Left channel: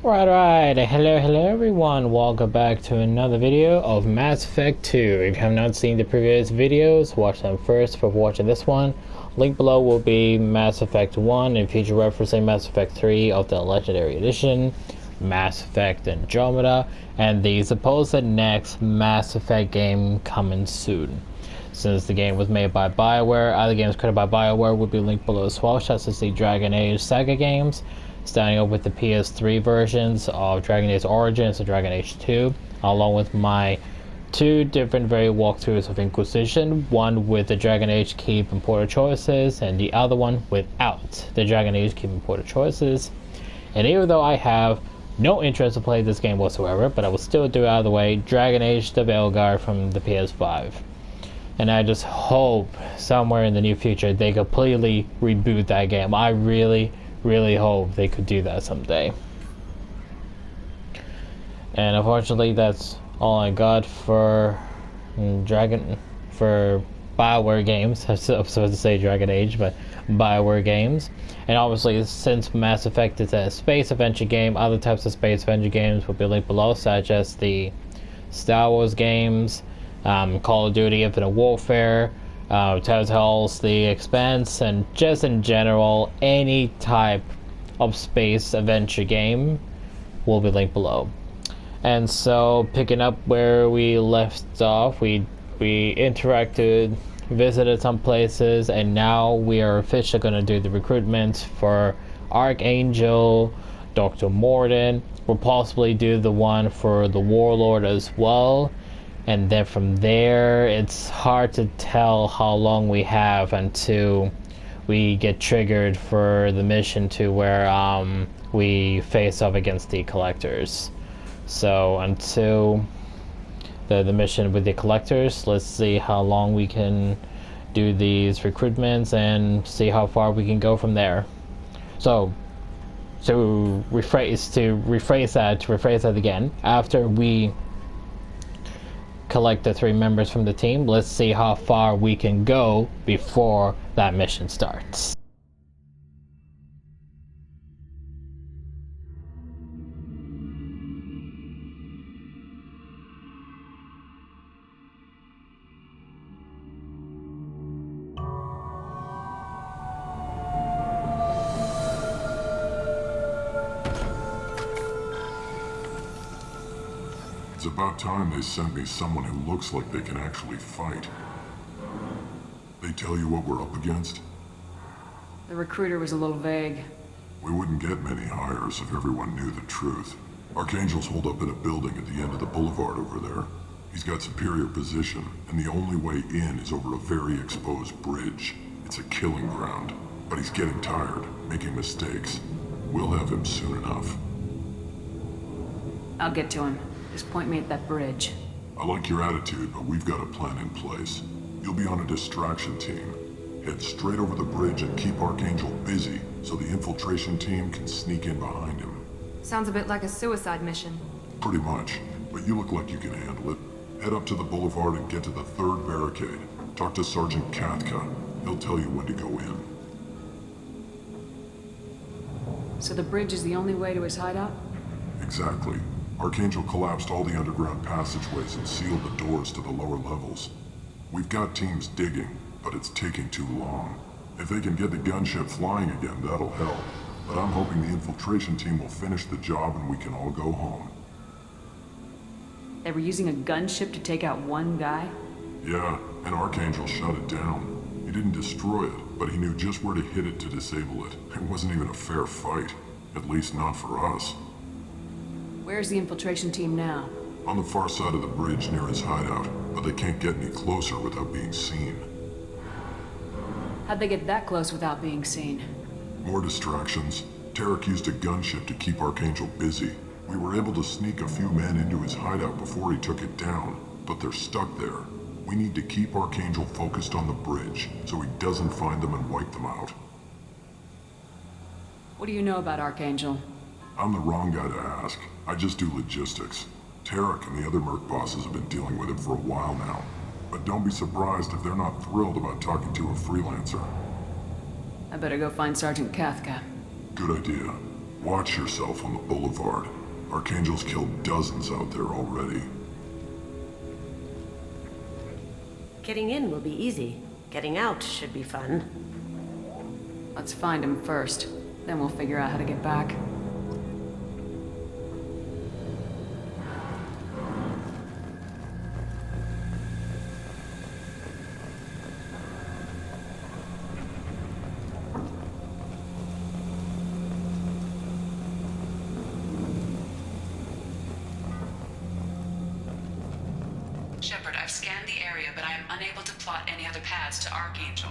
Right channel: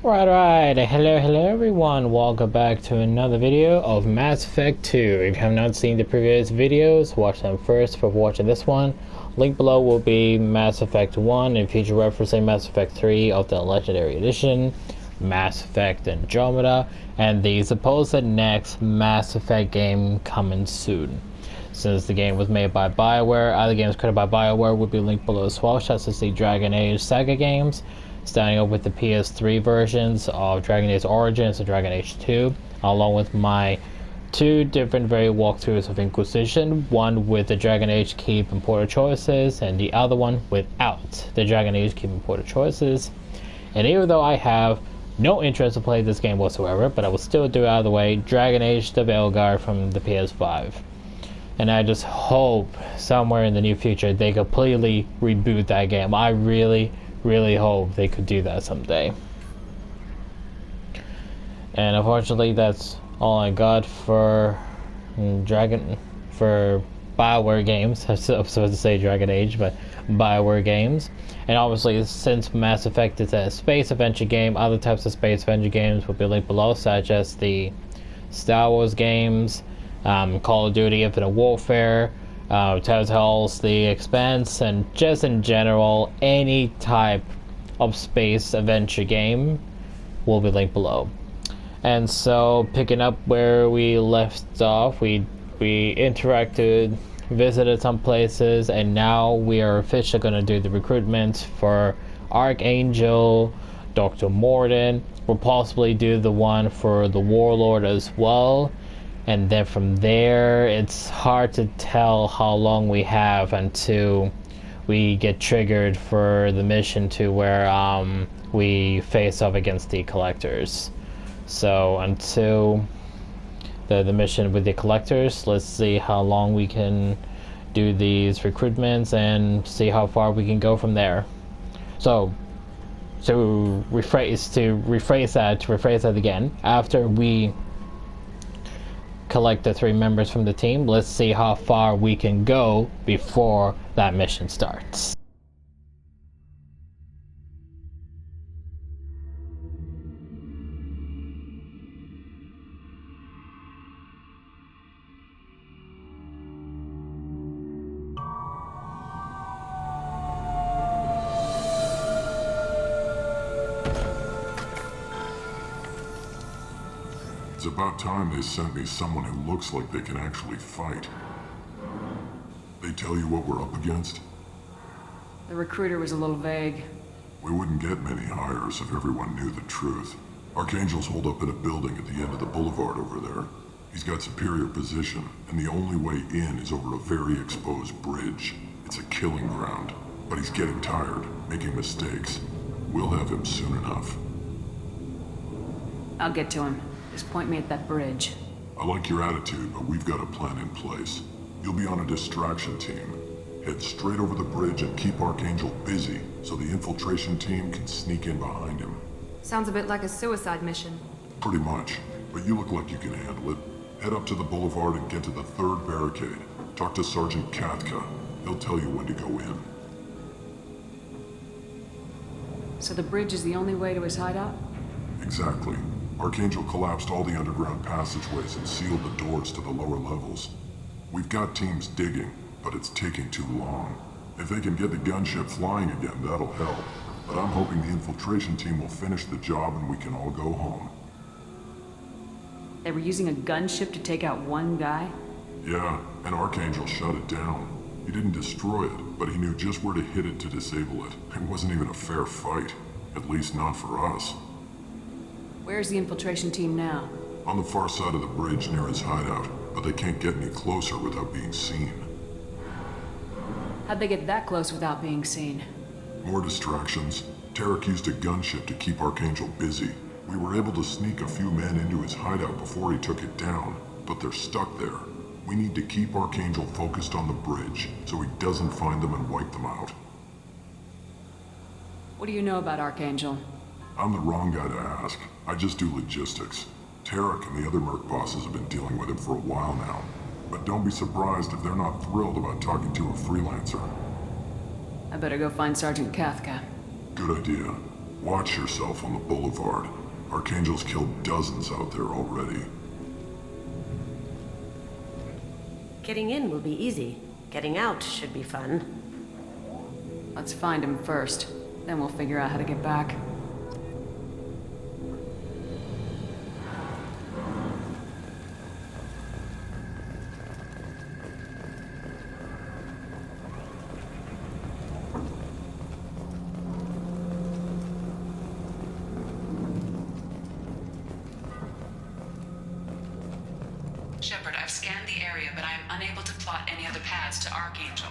Right, hello everyone, welcome back to another video of Mass Effect 2. If you have not seen the previous videos, watch them first for watching this one. Link below will be Mass Effect 1 and feature referencing Mass Effect 3 of the Legendary Edition, Mass Effect Andromeda, and the supposed next Mass Effect game coming soon. Since the game was made by BioWare, other games created by BioWare will be linked below as well, such as the Dragon Age Saga games, starting up with the PS3 versions of Dragon Age Origins and Dragon Age 2, along with my two different variant walkthroughs of Inquisition, one with the Dragon Age Keep importer choices, and the other one without the Dragon Age Keep importer choices. And even though I have no interest to play this game whatsoever, but I will still do it out of the way, Dragon Age the Veilguard from the PS5. And I just hope somewhere in the near future they completely reboot that game. I really hope they could do that someday. And unfortunately, that's all I got for BioWare games. I was supposed to say Dragon Age, but BioWare games. And obviously, since Mass Effect is a space adventure game, other types of space adventure games will be linked below, such as the Star Wars games, Call of Duty Infinite Warfare, Telltale's The Expanse, and just in general, any type of space adventure game will be linked below. And so, picking up where we left off, we interacted, visited some places, and now we are officially going to do the recruitment for Archangel, Dr. Mordin. We'll possibly do the one for the Warlord as well. And then from there, it's hard to tell how long we have until we get triggered for the mission to where we face off against the collectors. So until the mission with the collectors, let's see how long we can do these recruitments and see how far we can go from there. So to rephrase that again, after we collect the three members from the team, let's see how far we can go before that mission starts. It's about time they sent me someone who looks like they can actually fight. They tell you what we're up against? The recruiter was a little vague. We wouldn't get many hires if everyone knew the truth. Archangel's holed up in a building at the end of the boulevard over there. He's got superior position, and the only way in is over a very exposed bridge. It's a killing ground, but he's getting tired, making mistakes. We'll have him soon enough. I'll get to him. Just point me at that bridge. I like your attitude, but we've got a plan in place. You'll be on a distraction team. Head straight over the bridge and keep Archangel busy so the infiltration team can sneak in behind him. Sounds a bit like a suicide mission. Pretty much, but you look like you can handle it. Head up to the boulevard and get to the third barricade. Talk to Sergeant Katka. He'll tell you when to go in. So the bridge is the only way to his hideout? Exactly. Archangel collapsed all the underground passageways and sealed the doors to the lower levels. We've got teams digging, but it's taking too long. If they can get the gunship flying again, that'll help. But I'm hoping the infiltration team will finish the job and we can all go home. They were using a gunship to take out one guy? Yeah, and Archangel shut it down. He didn't destroy it, but he knew just where to hit it to disable it. It wasn't even a fair fight. At least not for us. Where's the infiltration team now? On the far side of the bridge near his hideout, but they can't get any closer without being seen. How'd they get that close without being seen? More distractions. Tarek used a gunship to keep Archangel busy. We were able to sneak a few men into his hideout before he took it down, but they're stuck there. We need to keep Archangel focused on the bridge so he doesn't find them and wipe them out. What do you know about Archangel? I'm the wrong guy to ask. I just do logistics. Tarek and the other merc bosses have been dealing with him for a while now. But don't be surprised if they're not thrilled about talking to a freelancer. I better go find Sergeant Kathka. Good idea. Watch yourself on the boulevard. Archangel's killed dozens out there already. Getting in will be easy. Getting out should be fun. Let's find him first. Then we'll figure out how to get back. Shepard, I've scanned the area, but I am unable to plot any other paths to Archangel.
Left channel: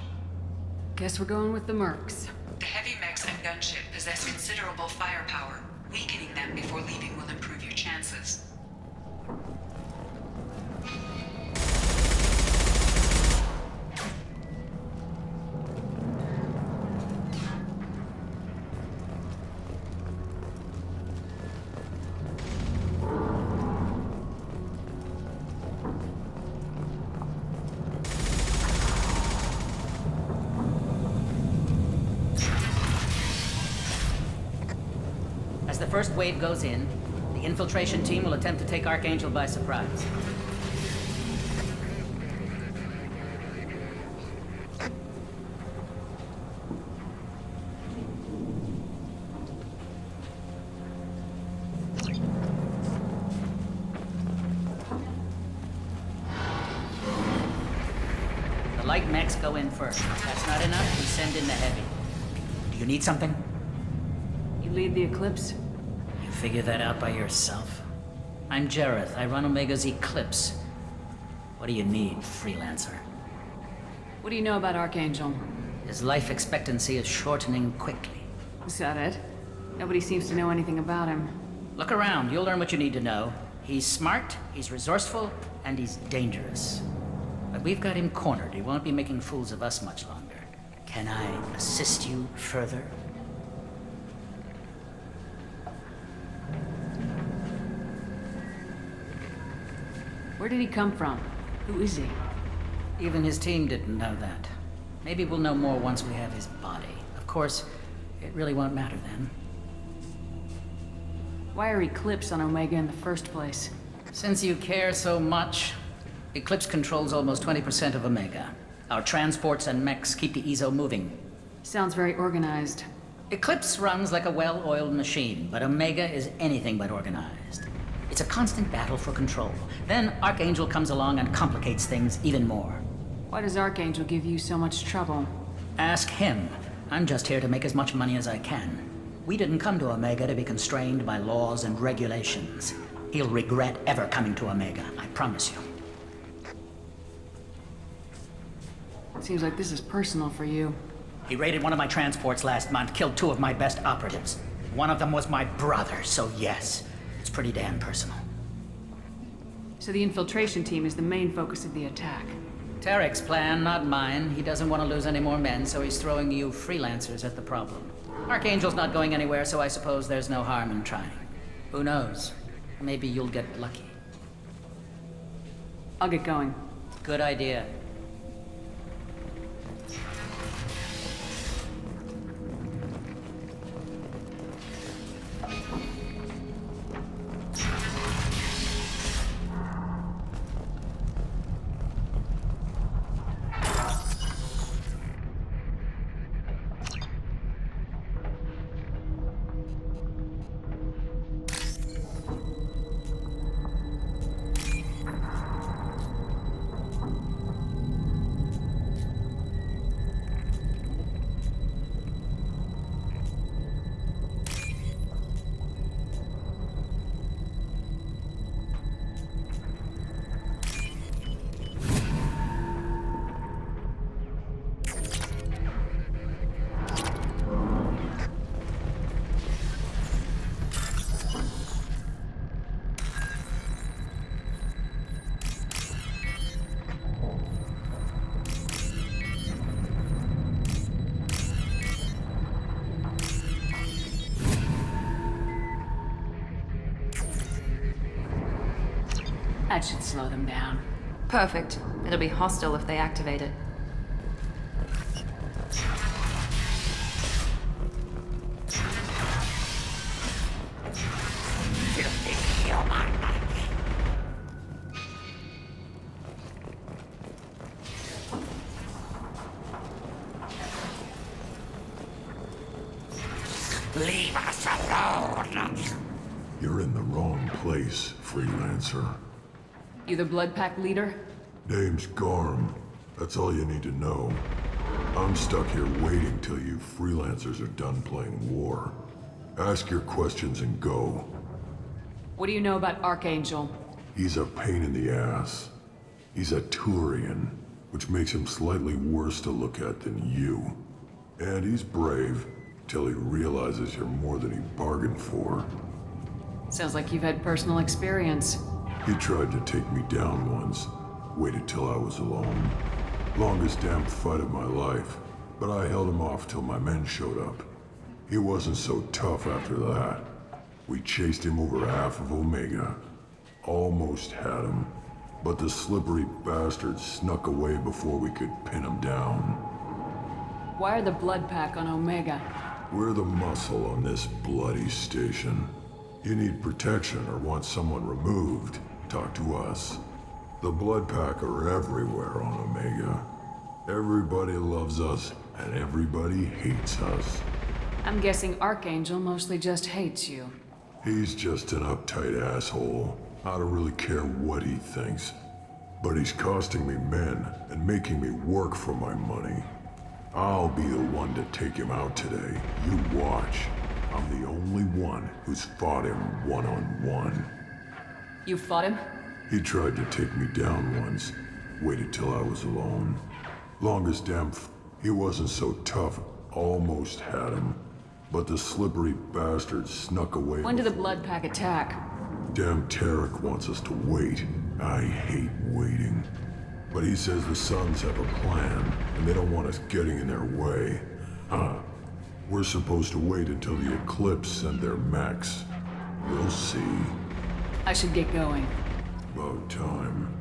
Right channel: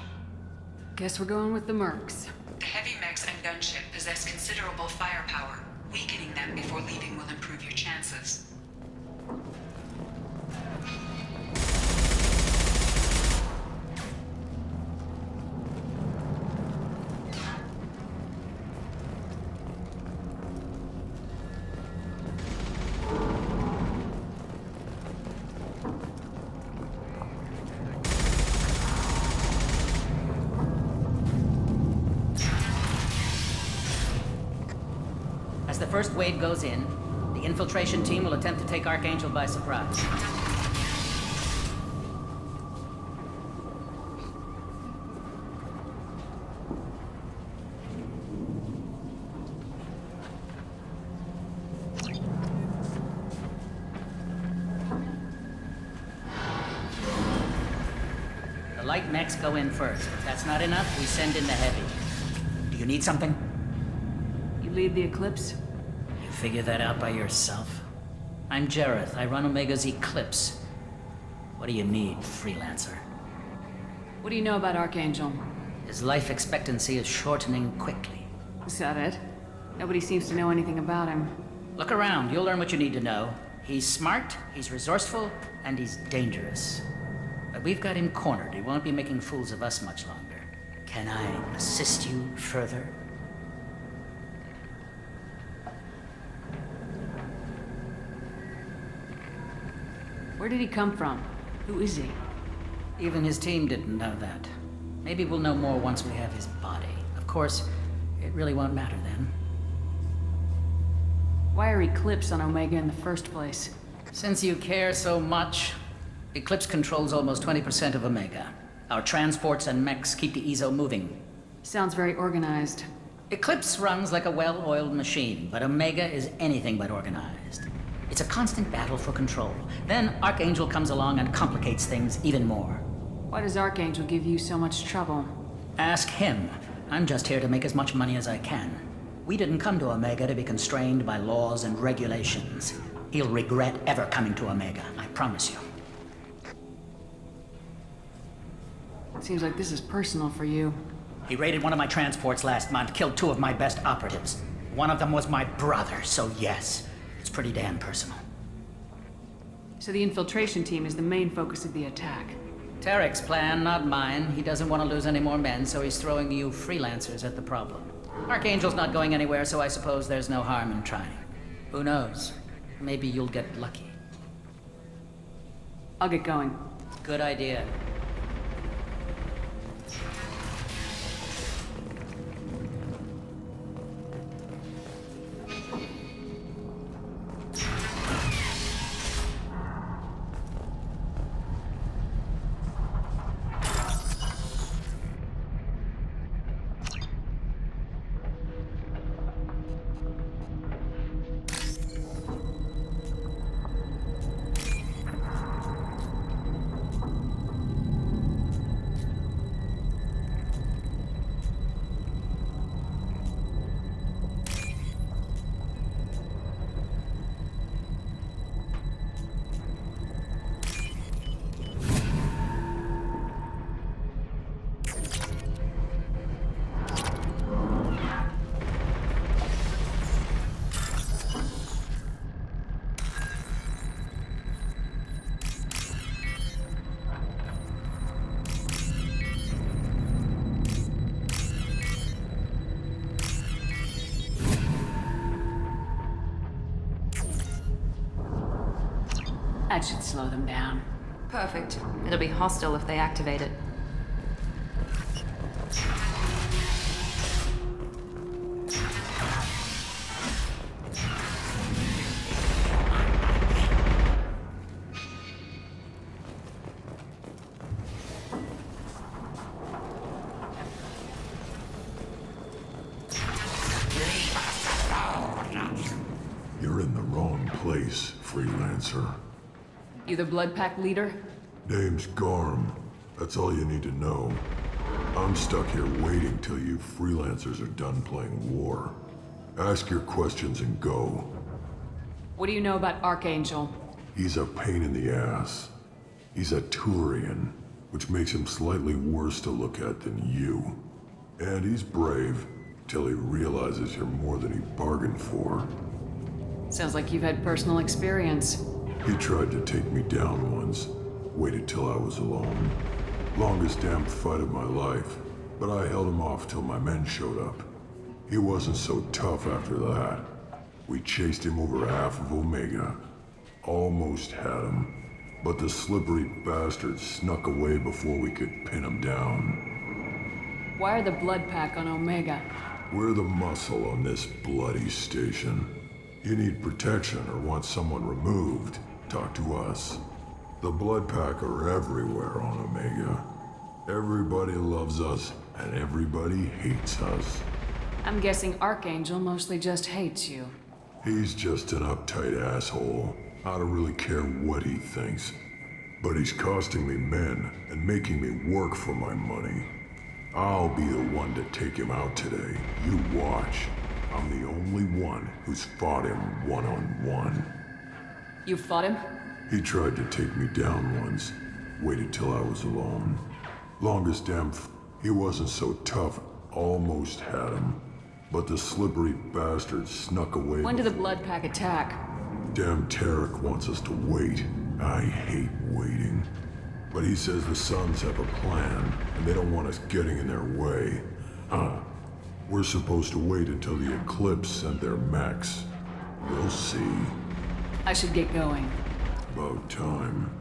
Guess we're going with the Mercs. The heavy mechs and gunship possess considerable firepower. Weakening them before leaving will improve your chances. As the first wave goes in, the infiltration team will attempt to take Archangel by surprise. The light mechs go in first. If that's not enough, we send in the heavy. Do you need something? You lead the Eclipse? You figure that out by yourself? I'm Jareth. I run Omega's Eclipse. What do you need, freelancer? What do you know about Archangel? His life expectancy is shortening quickly. Is that it? Nobody seems to know anything about him. Look around. You'll learn what you need to know. He's smart, he's resourceful, and he's dangerous. But we've got him cornered. He won't be making fools of us much longer. Can I assist you further? Where did he come from? Who is he? Even his team didn't know that. Maybe we'll know more once we have his body. Of course, it really won't matter then. Why are Eclipse on Omega in the first place? Since you care so much, Eclipse controls almost 20% of Omega. Our transports and mechs keep the EZO moving. Sounds very organized. Eclipse runs like a well-oiled machine, but Omega is anything but organized. It's a constant battle for control. Then Archangel comes along and complicates things even more. Why does Archangel give you so much trouble? Ask him. I'm just here to make as much money as I can. We didn't come to Omega to be constrained by laws and regulations. He'll regret ever coming to Omega, I promise you. Seems like this is personal for you. He raided one of my transports last month, killed 2 of my best operatives. One of them was my brother, so yes, it's pretty damn personal. So the infiltration team is the main focus of the attack. Tarek's plan, not mine. He doesn't want to lose any more men, so he's throwing you freelancers at the problem. Archangel's not going anywhere, so I suppose there's no harm in trying. Who knows? Maybe you'll get lucky. I'll get going. Good idea. That should slow them down. Perfect. It'll be hostile if they activate it. You're in the wrong place, freelancer. You the Blood Pack leader? Name's Garm. That's all you need to know. I'm stuck here waiting till you freelancers are done playing war. Ask your questions and go. What do you know about Archangel? He's a pain in the ass. He's a Turian, which makes him slightly worse to look at than you. And he's brave, till he realizes you're more than he bargained for. Sounds like you've had personal experience. He tried to take me down once. Waited till I was alone. Longest damn fight of my life. But I held him off till my men showed up. He wasn't so tough after that. We chased him over half of Omega. Almost had him. But the slippery bastard snuck away before we could pin him down. Why are the Blood Pack on Omega? We're the muscle on this bloody station. You need protection or want someone removed, talk to us. The Blood Pack are everywhere on Omega. Everybody loves us, and everybody hates us. I'm guessing Archangel mostly just hates you. He's just an uptight asshole. I don't really care what he thinks. But he's costing me men and making me work for my money. I'll be the one to take him out today. You watch. I'm the only one who's fought him one-on-one. You fought him? He tried to take me down once. Waited till I was alone. Longest damn he wasn't so tough. Almost had him. But the slippery bastard snuck away. When did the Blood Pack attack? Damn Tarek wants us to wait. I hate waiting. But he says the Suns have a plan, and they don't want us getting in their way. We're supposed to wait until the Eclipse send their mechs. We'll see. I should get going. About time.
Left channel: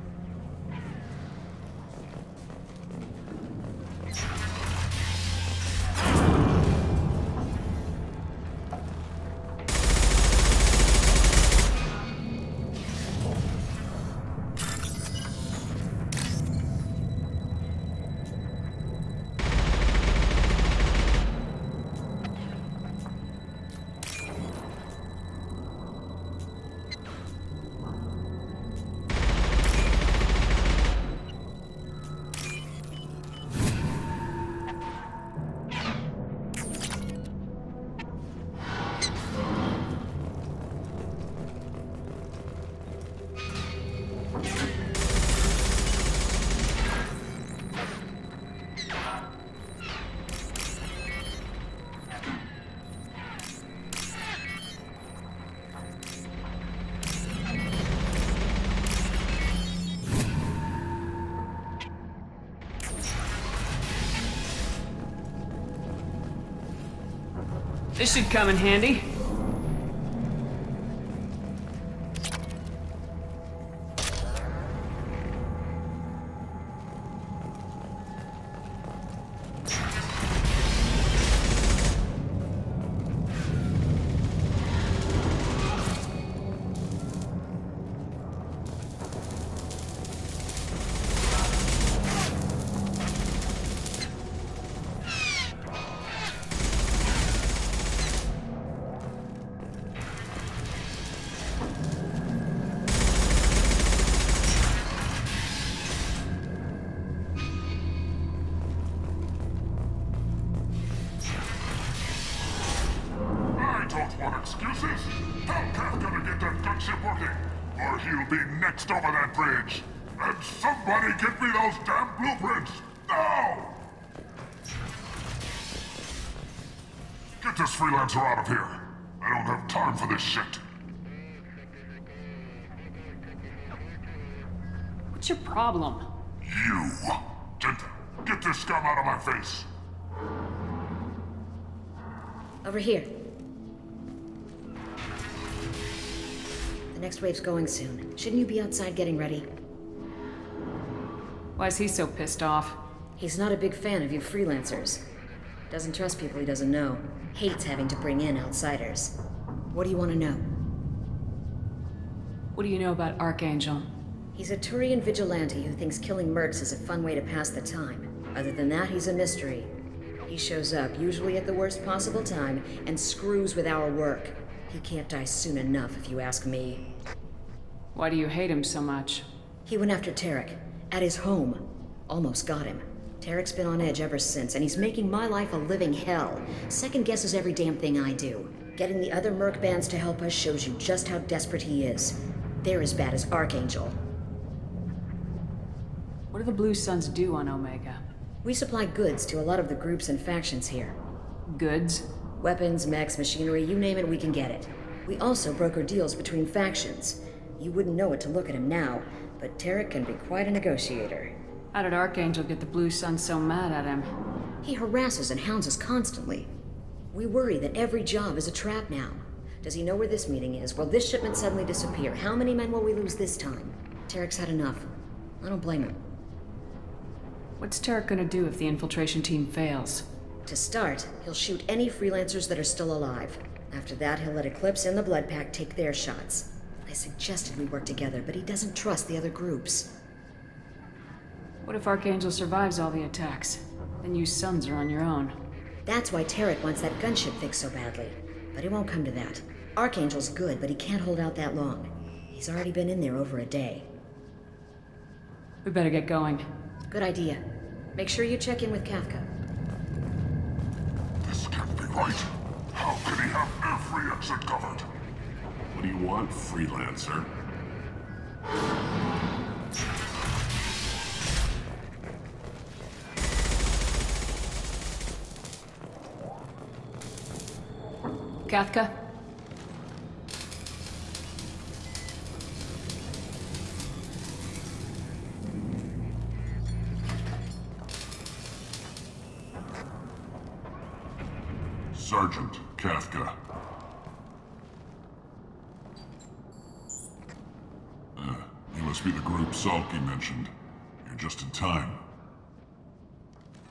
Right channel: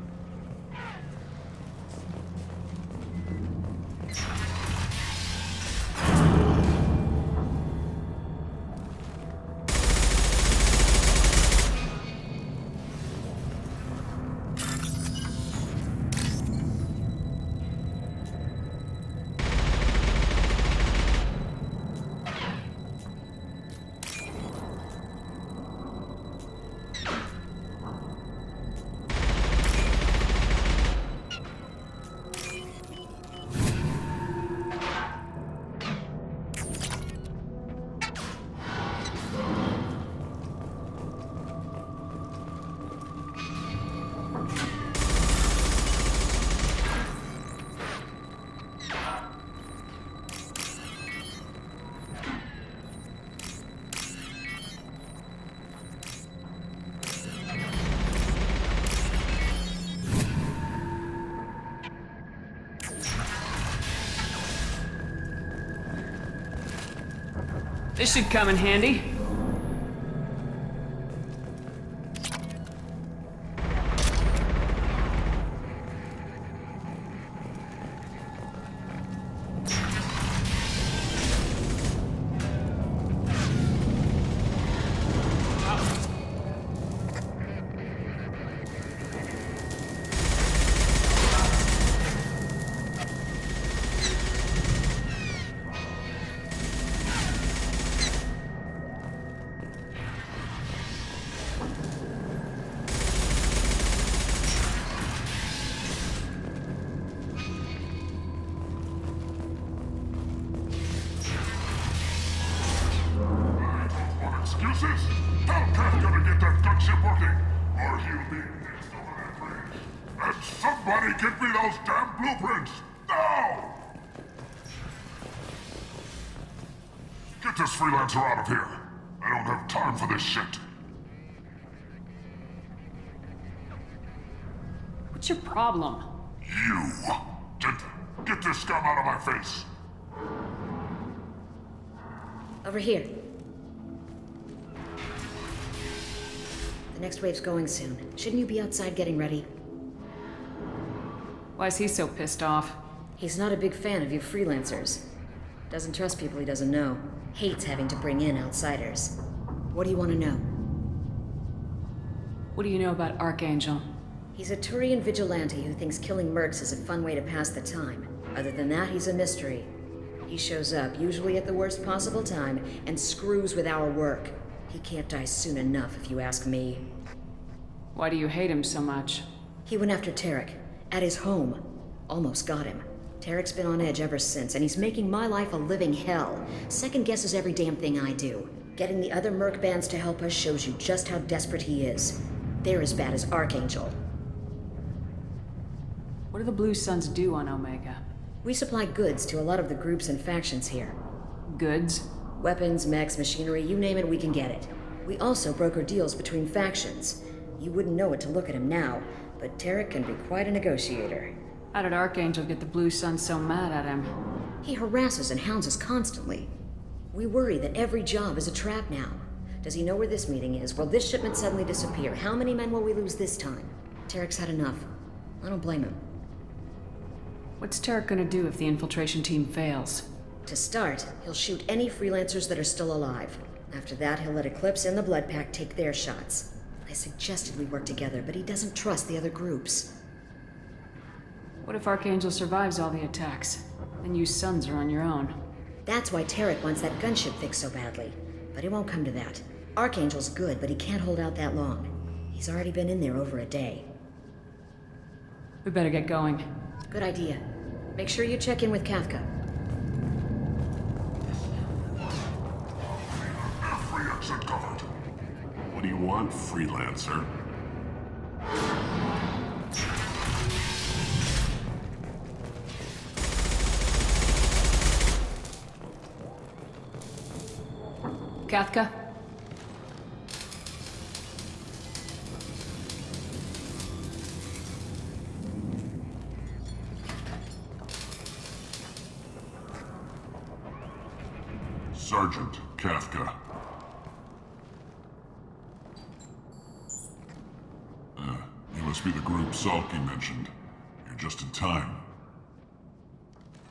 This should come in handy. Excuses? Hellcat gonna get that gunship working, or he'll be next over that bridge. And somebody get me those damn blueprints! Now! Get this freelancer out of here. I don't have time for this shit. What's your problem? You! Get this scum out of my face! Over here. The next wave's going soon. Shouldn't you be outside getting ready? Why is he so pissed off? He's not a big fan of you freelancers. Doesn't trust people he doesn't know. Hates having to bring in outsiders. What do you want to know? What do you know about Archangel? He's a Turian vigilante who thinks killing mercs is a fun way to pass the time. Other than that, he's a mystery. He shows up, usually at the worst possible time, and screws with our work. He can't die soon enough, if you ask me. Why do you hate him so much? He went after Tarek, at his home. Almost got him. Tarek's been on edge ever since, and he's making my life a living hell. Second guesses every damn thing I do. Getting the other merc bands to help us shows you just how desperate he is. They're as bad as Archangel. What do the Blue Suns do on Omega? We supply goods to a lot of the groups and factions here. Goods? Weapons, mechs, machinery, you name it, we can get it. We also broker deals between factions. You wouldn't know it to look at him now, but Tarek can be quite a negotiator. How did Archangel get the Blue Suns so mad at him? He harasses and hounds us constantly. We worry that every job is a trap now. Does he know where this meeting is? Will this shipment suddenly disappear? How many men will we lose this time? Tarek's had enough. I don't blame him. What's Tarek gonna do if the infiltration team fails? To start, he'll shoot any freelancers that are still alive. After that, he'll let Eclipse and the Blood Pack take their shots. I suggested we work together, but he doesn't trust the other groups. What if Archangel survives all the attacks? Then you Suns are on your own. That's why Tarek wants that gunship fixed so badly. But it won't come to that. Archangel's good, but he can't hold out that long. He's already been in there over a day. We better get going. Good idea. Make sure you check in with Kafka. This can't be right. How can he have every exit covered? What do you want, freelancer? Kathka? Sergeant Kafka. You must be the group Salky mentioned. You're just in time.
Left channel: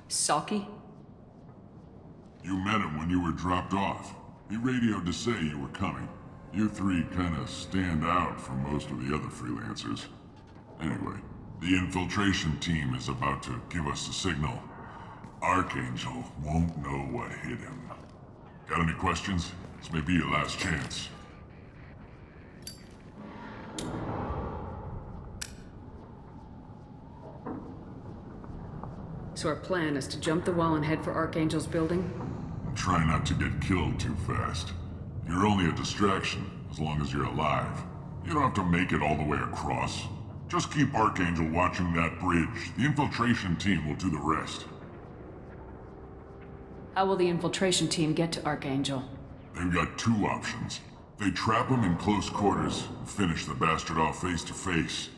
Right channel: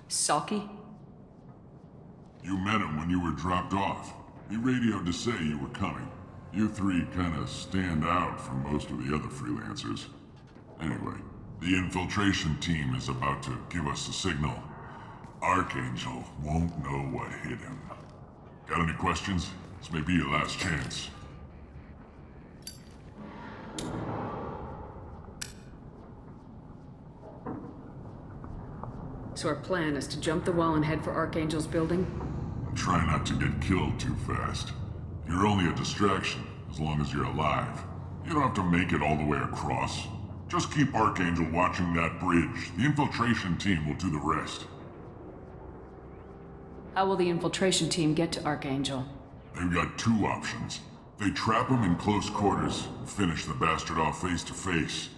Salky? You met him when you were dropped off. He radioed to say you were coming. You three kinda stand out from most of the other freelancers. Anyway, the infiltration team is about to give us a signal. Archangel won't know what hit him. Got any questions? This may be your last chance. So our plan is to jump the wall and head for Archangel's building? Try not to get killed too fast. You're only a distraction, as long as you're alive. You don't have to make it all the way across. Just keep Archangel watching that bridge. The infiltration team will do the rest. How will the infiltration team get to Archangel? They've got two options. They trap him in close quarters and finish the bastard off face to face.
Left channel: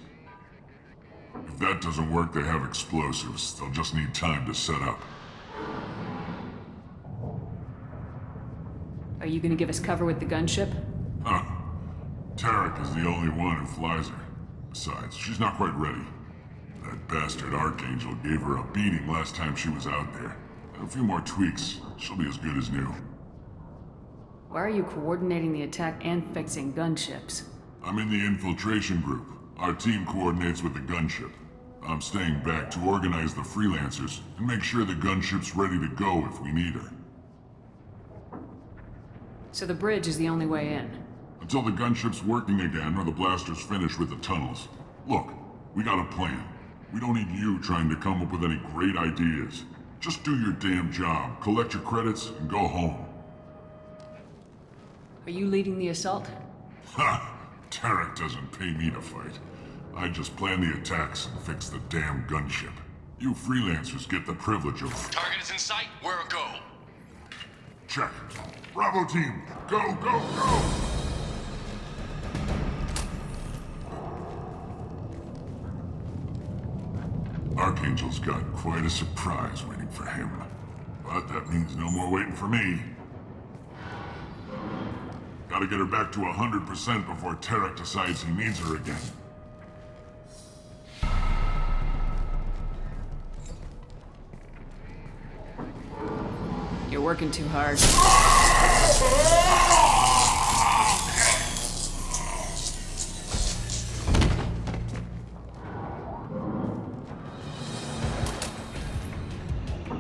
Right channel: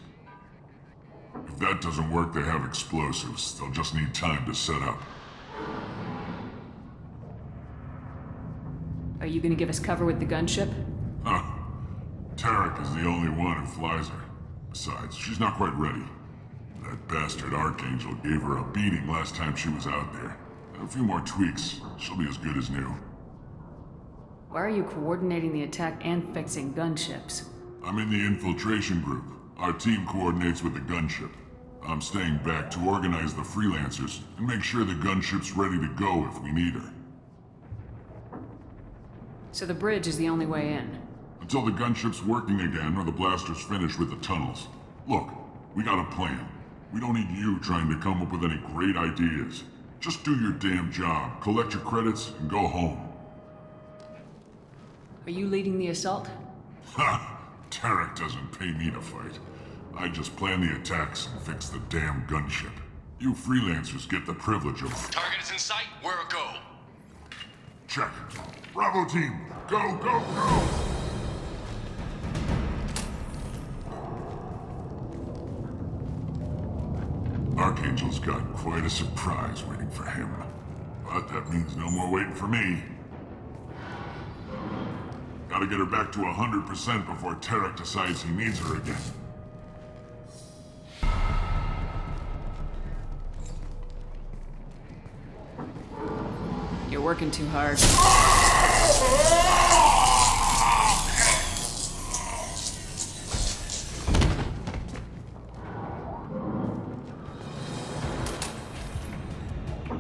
If that doesn't work, they have explosives. They'll just need time to set up. Are you gonna give us cover with the gunship? Huh. Tarek is the only one who flies her. Besides, she's not quite ready. That bastard Archangel gave her a beating last time she was out there. A few more tweaks, she'll be as good as new. Why are you coordinating the attack and fixing gunships? I'm in the infiltration group. Our team coordinates with the gunship. I'm staying back to organize the freelancers and make sure the gunship's ready to go if we need her. So the bridge is the only way in. Until the gunship's working again or the blasters finish with the tunnels. Look, we got a plan. We don't need you trying to come up with any great ideas. Just do your damn job, collect your credits, and go home. Are you leading the assault? Ha! Tarek doesn't pay me to fight. I just plan the attacks and fix the damn gunship. You freelancers get the privilege of... Target is in sight. Where a go? Check. Bravo team, go, go, go! Archangel's got quite a surprise waiting for him. But that means no more waiting for me. Gotta get her back to 100% before Tarek decides he needs her again. You're working too hard.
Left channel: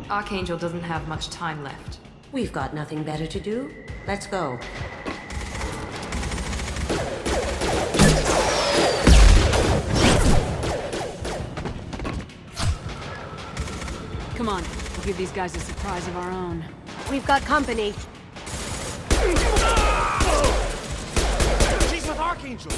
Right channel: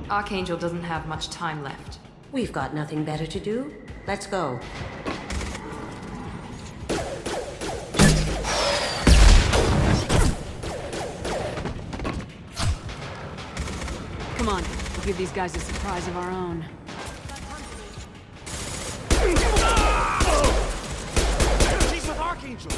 Archangel doesn't have much time left. We've got nothing better to do. Let's go. give these guys a surprise of our own. We've got company. She's with Archangel!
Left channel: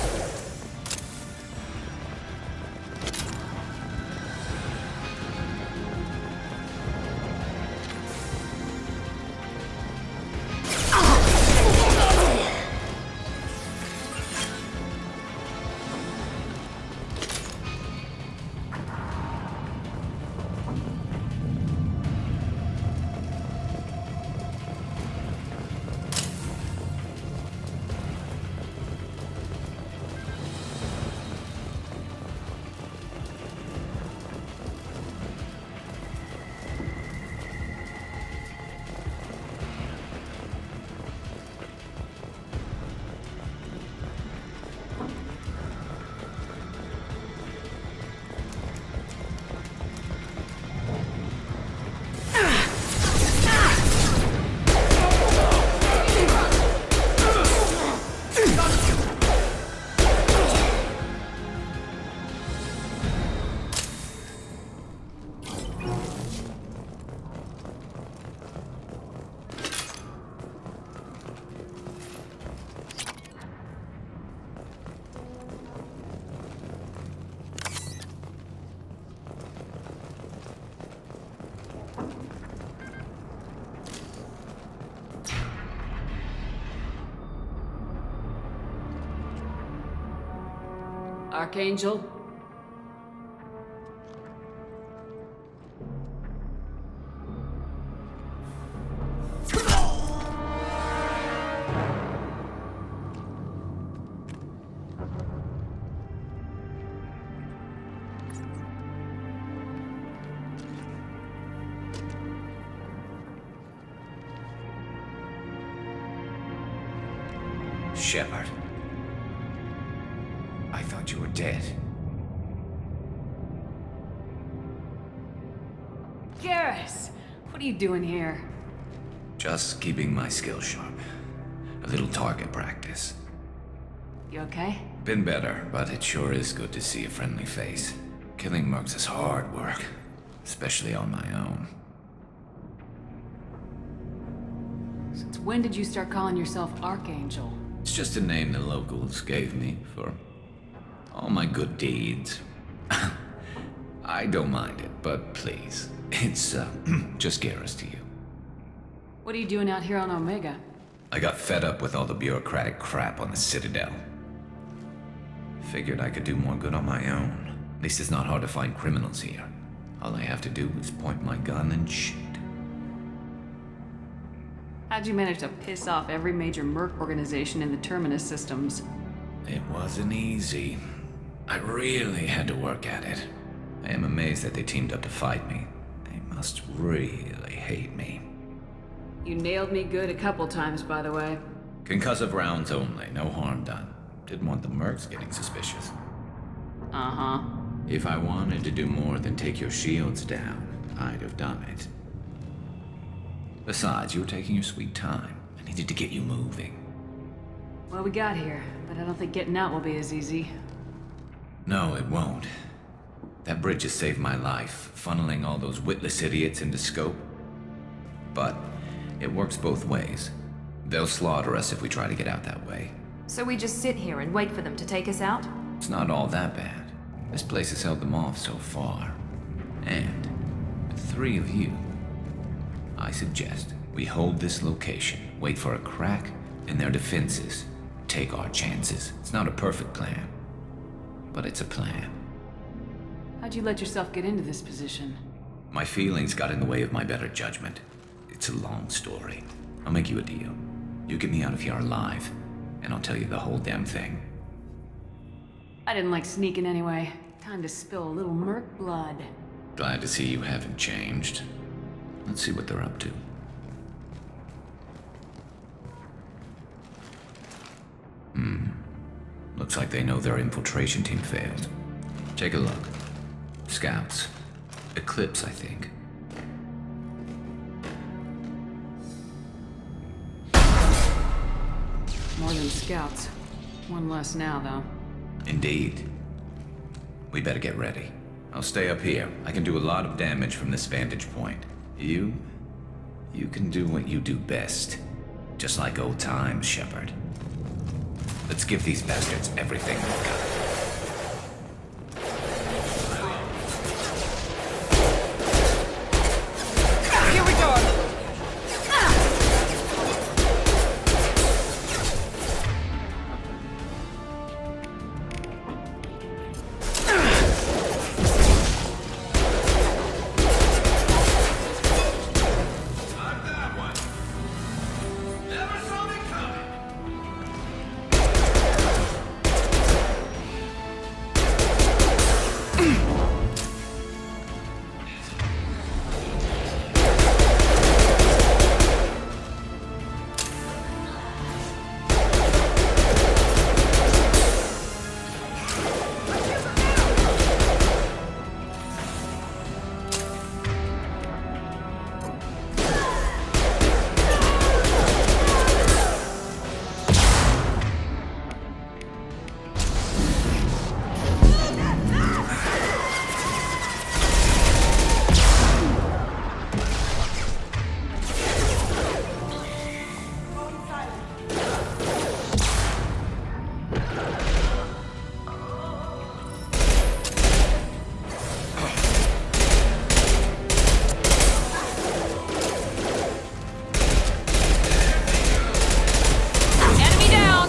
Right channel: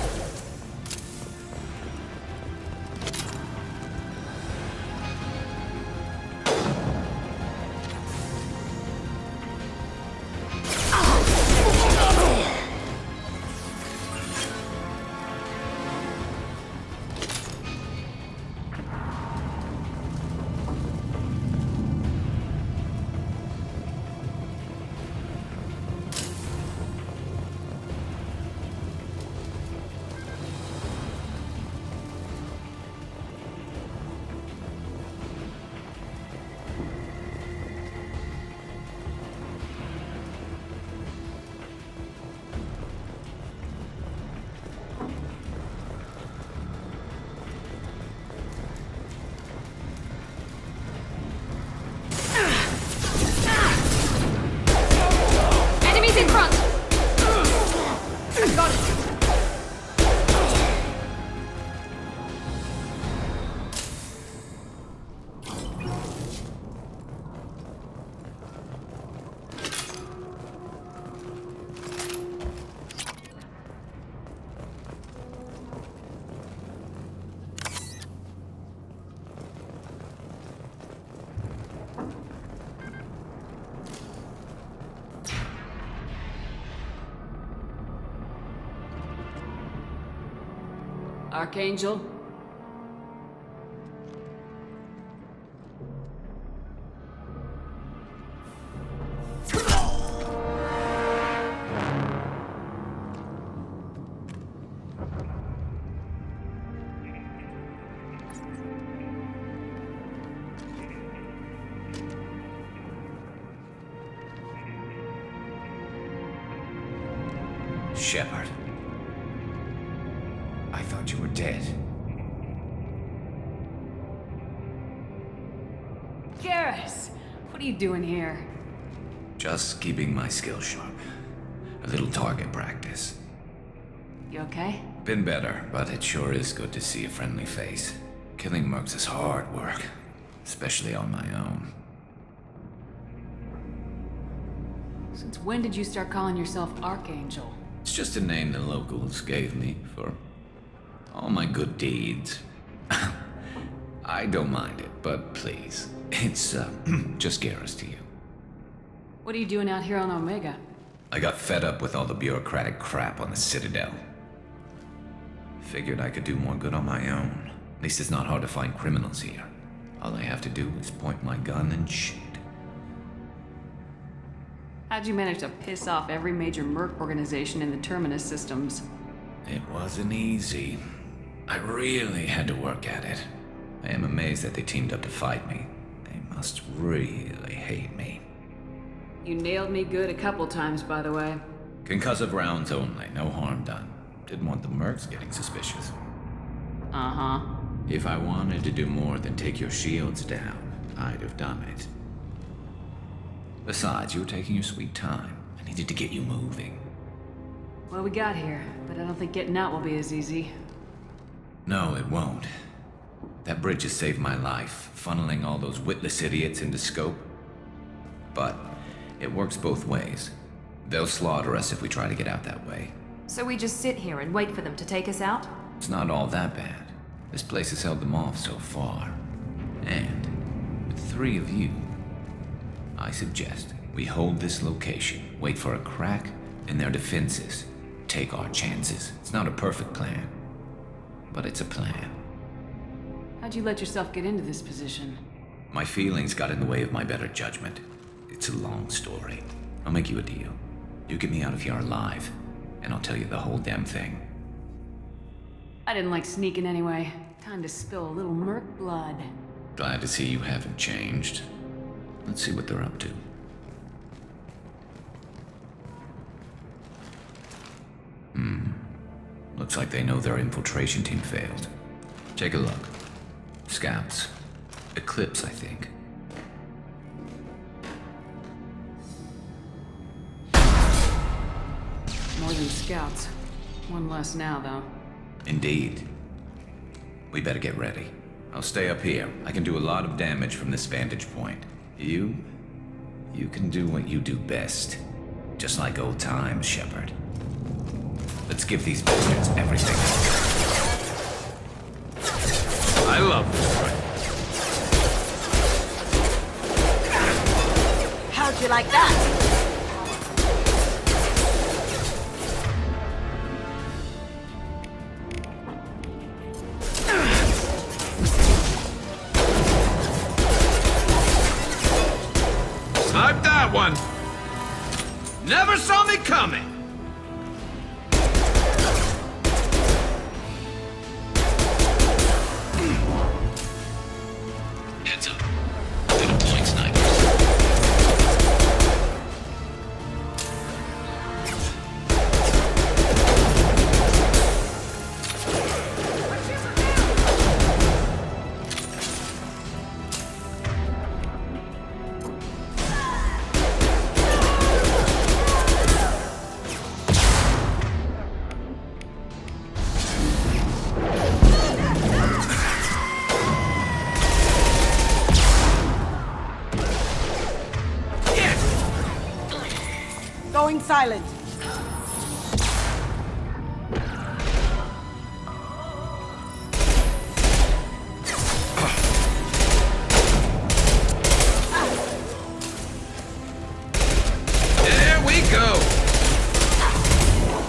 Enemies in front! Archangel? Shepard. I thought you were dead. Garrus! What are you doing here? Just keeping my skills sharp. A little target practice. You okay? Been better, but it sure is good to see a friendly face. Killing mercs is hard work, especially on my own. Since when did you start calling yourself Archangel? It's just a name the locals gave me for all my good deeds. I don't mind it, but please, it's just Garrus to you. What are you doing out here on Omega? I got fed up with all the bureaucratic crap on the Citadel. Figured I could do more good on my own. At least it's not hard to find criminals here. All I have to do is point my gun and shoot. How'd you manage to piss off every major merc organization in the Terminus systems? It wasn't easy. I really had to work at it. I am amazed that they teamed up to fight me. They must really hate me. You nailed me good a couple times, by the way. Concussive rounds only, no harm done. Didn't want the mercs getting suspicious. Uh-huh. If I wanted to do more than take your shields down, I'd have done it. Besides, you were taking your sweet time. I needed to get you moving. Well, we got here, but I don't think getting out will be as easy. No, it won't. That bridge has saved my life, funneling all those witless idiots into scope. But it works both ways. They'll slaughter us if we try to get out that way. So we just sit here and wait for them to take us out? It's not all that bad. This place has held them off so far. And with 3 of you, I suggest we hold this location, wait for a crack in their defenses, take our chances. It's not a perfect plan, but it's a plan. How'd you let yourself get into this position? My feelings got in the way of my better judgment. It's a long story. I'll make you a deal. You get me out of here alive, and I'll tell you the whole damn thing. I didn't like sneaking anyway. Time to spill a little merc blood. Glad to see you haven't changed. Let's see what they're up to. Looks like they know their infiltration team failed. Take a look. Scouts. Eclipse, I think. More than scouts. One less now, though. Indeed. We better get ready. I'll stay up here. I can do a lot of damage from this vantage point. You can do what you do best. Just like old times, Shepard. Let's give these bastards everything they've got. I love this. How'd you like that? Snipe that one! Never saw me coming! Heads up. They're deploying snipers. Going silent. There we go! Enemy down!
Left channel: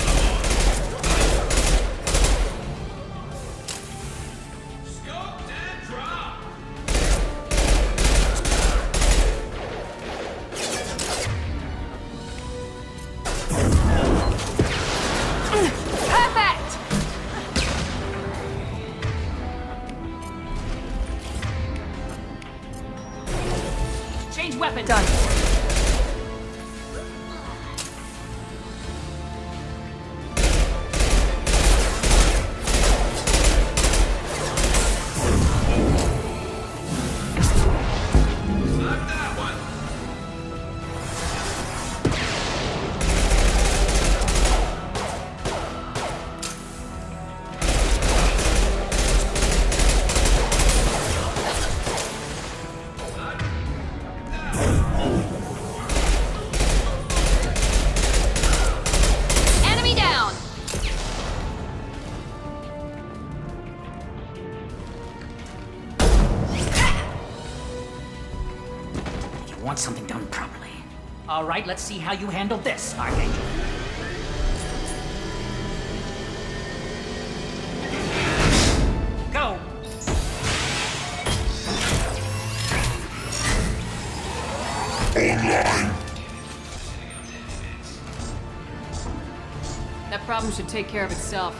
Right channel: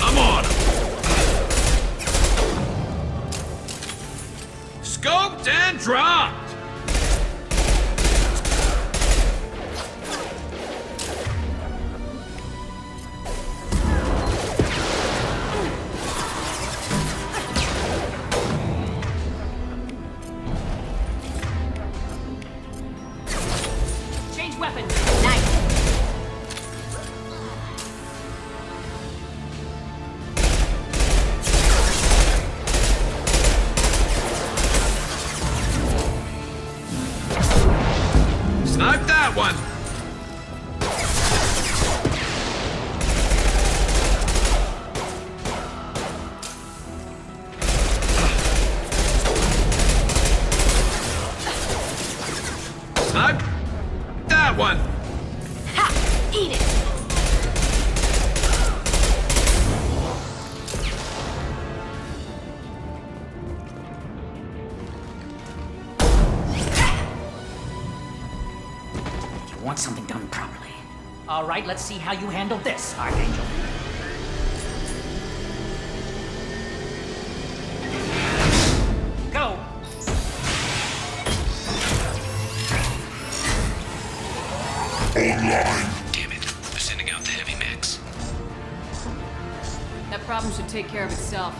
I'm on him! Scoped and dropped! Change weapons on me. Nice. Snipe that one! Snipe that one! Ha! Eat it! Enemy down! You want something done properly. All right, let's see how you handle this, Archangel. Go! Damn it. We're sending out the heavy mix. That problem should take care of itself.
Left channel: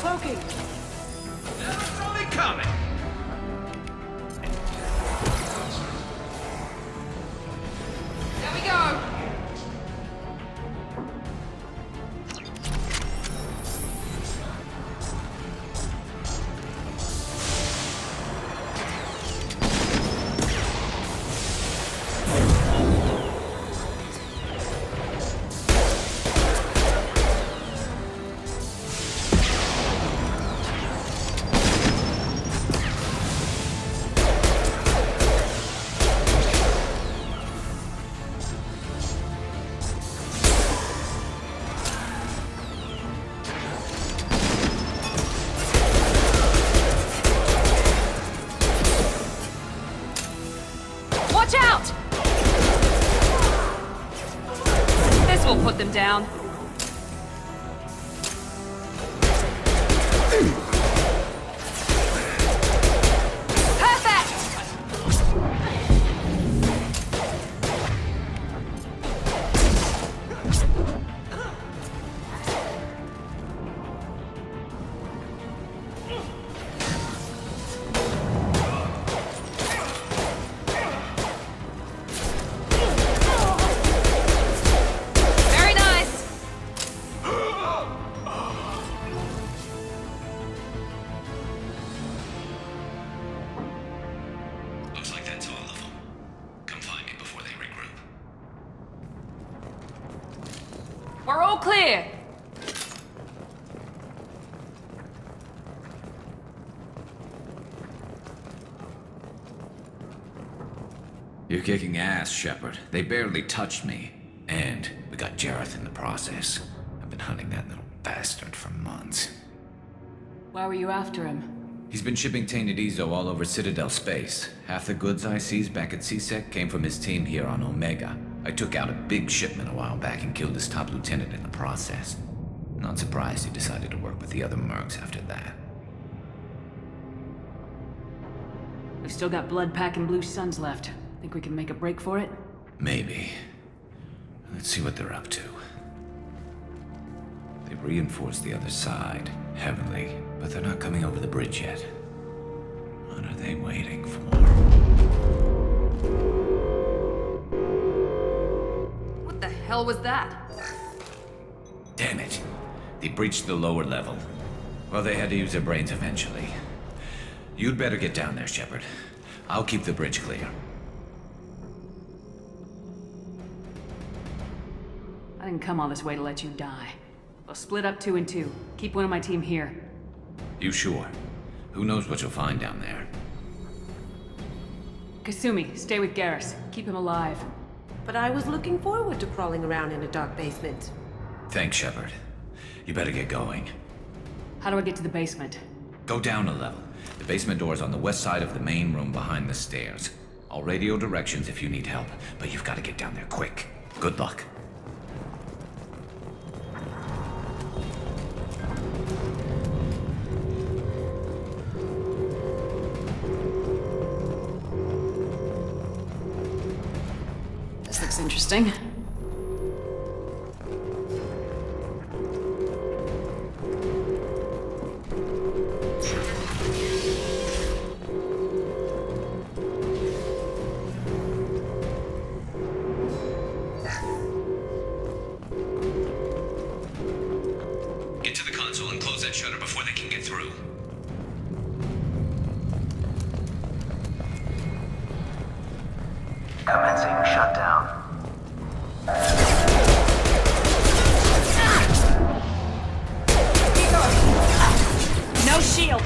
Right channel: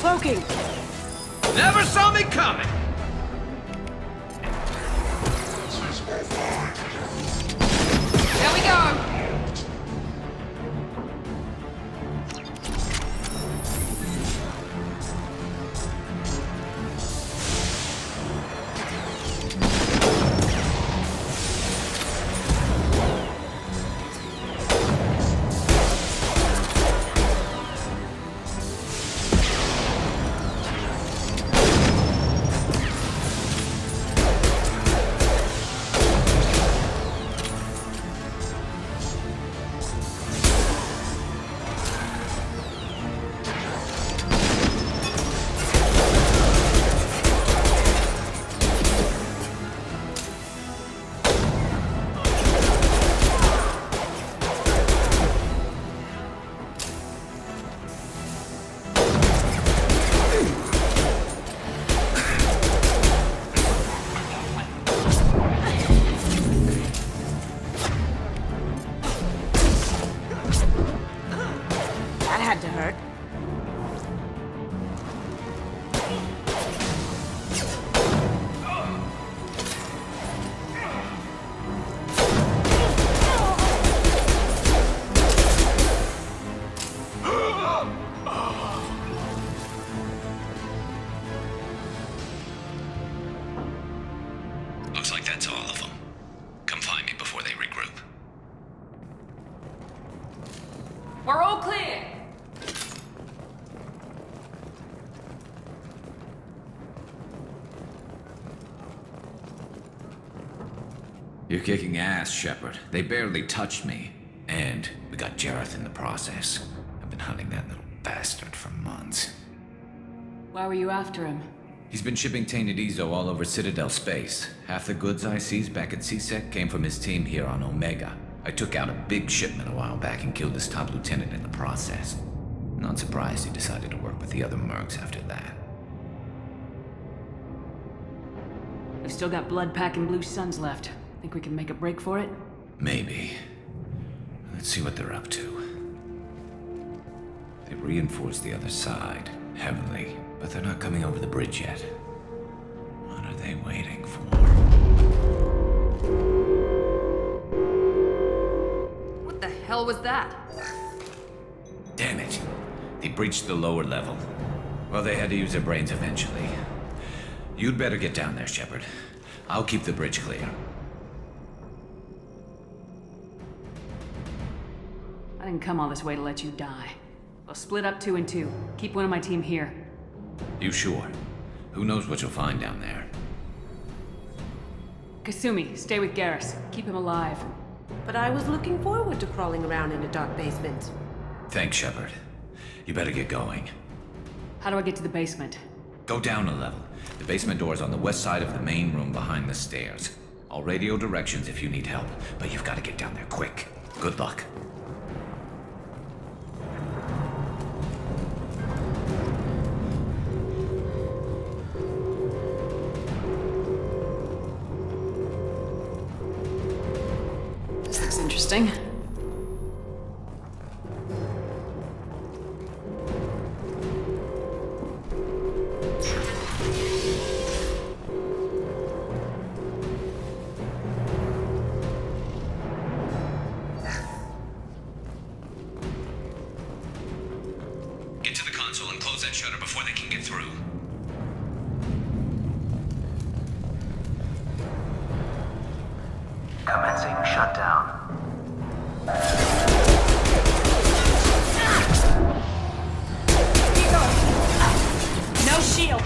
Cloaking. Never saw me coming! There we go! Watch out! This will put them down. That had to hurt. We're all clear! You're kicking ass, Shepard. They barely touched me. And we got Jareth in the process. I've been hunting that little bastard for months. Why were you after him? He's been shipping tainted Ezo all over Citadel space. Half the goods I seized back at CSEC came from his team here on Omega. I took out a big shipment a while back and killed his top lieutenant in the process. Not surprised he decided to work with the other mercs after that. We've still got Blood Pack and Blue Suns left. Think we can make a break for it? Maybe. Let's see what they're up to. They reinforced the other side, heavily, but they're not coming over the bridge yet. What are they waiting for? What the hell was that? Damn it. They breached the lower level. Well, they had to use their brains eventually. You'd better get down there, Shepard. I'll keep the bridge clear. I didn't come all this way to let you die. We'll split up 2 and 2. Keep one of my team here. You sure? Who knows what you'll find down there? Kasumi, stay with Garrus. Keep him alive. But I was looking forward to crawling around in a dark basement. Thanks, Shepard. You better get going. How do I get to the basement? Go down a level. The basement door is on the west side of the main room behind the stairs. I'll radio directions if you need help, but you've got to get down there quick. Good luck. This looks interesting. Get to the console and close that shutter before they can get through. Commencing shutdown. No shield!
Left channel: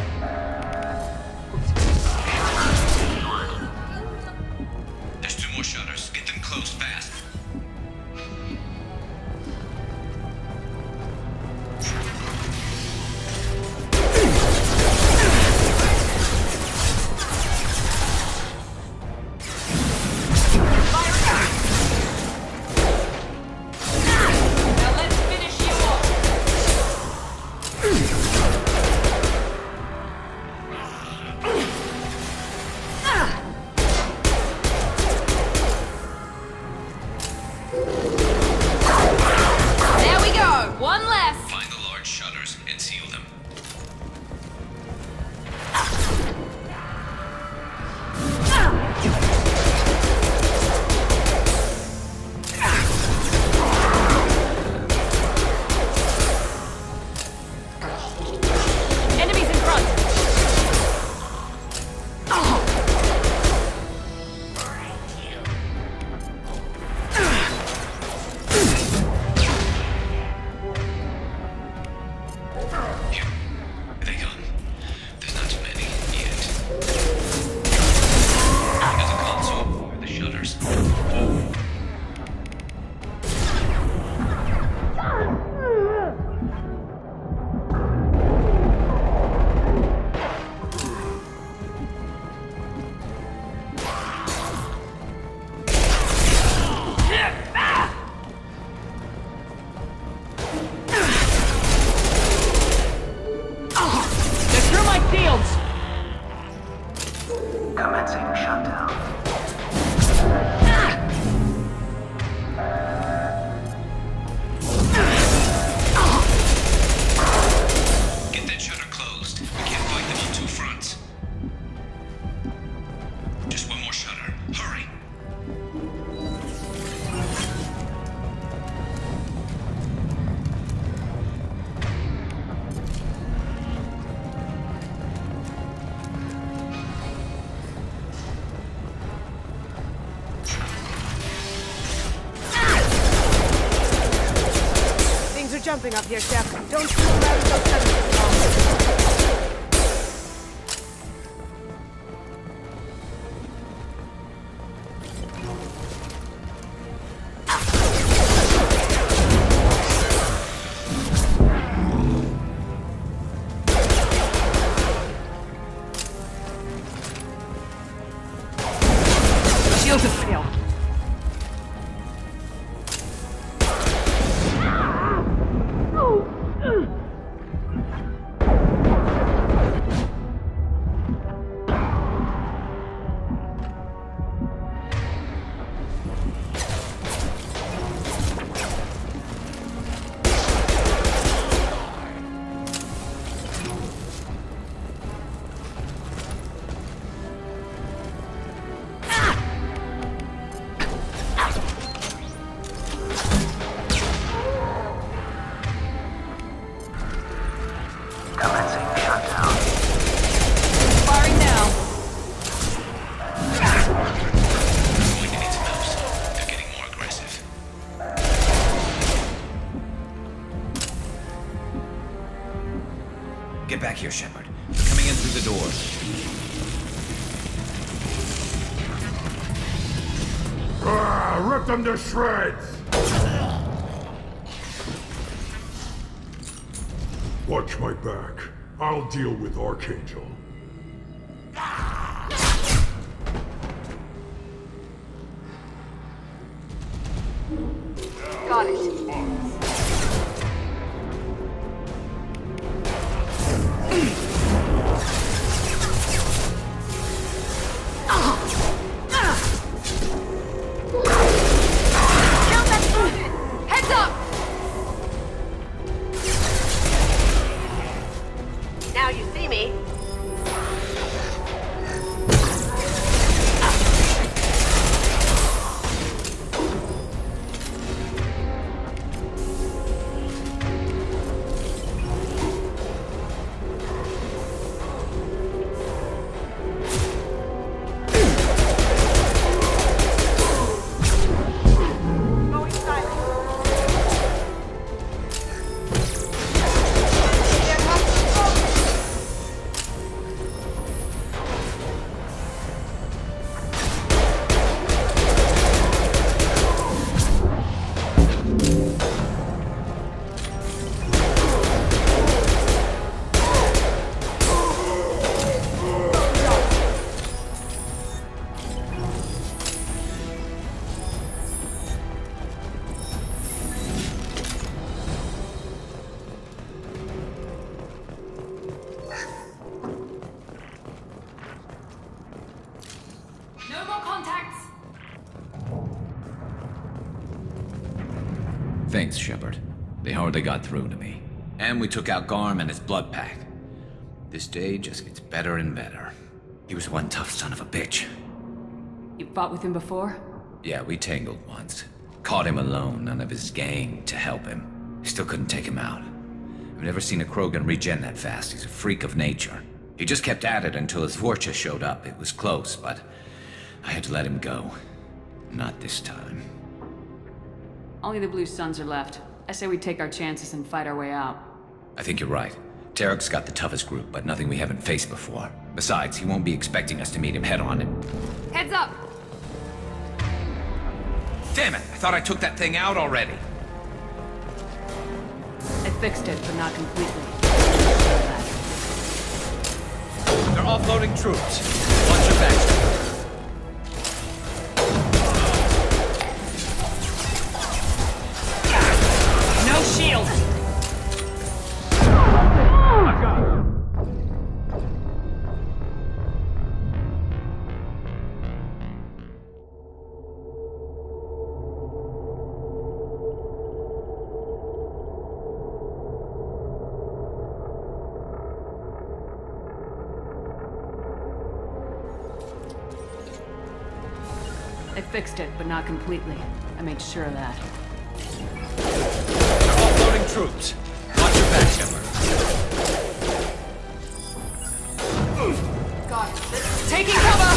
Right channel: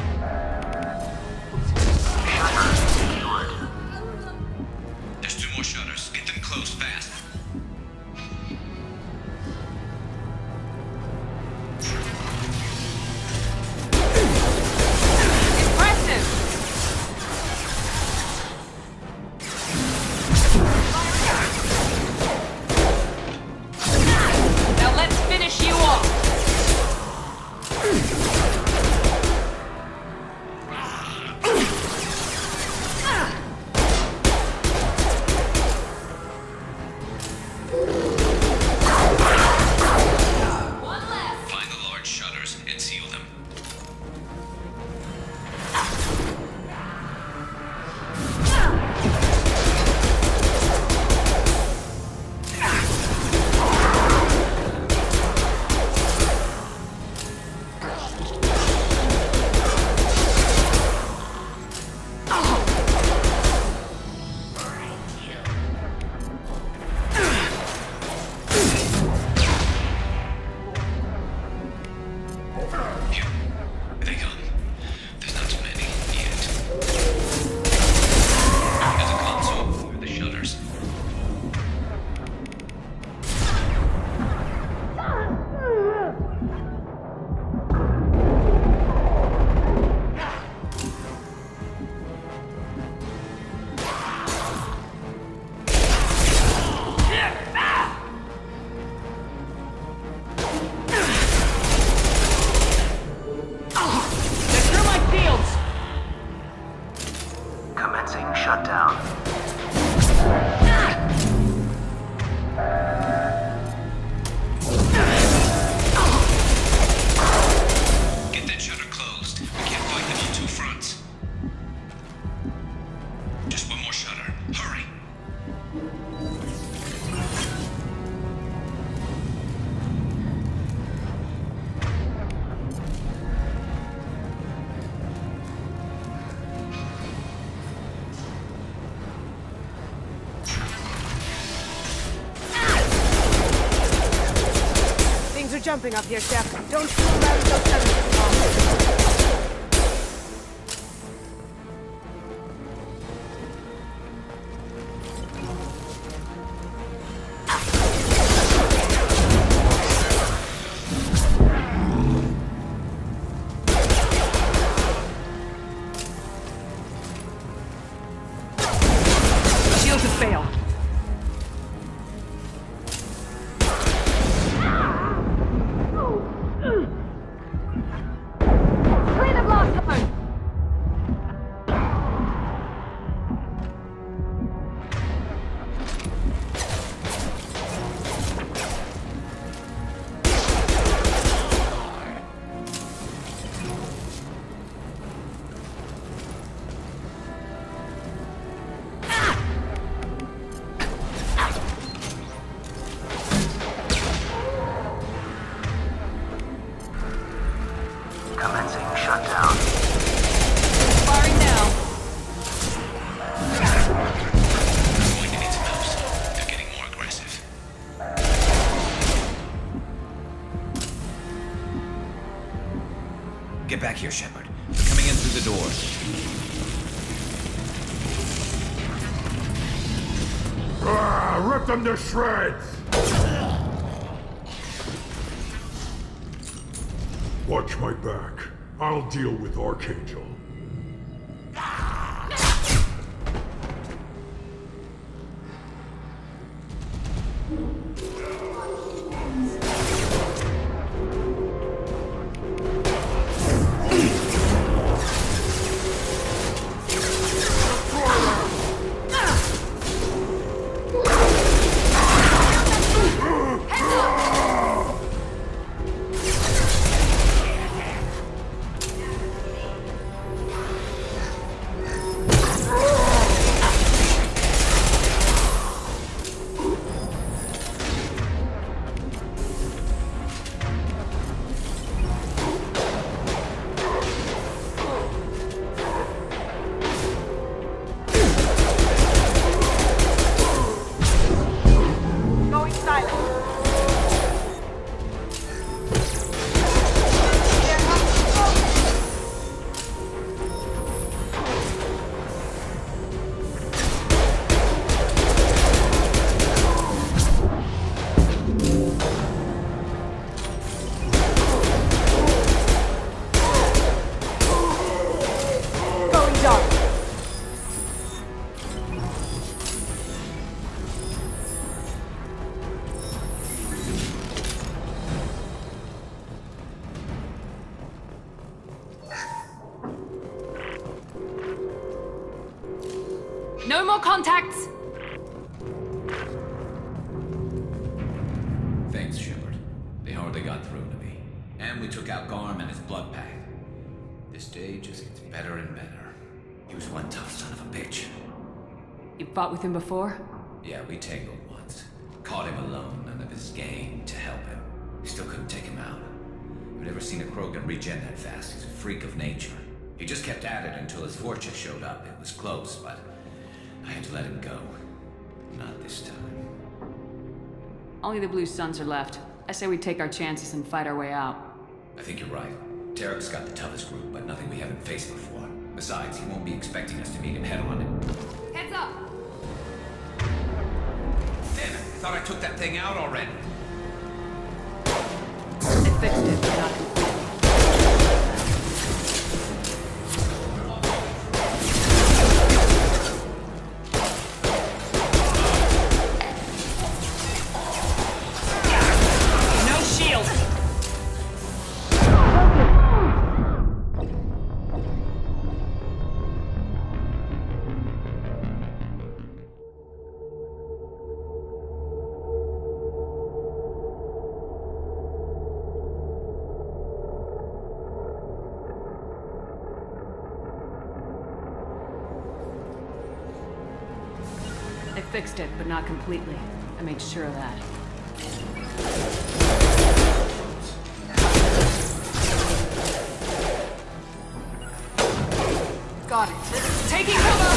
There's 2 more shutters. Get them closed fast. Now let's finish you off! jumping up here, Chef. Don't fool around with those feathers. Shields have failed. Firing now. Going to need some help soon. They're getting more aggressive. Get back here, Shepard. They're coming in through the doors. Rip them to shreds! Watch my back. I'll deal with Archangel. Got it. Heads up! Now you see me. Going silent. There comes smoke. Going dark. No more contacts! Thanks, Shepard. They hardly got through to me. And we took out Garm and his blood pack. This day just gets better and better. He was one tough son of a bitch. You fought with him before? Yeah, we tangled once. Caught him alone, none of his gang to help him. Still couldn't take him out. I've never seen a Krogan regen that fast. He's a freak of nature. He just kept at it until his Vorcha showed up. It was close, but I had to let him go. Not this time. Only the Blue Suns are left. I say we take our chances and fight our way out. I think you're right. Tarek's got the toughest group, but nothing we haven't faced before. Besides, he won't be expecting us to meet him head-on. Heads up! Damn it! I thought I took that thing out already. I fixed it, but not completely. They're offloading troops. No shield! I fixed it, but not completely. I made sure of that. Offloading troops. Watch your back, Shepard. Got it. Taking cover!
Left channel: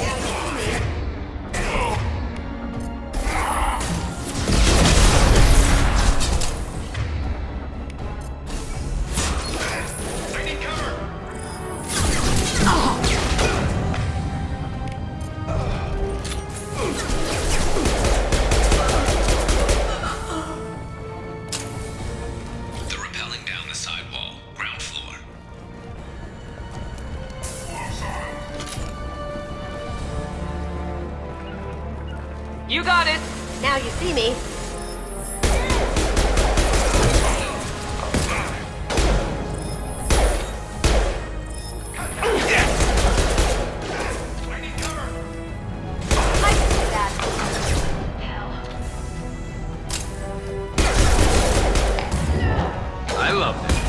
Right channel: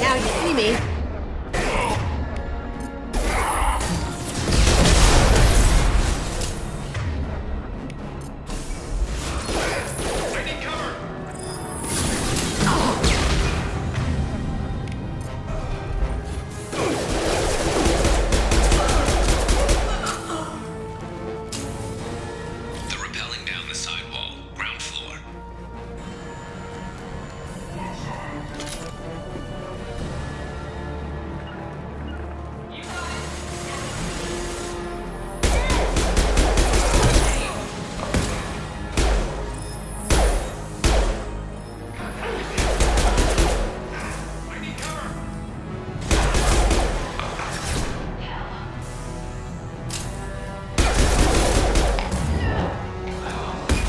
Now you see me. You got it. Now you see me. I love this.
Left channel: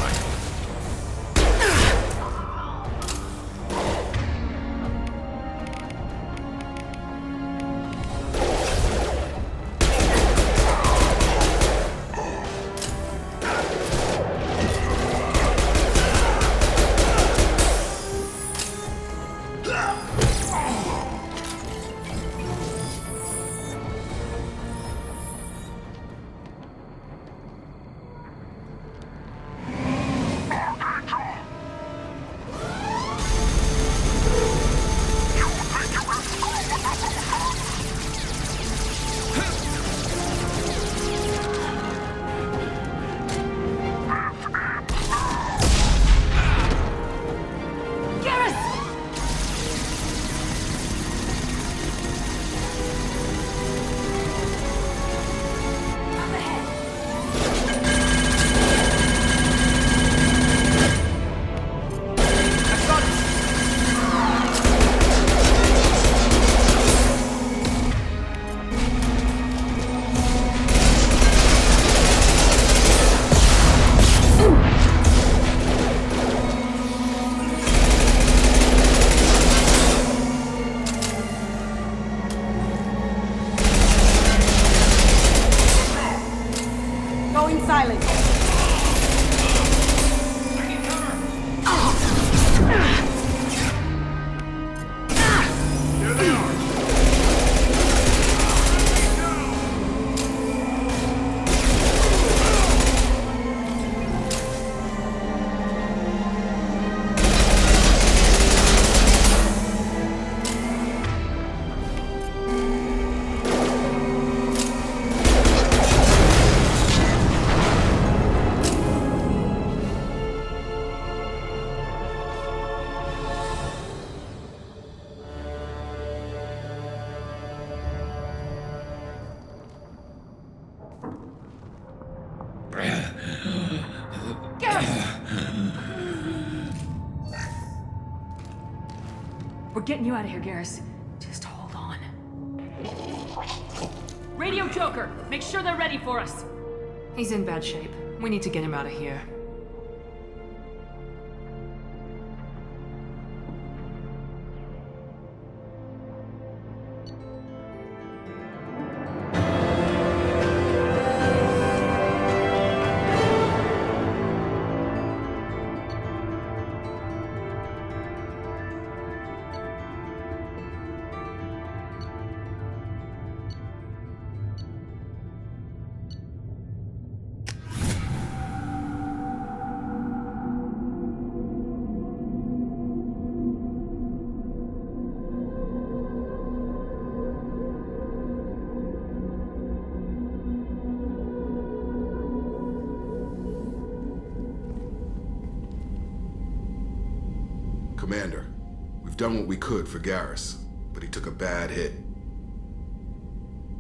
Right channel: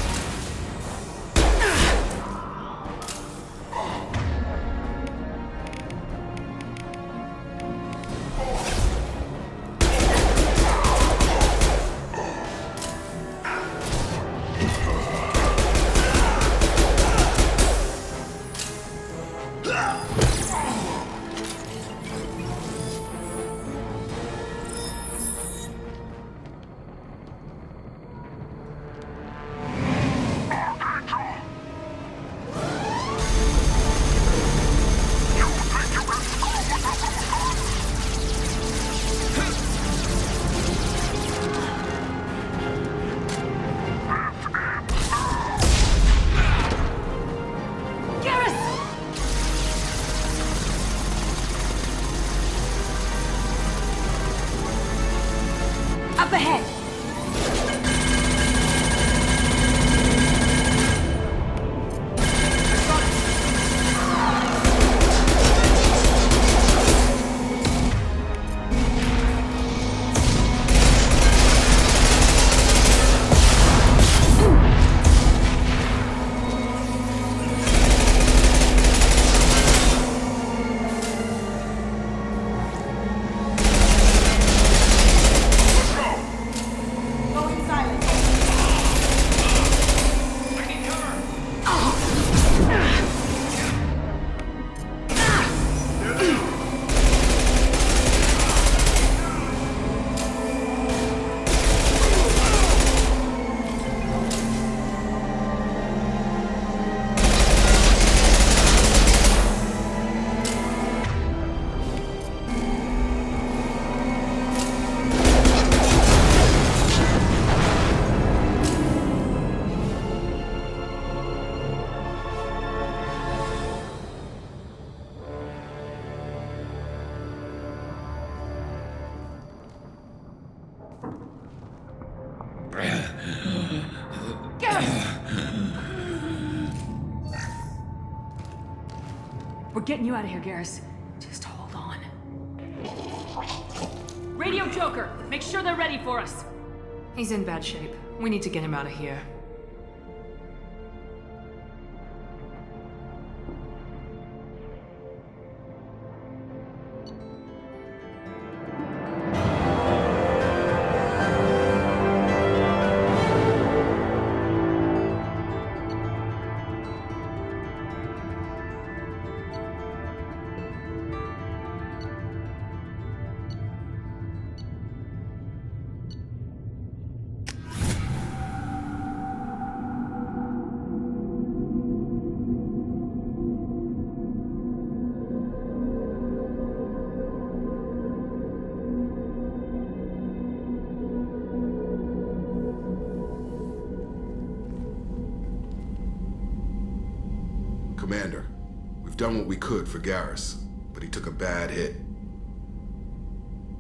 Up ahead! Going silent. We're getting you out of here, Garrus. Just hold on. Radio Joker, make sure they're ready for us. He's in bad shape. We need to get him out of here. Commander, we've done what we could for Garrus, but he took a bad hit.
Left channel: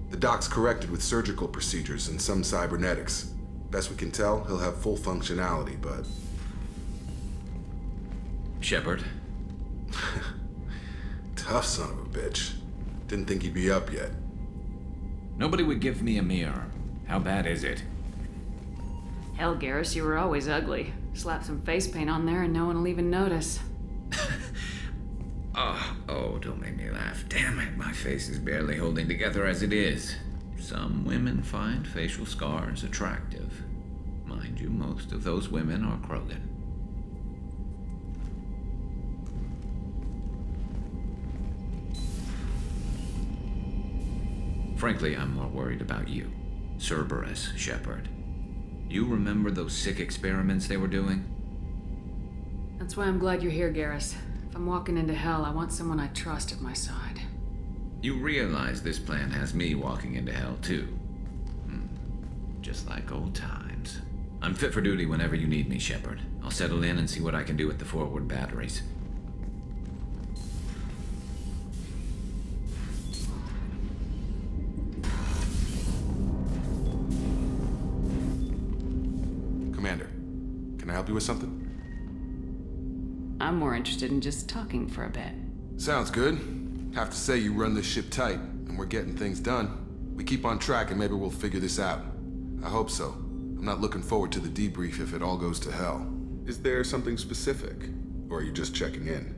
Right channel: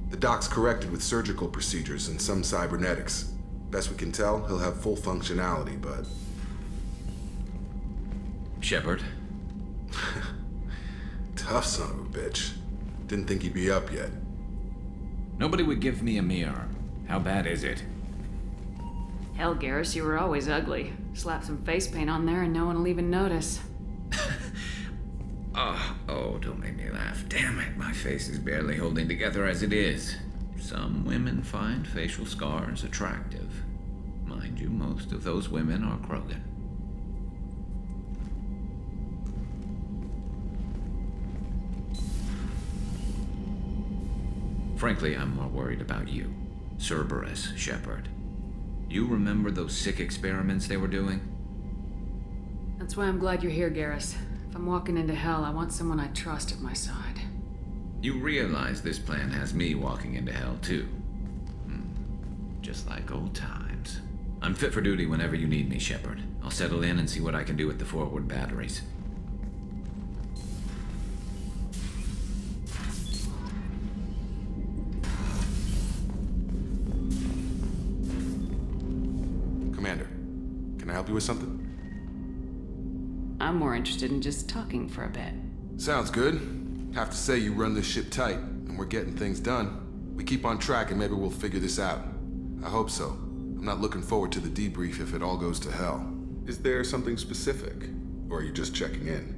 The doc's corrected with surgical procedures and some cybernetics. Best we can tell, he'll have full functionality, but... Shepard? Tough son of a bitch. Didn't think he'd be up yet. Nobody would give me a mirror. How bad is it? Hell, Garrus, you were always ugly. Slap some face paint on there and no one will even notice. Oh, don't make me laugh. Damn it, my face is barely holding together as it is. Some women find facial scars attractive. Mind you, most of those women are Krogan. Frankly, I'm more worried about you. Cerberus, Shepard. You remember those sick experiments they were doing? That's why I'm glad you're here, Garrus. If I'm walking into hell, I want someone I trust at my side. You realize this plan has me walking into hell, too. Just like old times. I'm fit for duty whenever you need me, Shepard. I'll settle in and see what I can do with the forward batteries. help you with something? I'm more interested in just talking for a bit. Sounds good. Have to say you run this ship tight, and we're getting things done. We keep on track and maybe we'll figure this out. I hope so. I'm not looking forward to the debrief if it all goes to hell. Is there something specific? Or are you just checking in?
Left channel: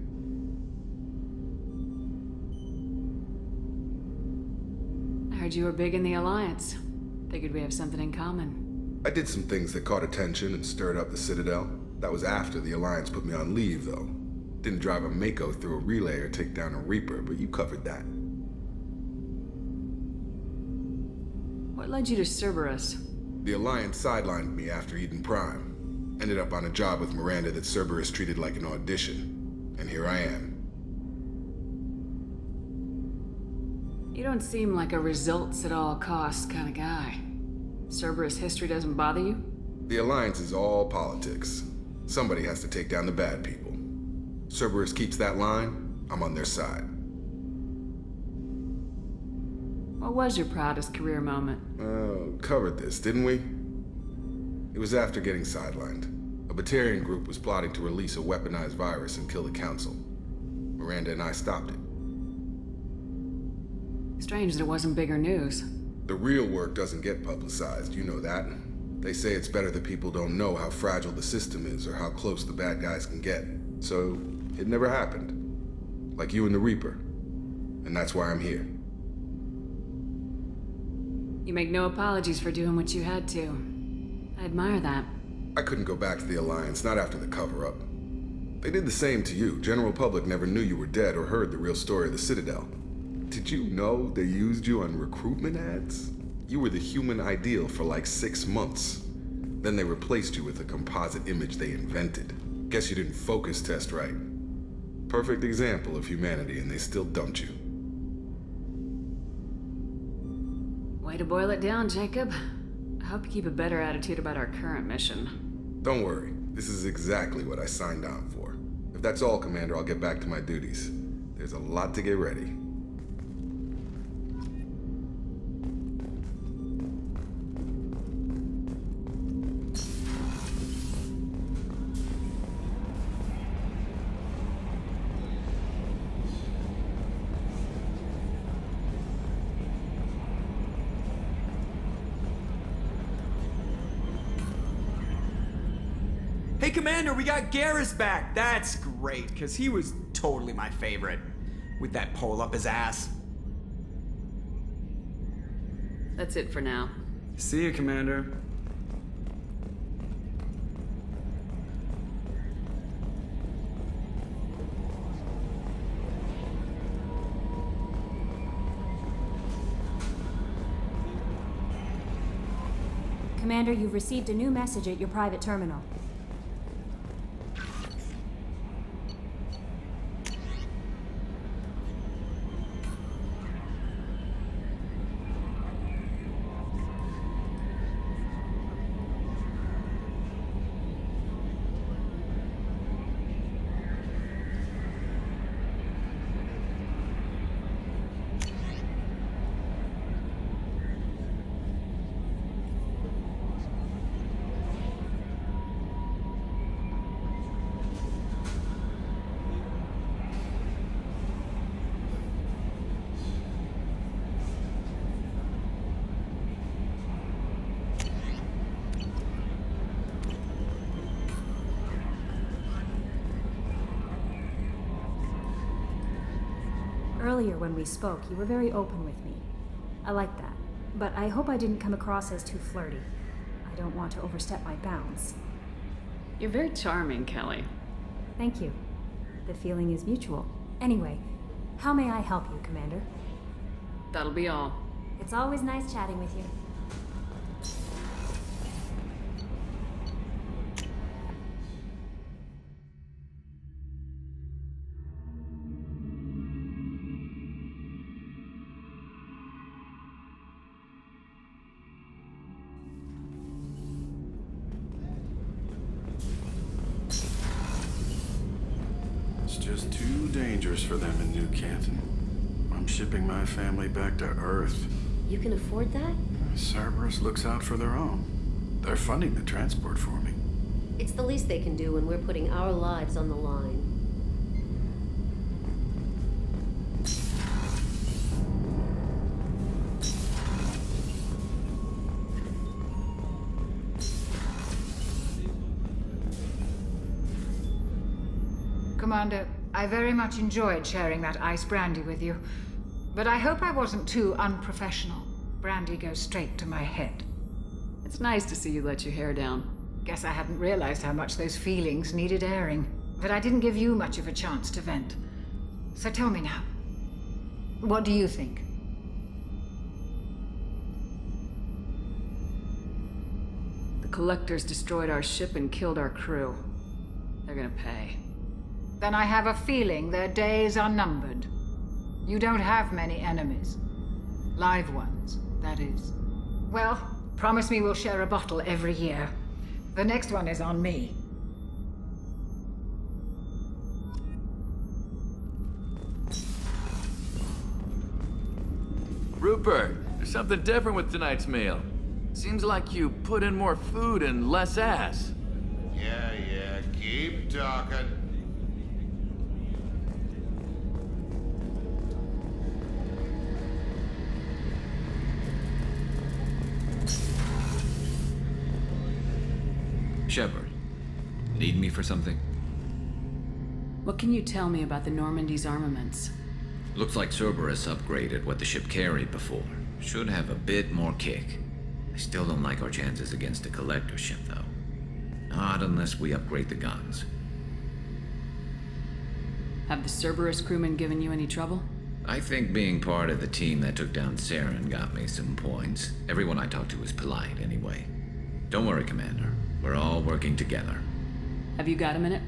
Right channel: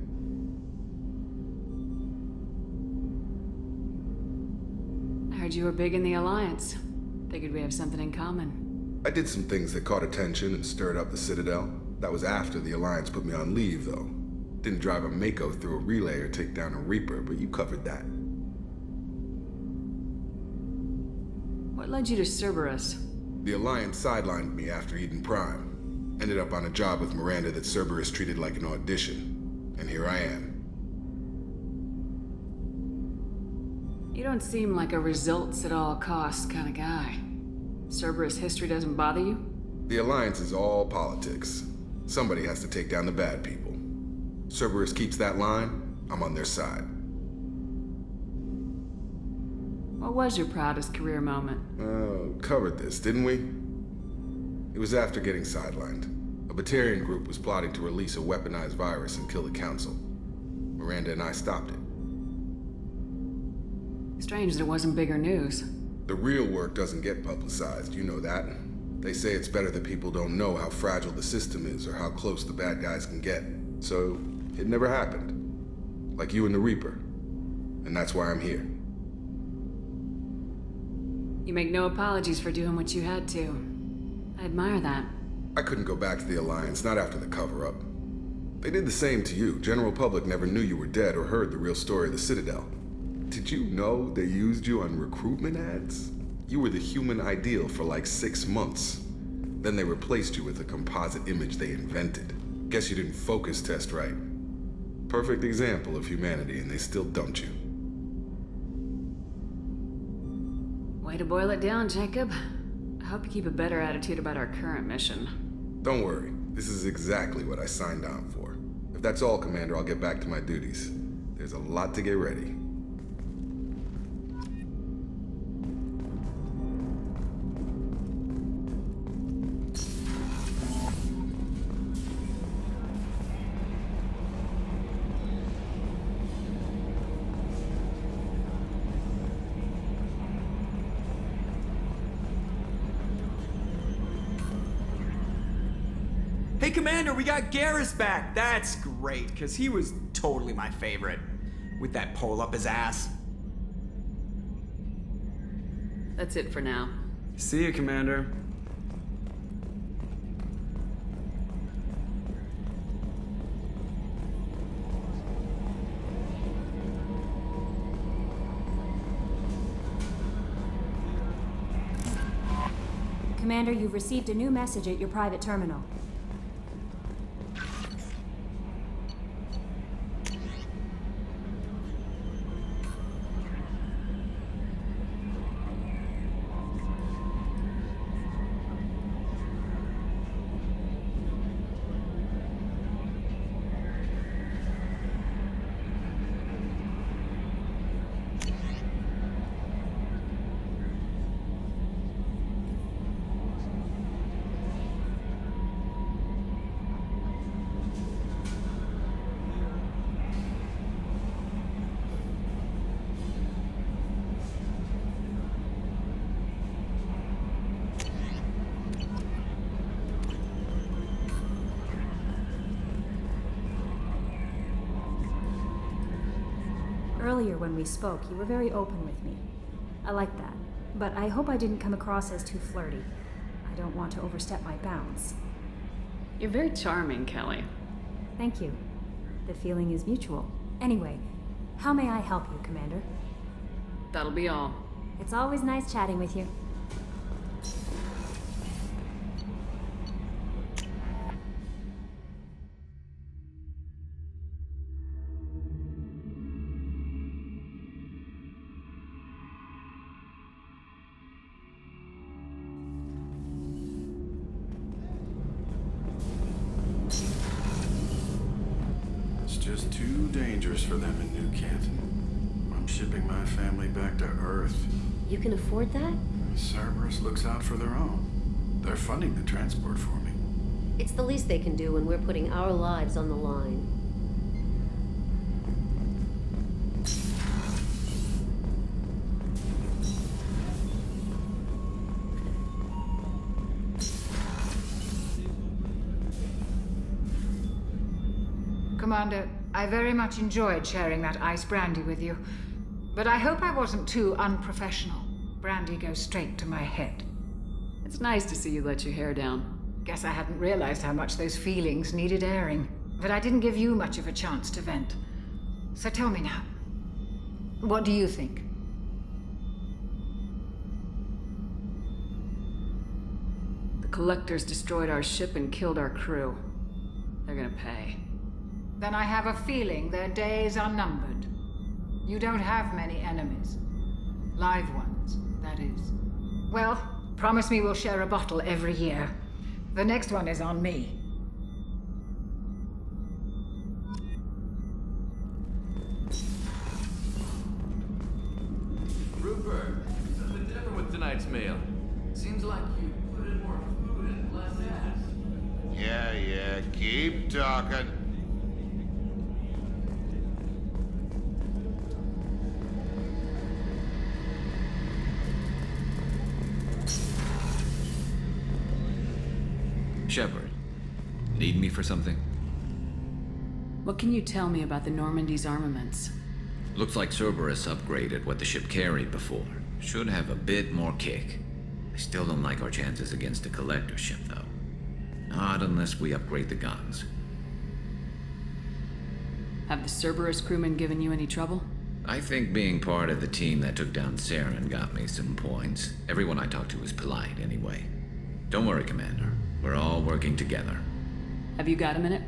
I heard you were big in the Alliance. Figured we have something in common. I did some things that caught attention and stirred up the Citadel. That was after the Alliance put me on leave, though. Didn't drive a Mako through a relay or take down a Reaper, but you covered that. What led you to Cerberus? The Alliance sidelined me after Eden Prime. Ended up on a job with Miranda that Cerberus treated like an audition. And here I am. You don't seem like a results at all costs kind of guy. Cerberus history doesn't bother you? The Alliance is all politics. Somebody has to take down the bad people. Cerberus keeps that line, I'm on their side. What was your proudest career moment? Covered this, didn't we? It was after getting sidelined. A Batarian group was plotting to release a weaponized virus and kill the Council. Miranda and I stopped it. Strange that it wasn't bigger news. The real work doesn't get publicized, you know that. They say it's better that people don't know how fragile the system is or how close the bad guys can get. So, it never happened. Like you and the Reaper. And that's why I'm here. You make no apologies for doing what you had to. I admire that. I couldn't go back to the Alliance, not after the cover-up. They did the same to you. General public never knew you were dead or heard the real story of the Citadel. Did you know they used you on recruitment ads? You were the human ideal for like 6 months. Then they replaced you with a composite image they invented. Guess you didn't focus test right. Perfect example of humanity, and they still dumped you. Way to boil it down, Jacob. I hope you keep a better attitude about our current mission. Don't worry. This is exactly what I signed on for. If that's all, Commander, I'll get back to my duties. There's a lot to get ready. Hey, Commander, we got Garrus back. That's great, because he was totally my favorite. With that pole up his ass. That's it for now. See you, Commander. Commander, you've received a new message at your private terminal. Earlier when we spoke, you were very open with me. I like that. But I hope I didn't come across as too flirty. I don't want to overstep my bounds. You're very charming, Kelly. Thank you. The feeling is mutual. Anyway, how may I help you, Commander? That'll be all. It's always nice chatting with you. Just too dangerous for them in New Canton. I'm shipping my family back to Earth. You can afford that? Cerberus looks out for their own. They're funding the transport for me. It's the least they can do when we're putting our lives on the line. Commander, I very much enjoyed sharing that ice brandy with you. But I hope I wasn't too unprofessional. Brandy goes straight to my head. It's nice to see you let your hair down. Guess I hadn't realized how much those feelings needed airing. But I didn't give you much of a chance to vent. So tell me now, what do you think? The Collectors destroyed our ship and killed our crew. They're gonna pay. Then I have a feeling their days are numbered. You don't have many enemies. Live ones, that is. Well, promise me we'll share a bottle every year. The next one is on me. Rupert, there's something different with tonight's meal. Seems like you put in more food and less ass. Yeah, keep talking. Shepard, need me for something? What can you tell me about the Normandy's armaments? Looks like Cerberus upgraded what the ship carried before. Should have a bit more kick. I still don't like our chances against a Collector ship, though. Not unless we upgrade the guns. Have the Cerberus crewmen given you any trouble? I think being part of the team that took down Saren got me some points. Everyone I talked to was polite, anyway. Don't worry, Commander. We're all working together. Have you got a minute?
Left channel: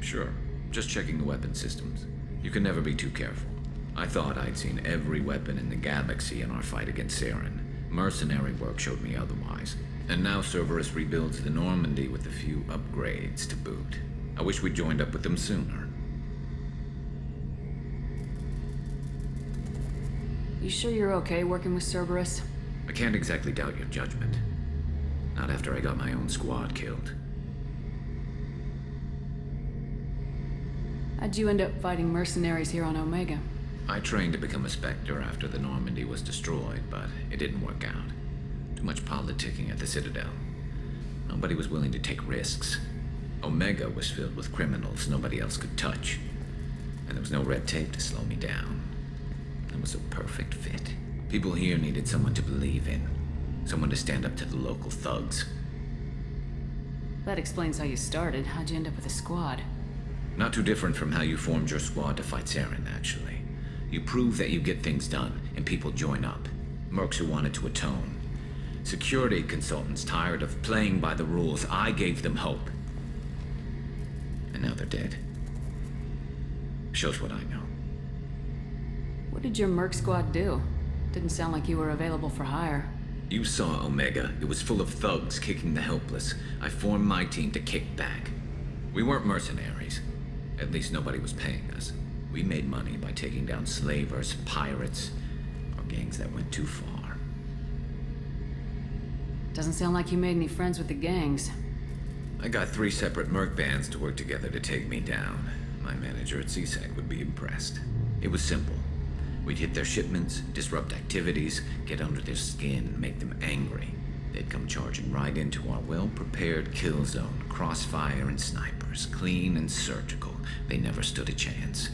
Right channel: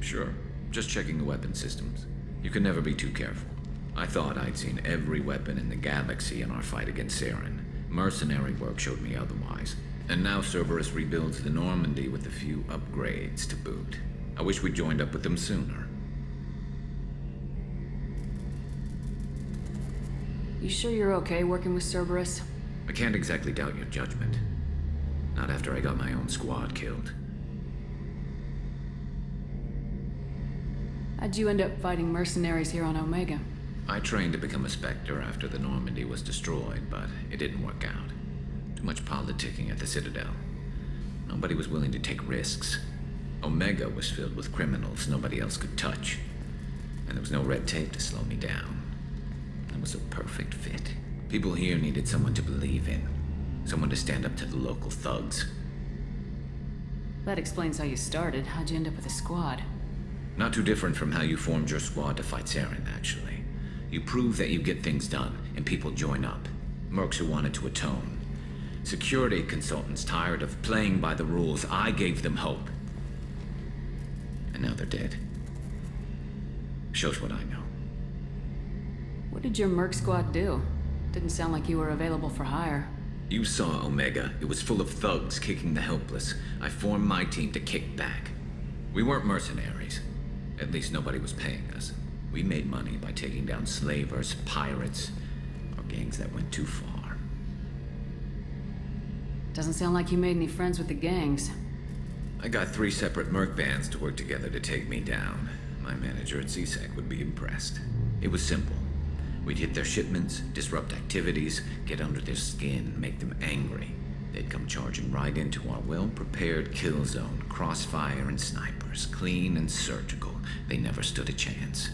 Sure. Just checking the weapon systems. You can never be too careful. I thought I'd seen every weapon in the galaxy in our fight against Saren. Mercenary work showed me otherwise. And now Cerberus rebuilds the Normandy with a few upgrades to boot. I wish we'd joined up with them sooner. You sure you're okay working with Cerberus? I can't exactly doubt your judgment. Not after I got my own squad killed. How'd you end up fighting mercenaries here on Omega? I trained to become a Spectre after the Normandy was destroyed, but it didn't work out. Too much politicking at the Citadel. Nobody was willing to take risks. Omega was filled with criminals nobody else could touch. And there was no red tape to slow me down. It was a perfect fit. People here needed someone to believe in. Someone to stand up to the local thugs. That explains how you started. How'd you end up with a squad? Not too different from how you formed your squad to fight Saren, actually. You prove that you get things done, and people join up. Mercs who wanted to atone. Security consultants tired of playing by the rules. I gave them hope. And now they're dead. Shows what I know. What did your merc squad do? Didn't sound like you were available for hire. You saw Omega. It was full of thugs kicking the helpless. I formed my team to kick back. We weren't mercenaries. At least nobody was paying us. We made money by taking down slavers, pirates, or gangs that went too far. Doesn't sound like you made any friends with the gangs. I got 3 separate merc bands to work together to take me down. My manager at CSEC would be impressed. It was simple. We'd hit their shipments, disrupt activities, get under their skin, make them angry. They'd come charging right into our well-prepared kill zone, crossfire and snipers, clean and surgical. They never stood a chance.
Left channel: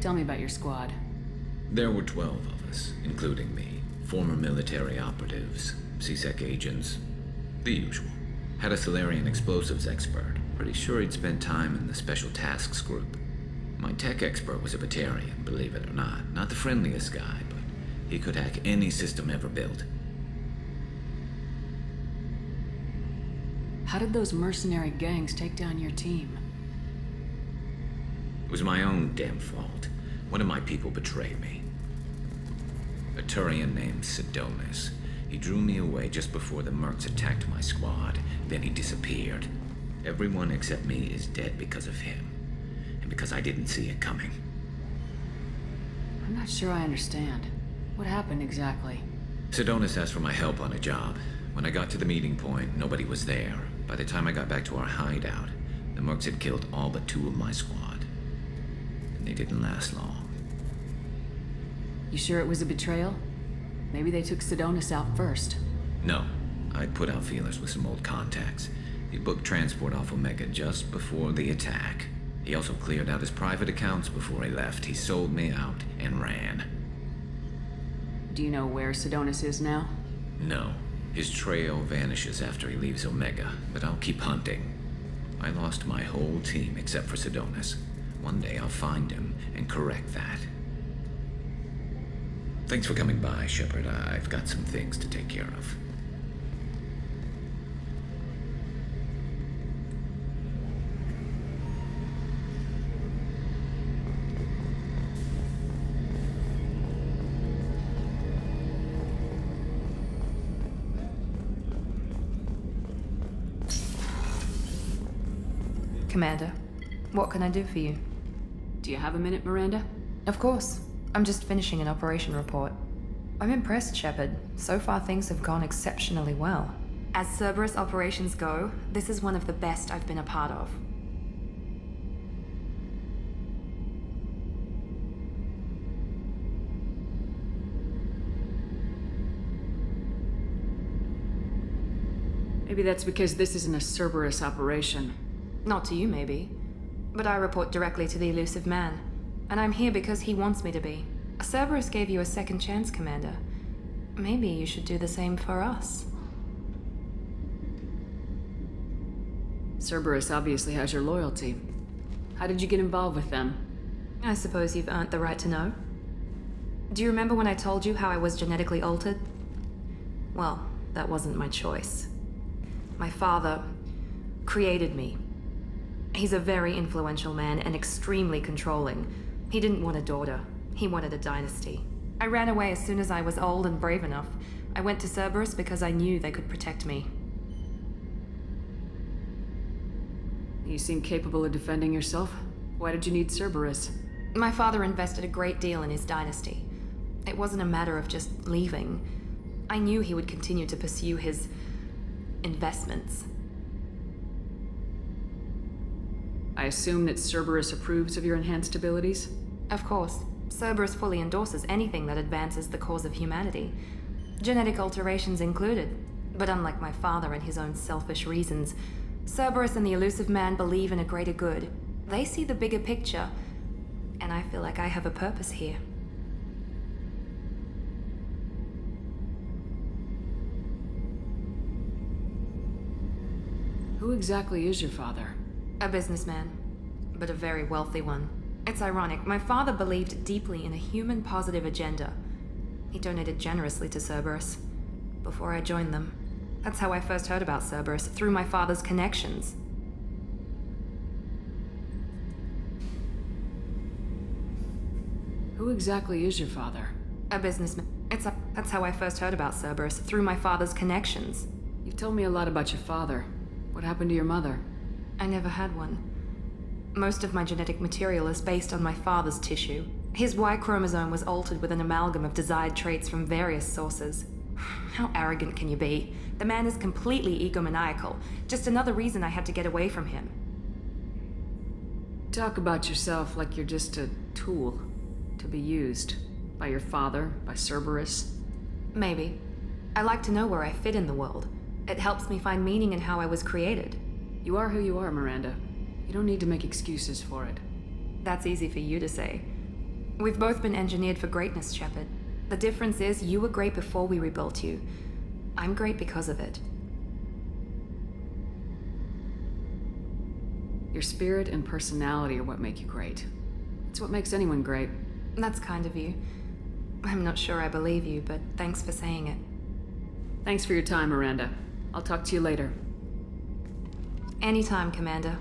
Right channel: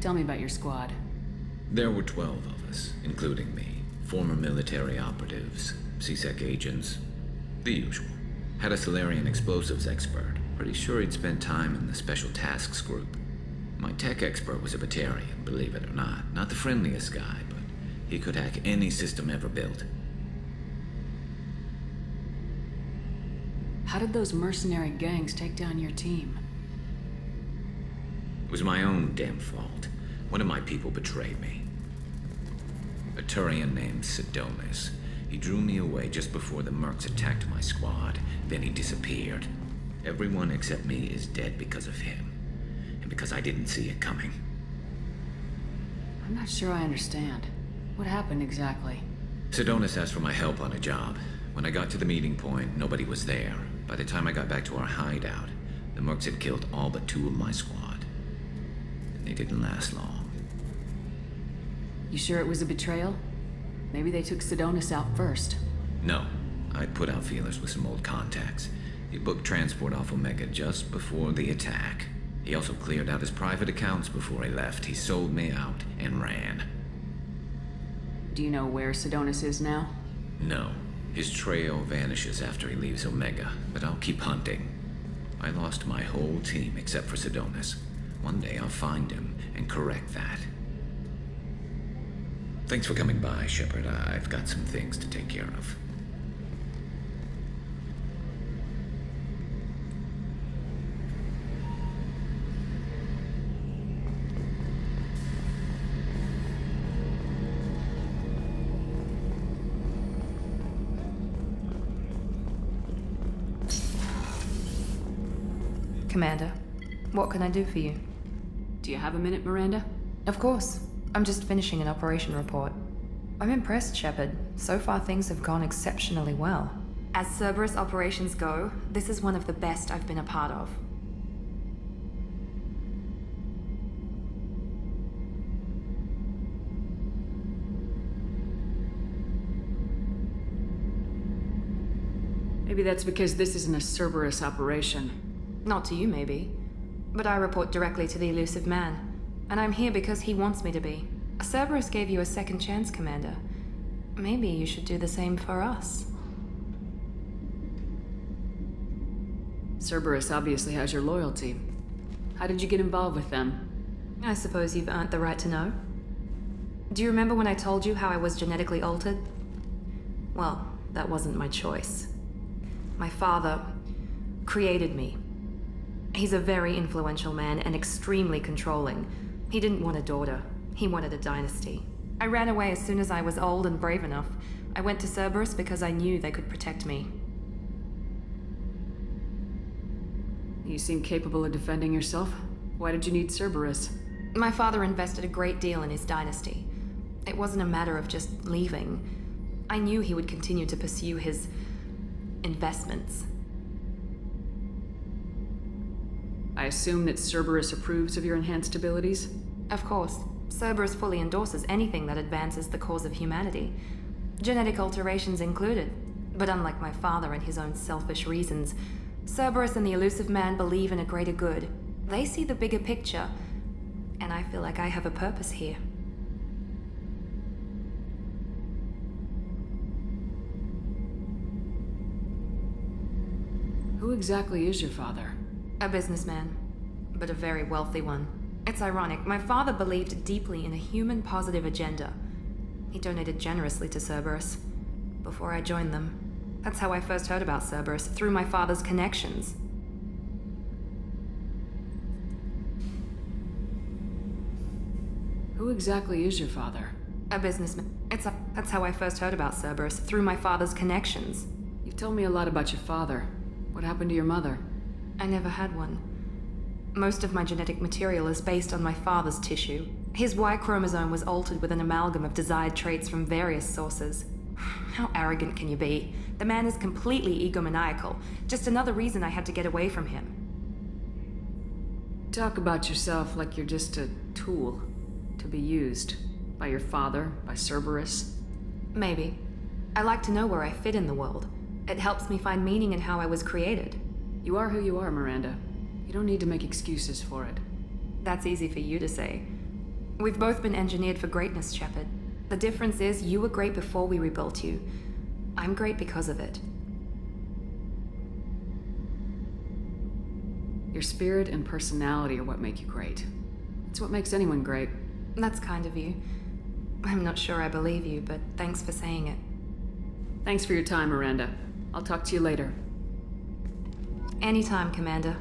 Tell me about your squad. There were 12 of us, including me. Former military operatives, CSEC agents, the usual. Had a Solarian explosives expert. Pretty sure he'd spent time in the Special Tasks group. My tech expert was a Batarian, believe it or not. Not the friendliest guy, but he could hack any system ever built. How did those mercenary gangs take down your team? It was my own damn fault. One of my people betrayed me. A Turian named Sidonis. He drew me away just before the mercs attacked my squad. Then he disappeared. Everyone except me is dead because of him. And because I didn't see it coming. I'm not sure I understand. What happened exactly? Sidonis asked for my help on a job. When I got to the meeting point, nobody was there. By the time I got back to our hideout, the mercs had killed all but 2 of my squad. And they didn't last long. You sure it was a betrayal? Maybe they took Sidonis out first. No. I'd put out feelers with some old contacts. He booked transport off Omega just before the attack. He also cleared out his private accounts before he left. He sold me out and ran. Do you know where Sidonis is now? No. His trail vanishes after he leaves Omega, but I'll keep hunting. I lost my whole team except for Sidonis. One day I'll find him and correct that. Thanks for coming by, Shepard. I've got some things to take care of. Commander, what can I do for you? Do you have a minute, Miranda? Of course. I'm just finishing an operation report. I'm impressed, Shepard. So far things have gone exceptionally well. As Cerberus operations go, this is one of the best I've been a part of. Maybe that's because this isn't a Cerberus operation. Not to you, maybe. But I report directly to the Elusive Man. And I'm here because he wants me to be. Cerberus gave you a second chance, Commander. Maybe you should do the same for us. Cerberus obviously has your loyalty. How did you get involved with them? I suppose you've earned the right to know. Do you remember when I told you how I was genetically altered? Well, that wasn't my choice. My father created me. He's a very influential man and extremely controlling. He didn't want a daughter. He wanted a dynasty. I ran away as soon as I was old and brave enough. I went to Cerberus because I knew they could protect me. You seem capable of defending yourself. Why did you need Cerberus? My father invested a great deal in his dynasty. It wasn't a matter of just leaving. I knew he would continue to pursue his investments. I assume that Cerberus approves of your enhanced abilities? Of course. Cerberus fully endorses anything that advances the cause of humanity. Genetic alterations included. But unlike my father and his own selfish reasons, Cerberus and the Elusive Man believe in a greater good. They see the bigger picture, and I feel like I have a purpose here. Who exactly is your father? A businessman, but a very wealthy one. It's ironic, my father believed deeply in a human-positive agenda. He donated generously to Cerberus before I joined them. That's how I first heard about Cerberus, through my father's connections. Who exactly is your father? A businessman. That's how I first heard about Cerberus, through my father's connections. You've told me a lot about your father. What happened to your mother? I never had one. Most of my genetic material is based on my father's tissue. His Y chromosome was altered with an amalgam of desired traits from various sources. How arrogant can you be? The man is completely egomaniacal. Just another reason I had to get away from him. Talk about yourself like you're just a tool to be used by your father, by Cerberus. Maybe. I like to know where I fit in the world. It helps me find meaning in how I was created. You are who you are, Miranda. You don't need to make excuses for it. That's easy for you to say. We've both been engineered for greatness, Shepard. The difference is you were great before we rebuilt you. I'm great because of it. Your spirit and personality are what make you great. It's what makes anyone great. That's kind of you. I'm not sure I believe you, but thanks for saying it. Thanks for your time, Miranda. I'll talk to you later. Anytime, Commander.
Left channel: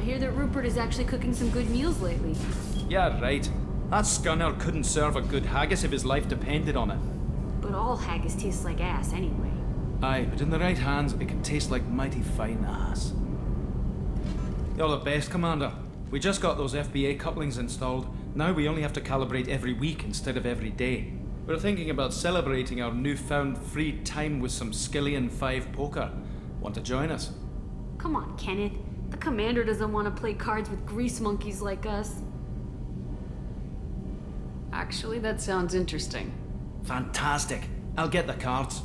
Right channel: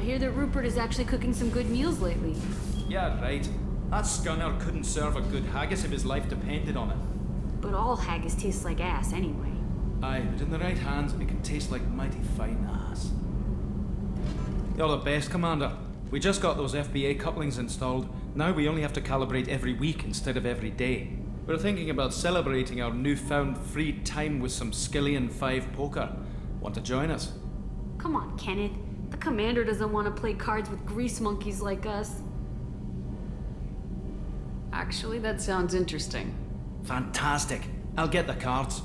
I hear that Rupert is actually cooking some good meals lately. Yeah, right. That scunner couldn't serve a good haggis if his life depended on it. But all haggis tastes like ass anyway. Aye, but in the right hands, it can taste like mighty fine ass. You're the best, Commander. We just got those FBA couplings installed. Now we only have to calibrate every week instead of every day. We're thinking about celebrating our newfound free time with some Skillian 5 poker. Want to join us? Come on, Kenneth. The commander doesn't want to play cards with grease monkeys like us. Actually, that sounds interesting. Fantastic. I'll get the cards.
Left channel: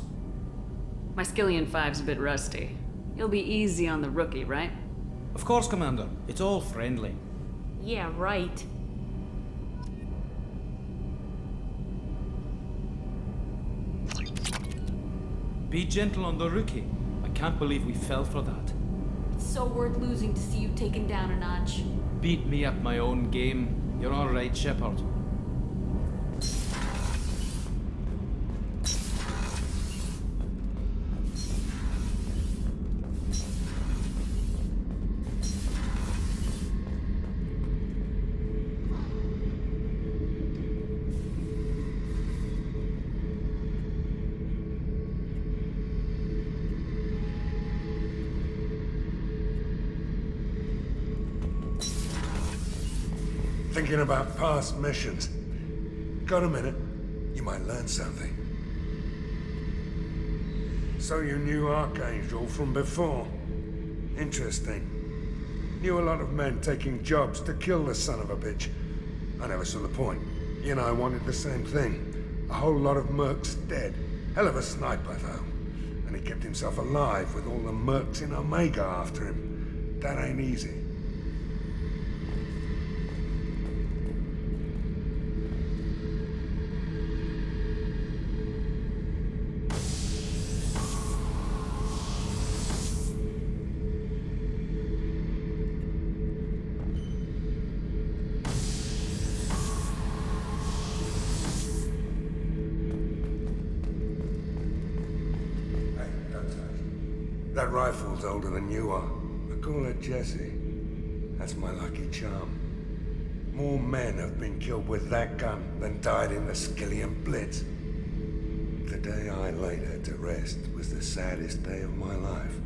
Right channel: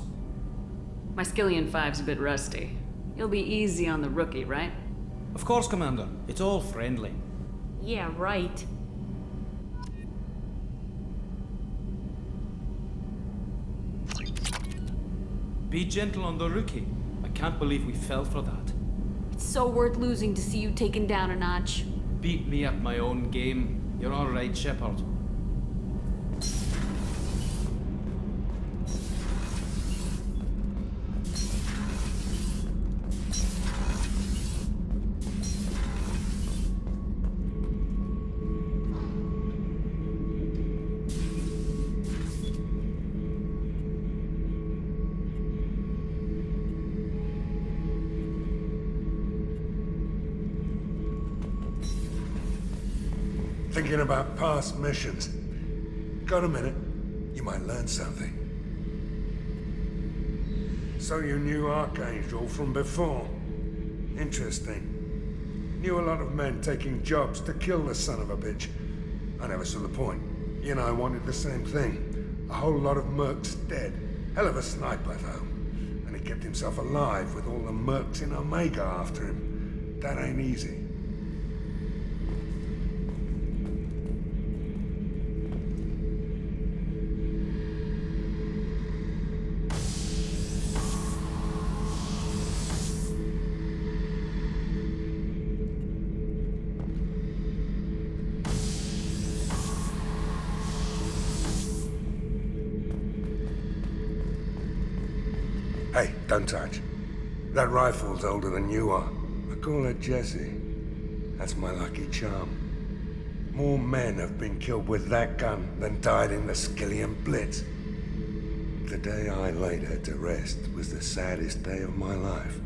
My Skillian 5's a bit rusty. You'll be easy on the rookie, right? Of course, Commander. It's all friendly. Yeah, right. Be gentle on the rookie. I can't believe we fell for that. It's so worth losing to see you taken down a notch. Beat me at my own game. You're all right, Shepard. Thinking about past missions. Got a minute? You might learn something. So you knew Archangel from before? Interesting. Knew a lot of men taking jobs to kill the son of a bitch. I never saw the point. You and I wanted the same thing. A whole lot of mercs dead. Hell of a sniper, though. And he kept himself alive with all the mercs in Omega after him. That ain't easy. Hey, don't touch. That rifle's older than you are. I call her Jessie. That's my lucky charm. More men have been killed with that gun than died in the Skillian Blitz. The day I laid her to rest was the saddest day of my life.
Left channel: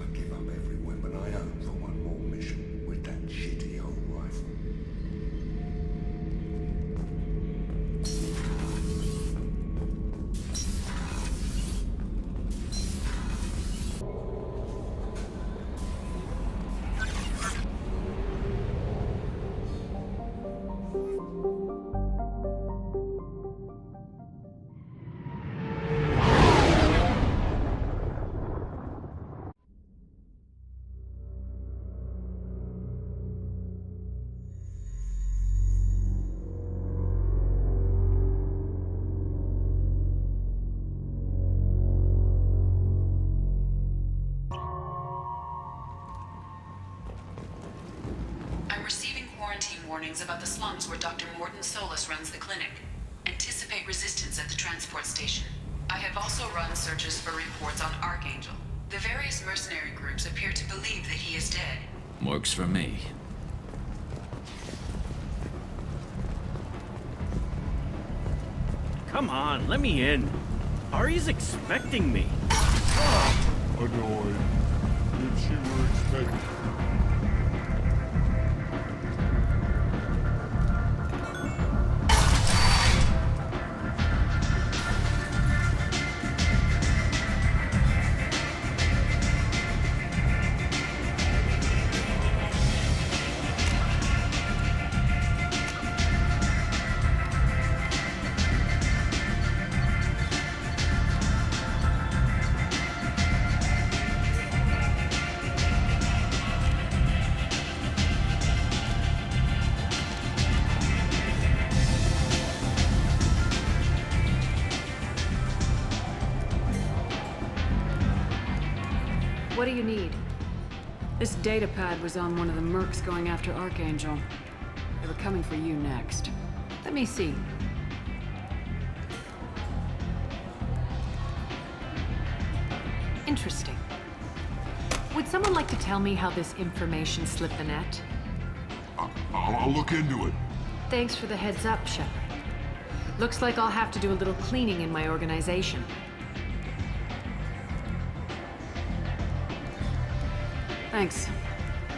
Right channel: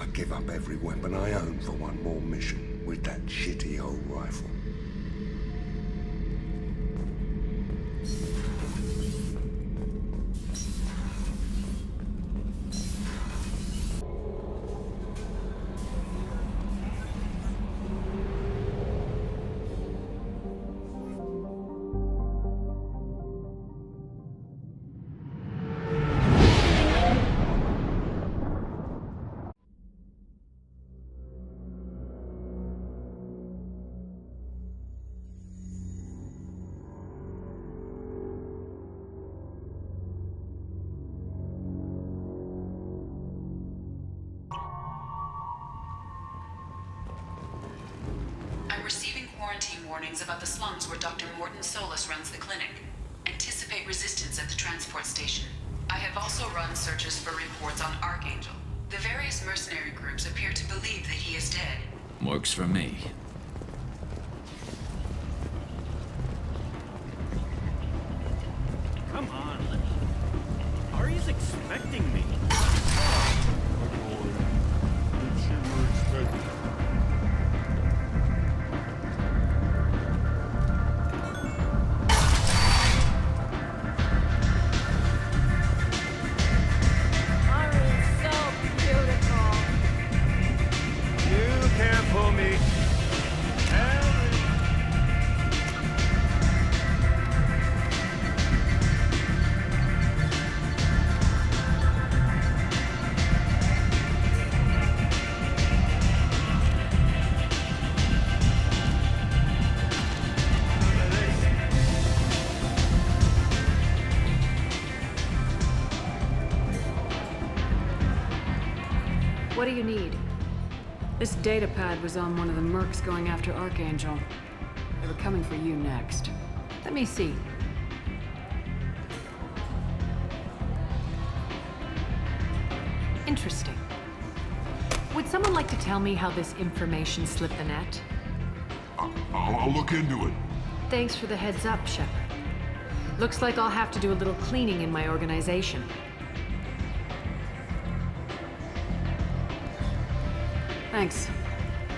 I give up every weapon I own for one more mission with that shitty old rifle. I'm receiving quarantine warnings about the slums where Dr. Morton Solus runs the clinic. Anticipate resistance at the transport station. I have also run searches for reports on Archangel. The various mercenary groups appear to believe that he is dead. Works for me. Come on, let me in. Ari's expecting me. Annoyed. Did she were expecting? What do you need? This data pad was on one of the mercs going after Archangel. They were coming for you next. Let me see. Interesting. would someone like to tell me how this information slipped the net? I'll look into it. Thanks for the heads up, Shepard. Looks like I'll have to do a little cleaning in my organization. Thanks.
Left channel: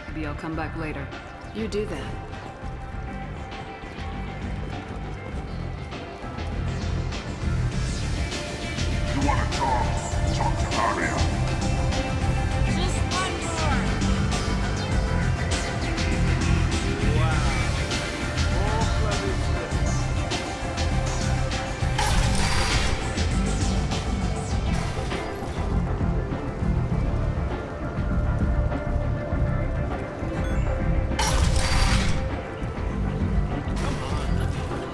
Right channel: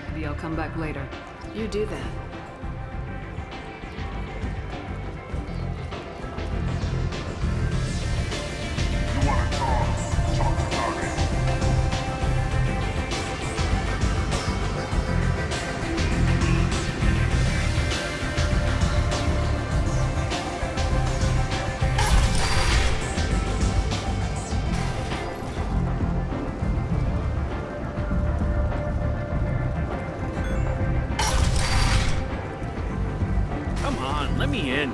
Maybe I'll come back later. You do that. You want to talk to Aria. Come on, let me in.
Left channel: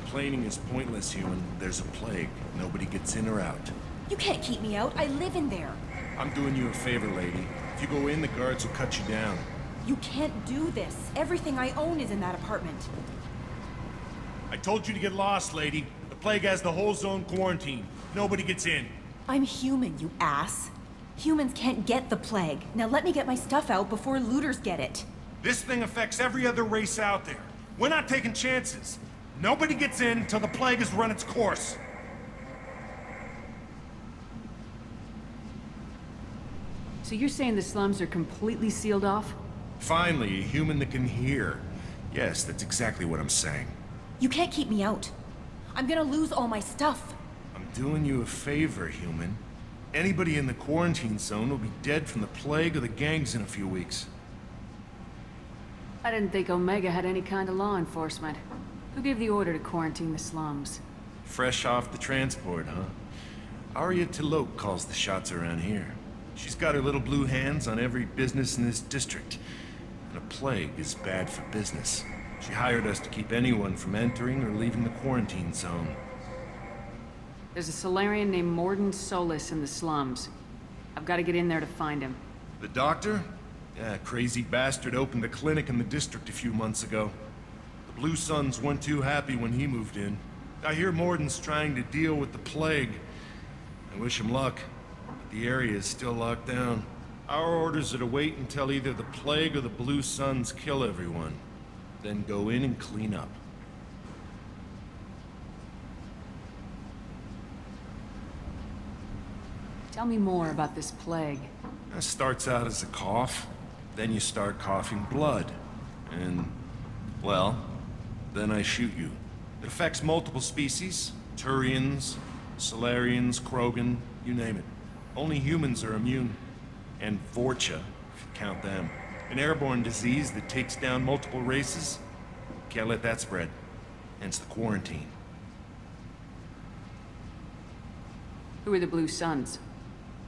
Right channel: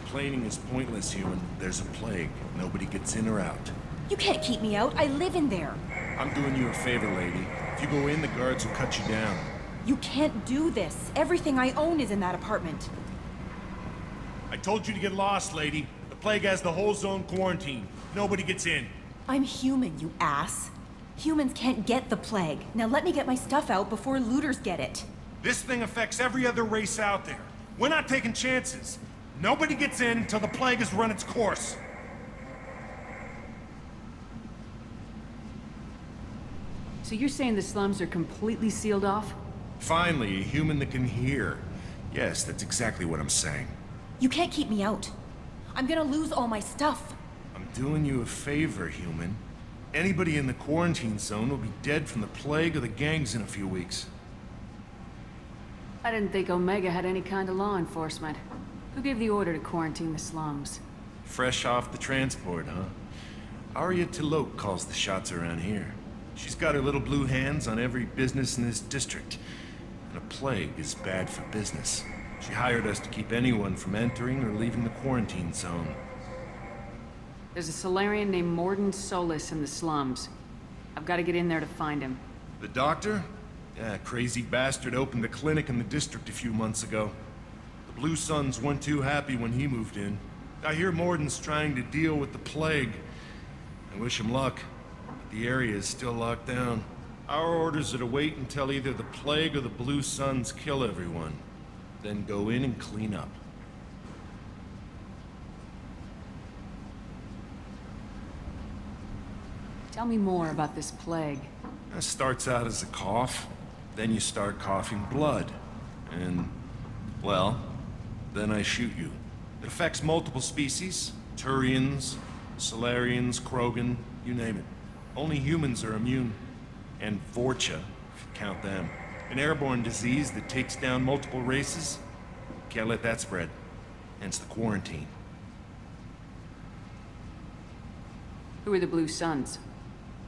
Complaining is pointless, human. There's a plague. Nobody gets in or out. You can't keep me out. I live in there. I'm doing you a favor, lady. If you go in, the guards will cut you down. You can't do this. Everything I own is in that apartment. I told you to get lost, lady. The plague has the whole zone quarantined. Nobody gets in. I'm human, you ass. Humans can't get the plague. Now let me get my stuff out before looters get it. This thing affects every other race out there. We're not taking chances. Nobody gets in until the plague has run its course. So you're saying the slums are completely sealed off? Finally, a human that can hear. Yes, that's exactly what I'm saying. You can't keep me out. I'm gonna lose all my stuff. I'm doing you a favor, human. Anybody in the quarantine zone will be dead from the plague or the gangs in a few weeks. I didn't think Omega had any kind of law enforcement. Who gave the order to quarantine the slums? Fresh off the transport, huh? Aria T'Loak calls the shots around here. She's got her little blue hands on every business in this district. And a plague is bad for business. She hired us to keep anyone from entering or leaving the quarantine zone. There's a Solarian named Morden Solis in the slums. I've got to get in there to find him. The doctor? Yeah, crazy bastard opened a clinic in the district a few months ago. The Blue Suns weren't too happy when he moved in. I hear Morden's trying to deal with the plague. I wish him luck, but the area is still locked down. Our orders are to wait until either the plague or the Blue Suns kill everyone. Then go in and clean up. Tell me more about this plague. It starts out as a cough, then you start coughing blood. And, well, then I shoot you. It affects multiple species. Turians, Solarians, Krogan, you name it. Only humans are immune. And Vorcha, if you count them. An airborne disease that takes down multiple races. Can't let that spread. Hence the quarantine. Who are the Blue Suns?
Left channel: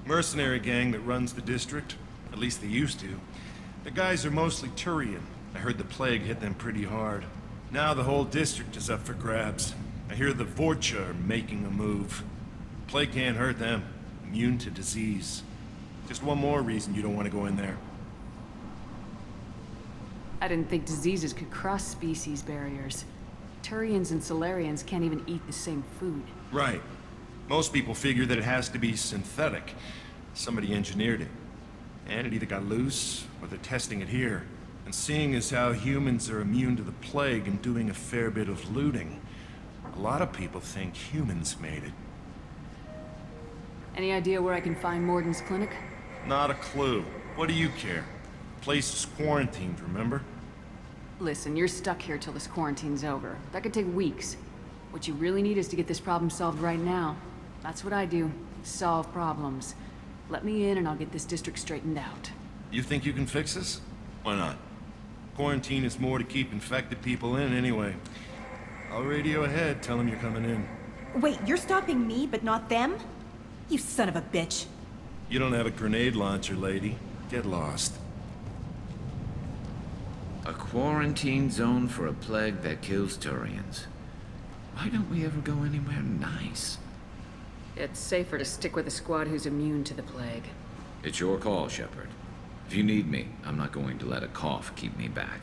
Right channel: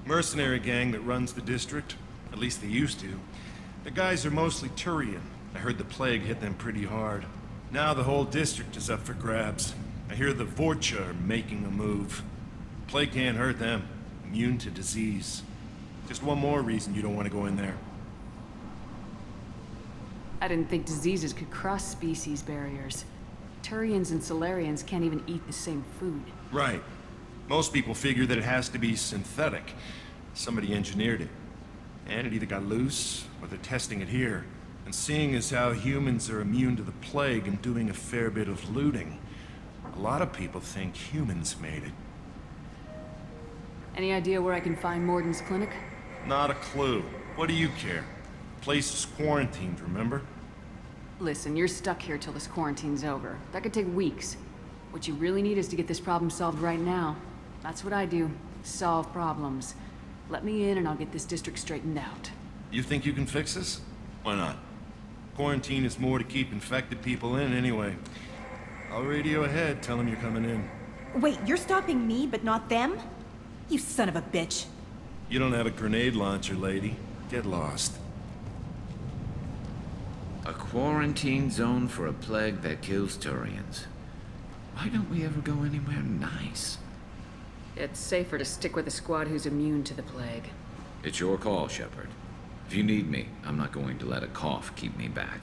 Mercenary gang that runs the district. At least they used to. The guys are mostly Turian. I heard the plague hit them pretty hard. Now the whole district is up for grabs. I hear the Vorcha are making a move. Plague can't hurt them. Immune to disease. Just one more reason you don't want to go in there. I didn't think diseases could cross species barriers. Turians and Solarians can't even eat the same food. Right. Most people figure that it has to be synthetic. Somebody engineered it. And it either got loose, or they're testing it here. And seeing as how humans are immune to the plague and doing a fair bit of looting, a lot of people think humans made it. Any idea where I can find Morden's clinic? Not a clue. What do you care? The place is quarantined, remember? Listen, you're stuck here till this quarantine's over. That could take weeks. What you really need is to get this problem solved right now. That's what I do. Solve problems. Let me in and I'll get this district straightened out. You think you can fix this? Why not? Quarantine is more to keep infected people in anyway. I'll radio ahead, tell them you're coming in. Wait, you're stopping me, but not them? You son of a bitch. You don't have a grenade launcher, lady. Get lost. A quarantine zone for a plague that kills Turians. Why don't we ever go anywhere nice? It's safer to stick with a squad who's immune to the plague. It's your call, Shepard. If you need me, I'm not going to let a cough keep me back.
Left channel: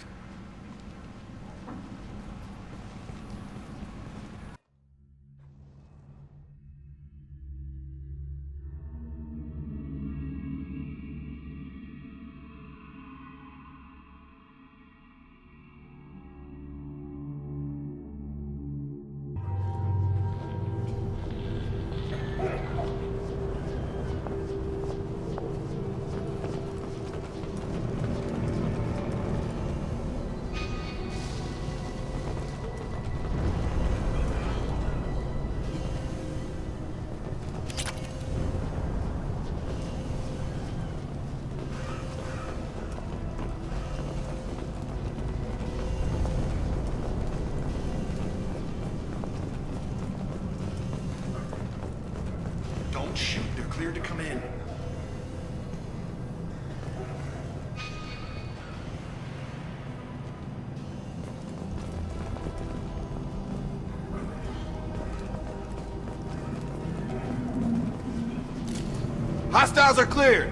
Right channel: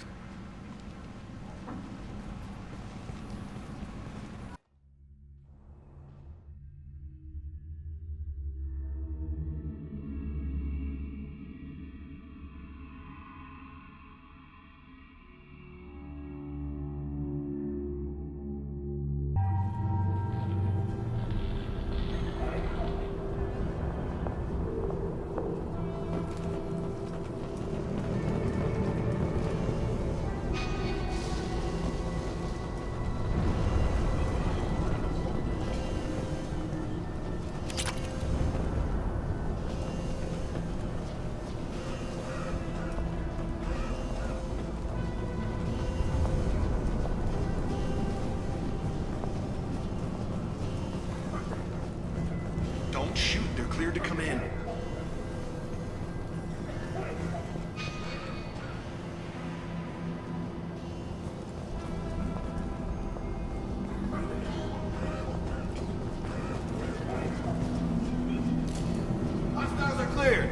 Don't shoot, they're cleared to come in. Hostiles are cleared!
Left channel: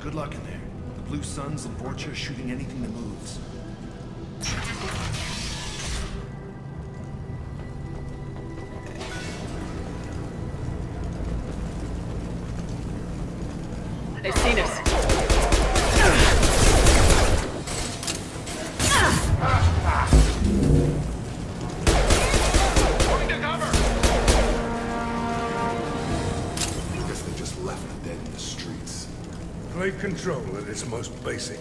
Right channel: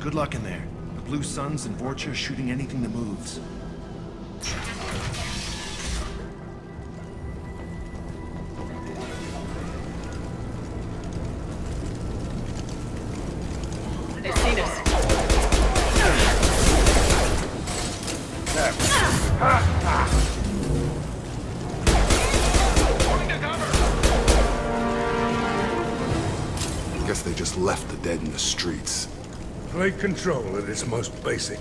Good luck in there. The Blue Suns and Vorcha are shooting anything that moves. They've seen us. Guess they just left the dead in the streets. Plague control at its most basic.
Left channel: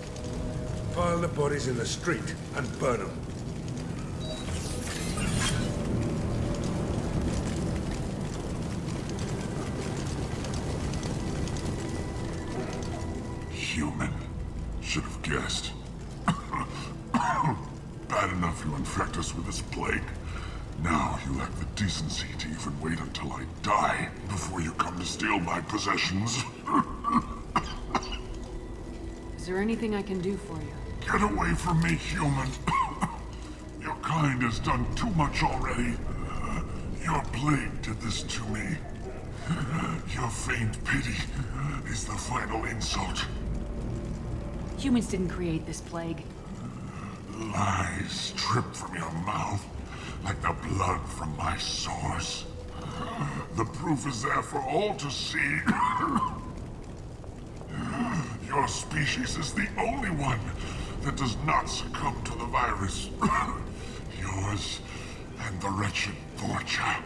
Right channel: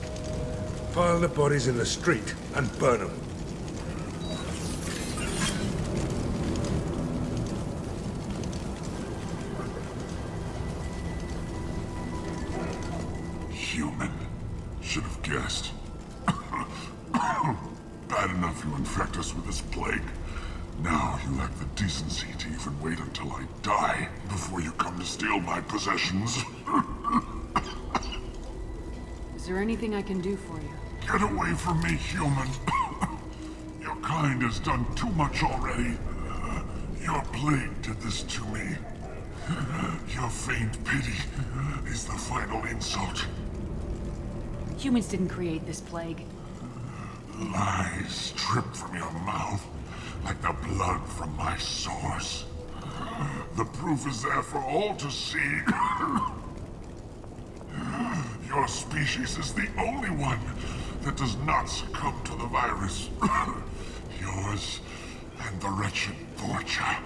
Pile the bodies in the street and burn them. Human. Should have guessed. Bad enough you infect us with this plague. Now you lack the decency to even wait until I die before you come to steal my possessions. Is there anything I can do for you? Get away from me, human. Your kind has done too much already. Your plague did this to me. Your faint pity is the final insult. Humans didn't create this plague. Lies drip from your mouth like the blood from my sores. The proof is there for all to see. Your species is the only one that does not succumb to the virus. Yours and the wretched Vorcha.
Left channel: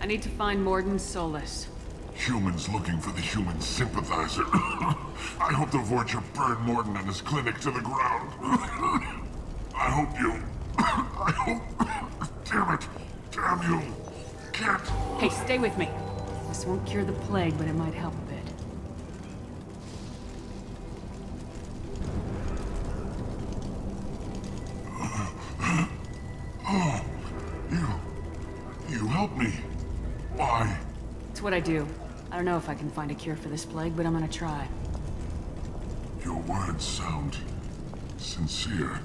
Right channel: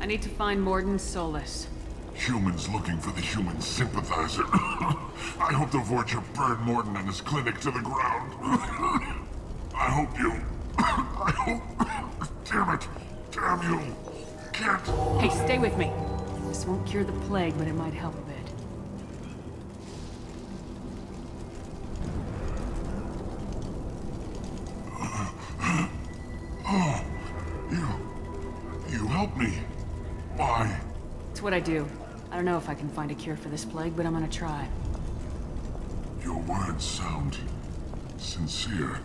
I need to find Mordin Solus. Humans looking for the human sympathizer. I hope the Vorcha burn Mordin and his clinic to the ground. I hope you... I hope... Damn it! Damn you! Can't... Hey, stay with me. This won't cure the plague, but it might help a bit. Oh, you helped me. Why? It's what I do. I don't know if I can find a cure for this plague, but I'm gonna try. Your words sound sincere.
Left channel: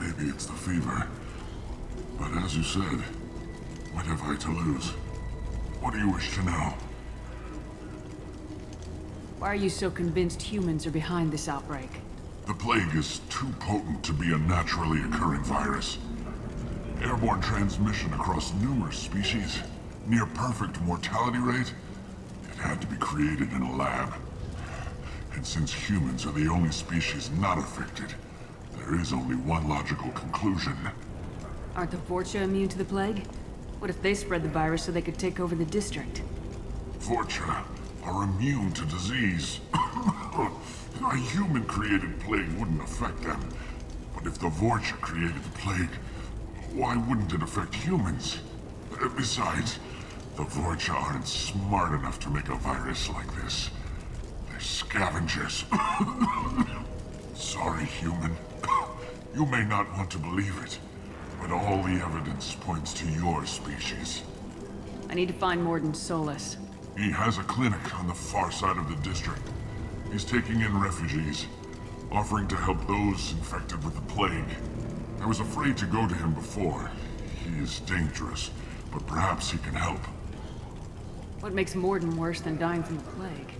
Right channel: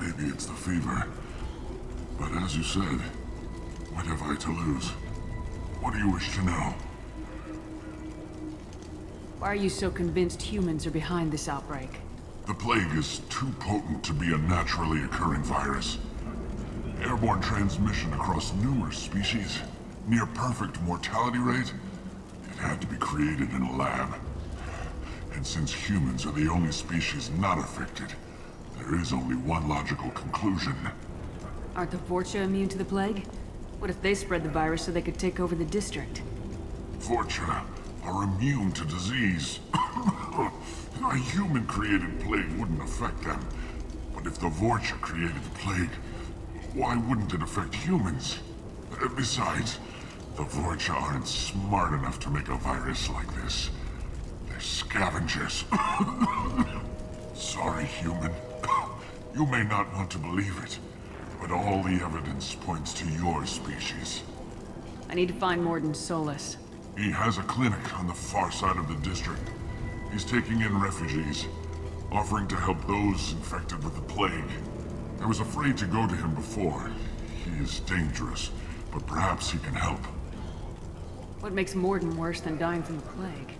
Maybe it's the fever. But as you said, what have I to lose? What do you wish to know? Why are you so convinced humans are behind this outbreak? The plague is too potent to be a naturally occurring virus. Airborne transmission across numerous species, near perfect mortality rate. It had to be created in a lab. And since humans are the only species not affected, there is only one logical conclusion. Aren't the Vorcha immune to the plague? What if they spread the virus so they could take over the district? Vorcha are immune to disease. A human-created plague wouldn't affect them. But if the Vorcha created the plague, why wouldn't it affect humans? Besides, the Vorcha aren't smart enough to make a virus like this. They're scavengers. Sorry, human. You may not want to believe it, but all the evidence points to your species. I need to find Morden Solus. He has a clinic on the far side of the district. He's taking in refugees, offering to help those infected with the plague. I was afraid to go to him before. He is dangerous, but perhaps he can help. What makes Morden worse than dying from the plague?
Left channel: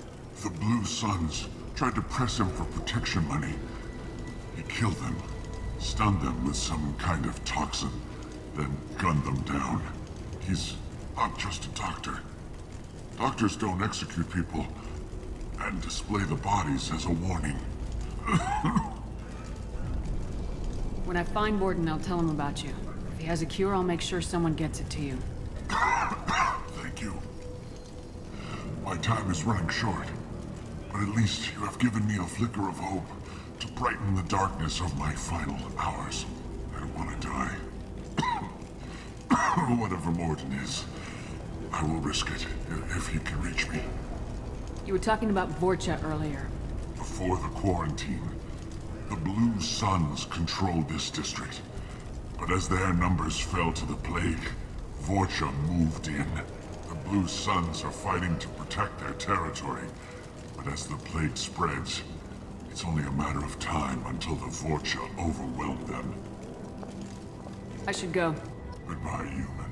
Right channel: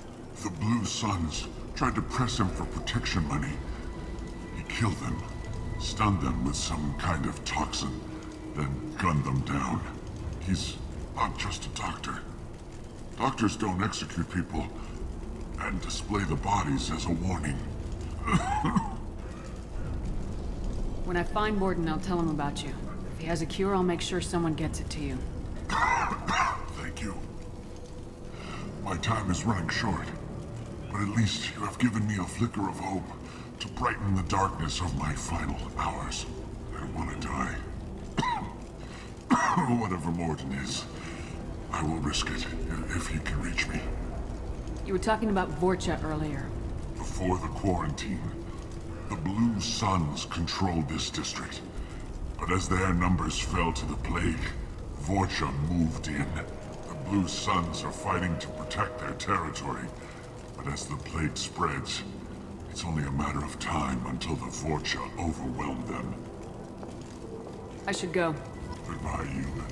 The Blue Suns tried to press him for protection money. He killed them, stunned them with some kind of toxin, then gunned them down. He's not just a doctor. Doctors don't execute people and display the bodies as a warning. When I find Morden, I'll tell him about you. If he has a cure, I'll make sure someone gets it to you. Thank you. My time is running short, but at least you have given me a flicker of hope to brighten the darkness of my final hours. I want to die. Whatever Morden is, I will risk it if he can reach me. You were talking about Vorcha earlier. Before the quarantine, the Blue Suns controlled this district. But as their numbers fell to the plague, Vorcha moved in. The Blue Suns are fighting to protect their territory. But as the plague spreads, it's only a matter of time until the Vorcha overwhelm them. I should go. Goodbye, human.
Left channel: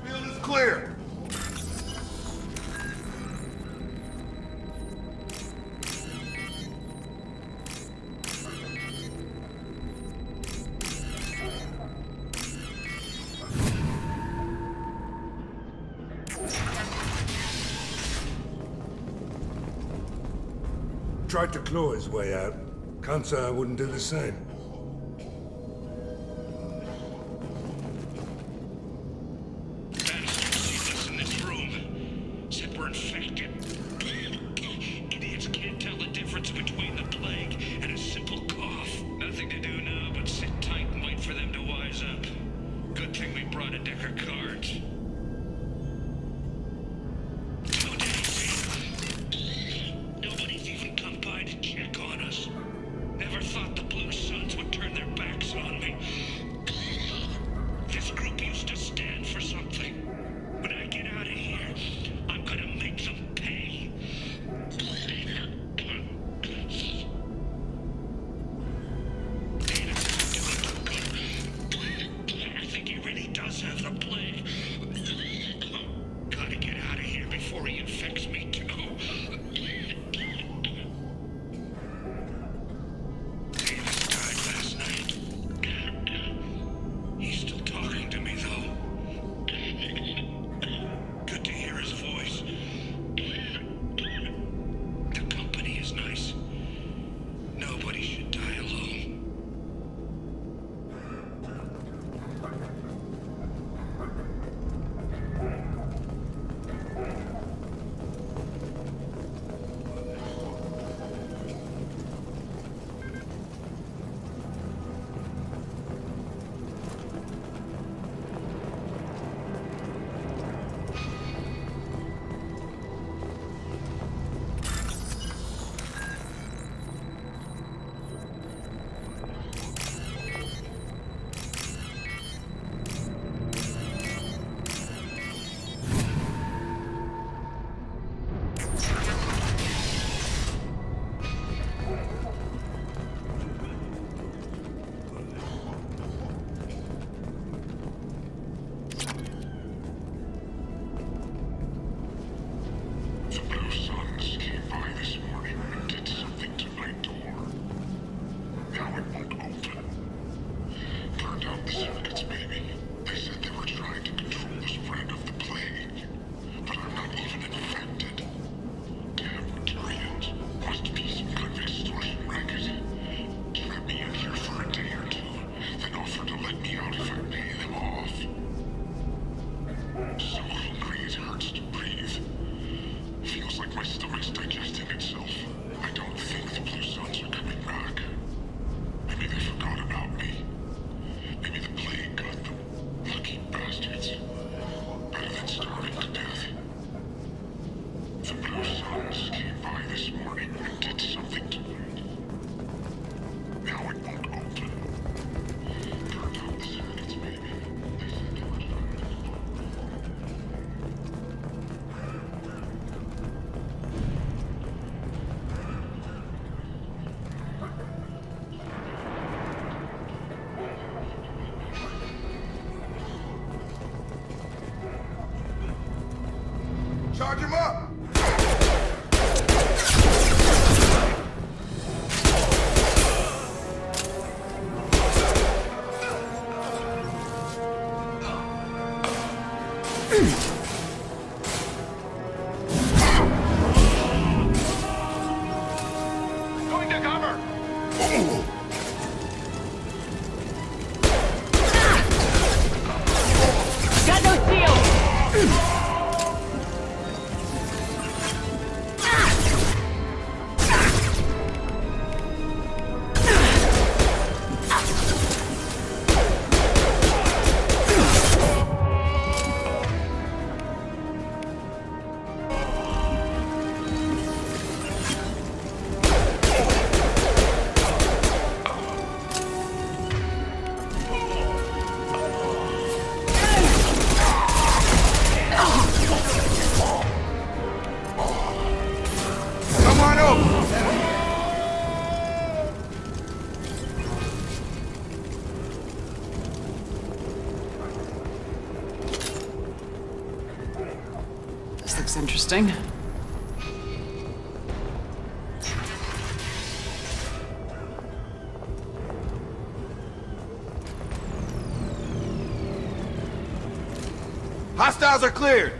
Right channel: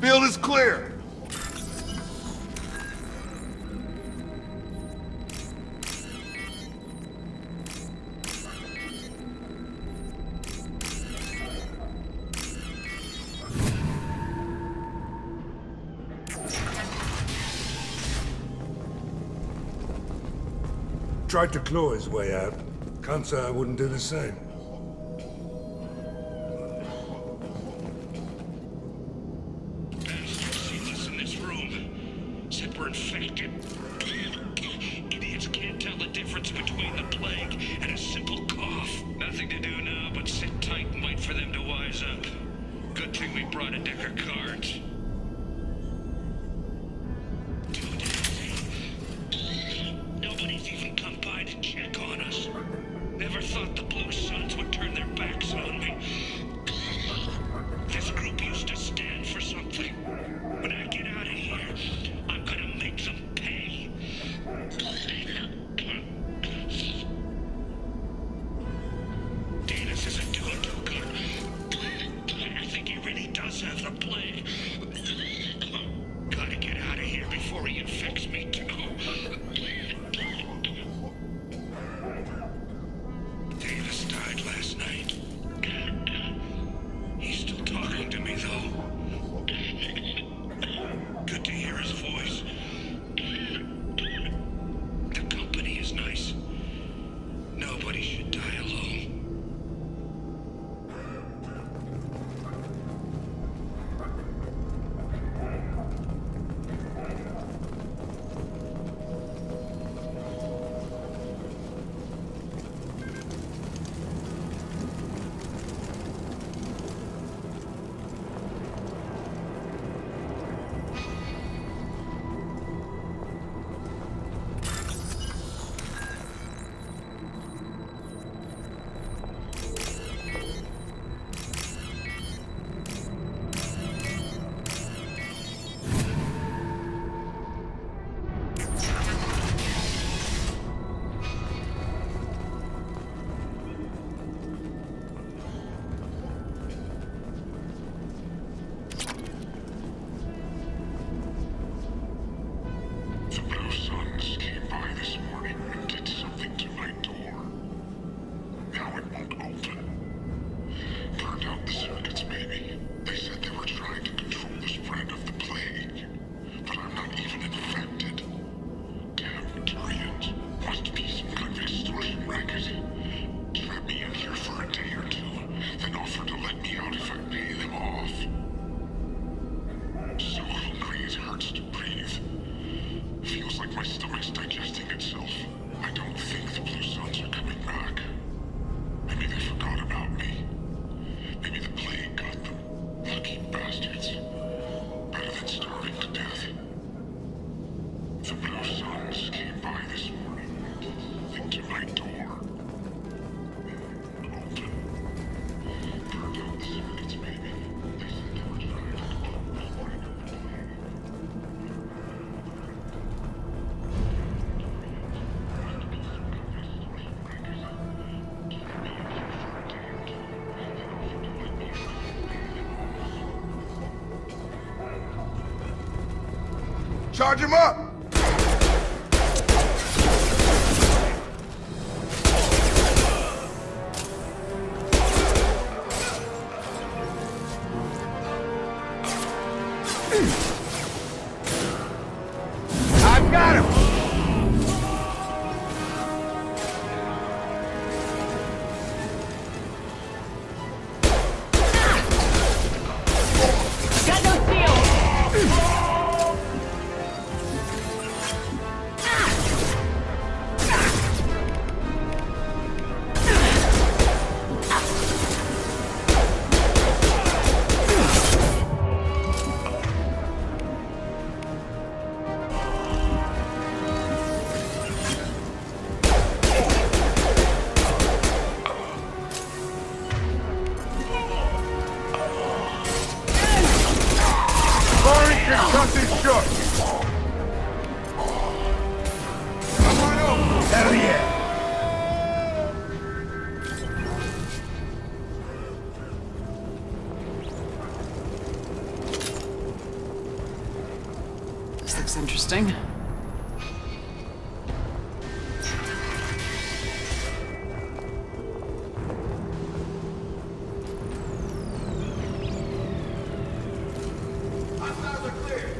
Field is clear. Tried to claw his way out. Can't say I wouldn't do the same. Idiots can't tell the difference between the plague and a simple cough. Nothing to do now but sit tight and wait for them to wise up. Good thing we brought a deck of cards. 2 days in. Nobody's even come by to check on us. Never thought the Blue Suns would turn their backs on me. This group used to stand for something. When I get out of here, I'm gonna make them pay. Davis isn't doing too good. I think he really does have the plague. Gotta get out of here before he infects me too. Davis died last night. He's still talking to me though. Good to hear his voice. The company is nice. Nobody should die alone. The Blue Suns came by this morning and did something to my door. Now it won't Charge him up! I got him! Going to cover! Got no shield! Come on over! Hell yeah! This looks interesting. Hostiles are cleared!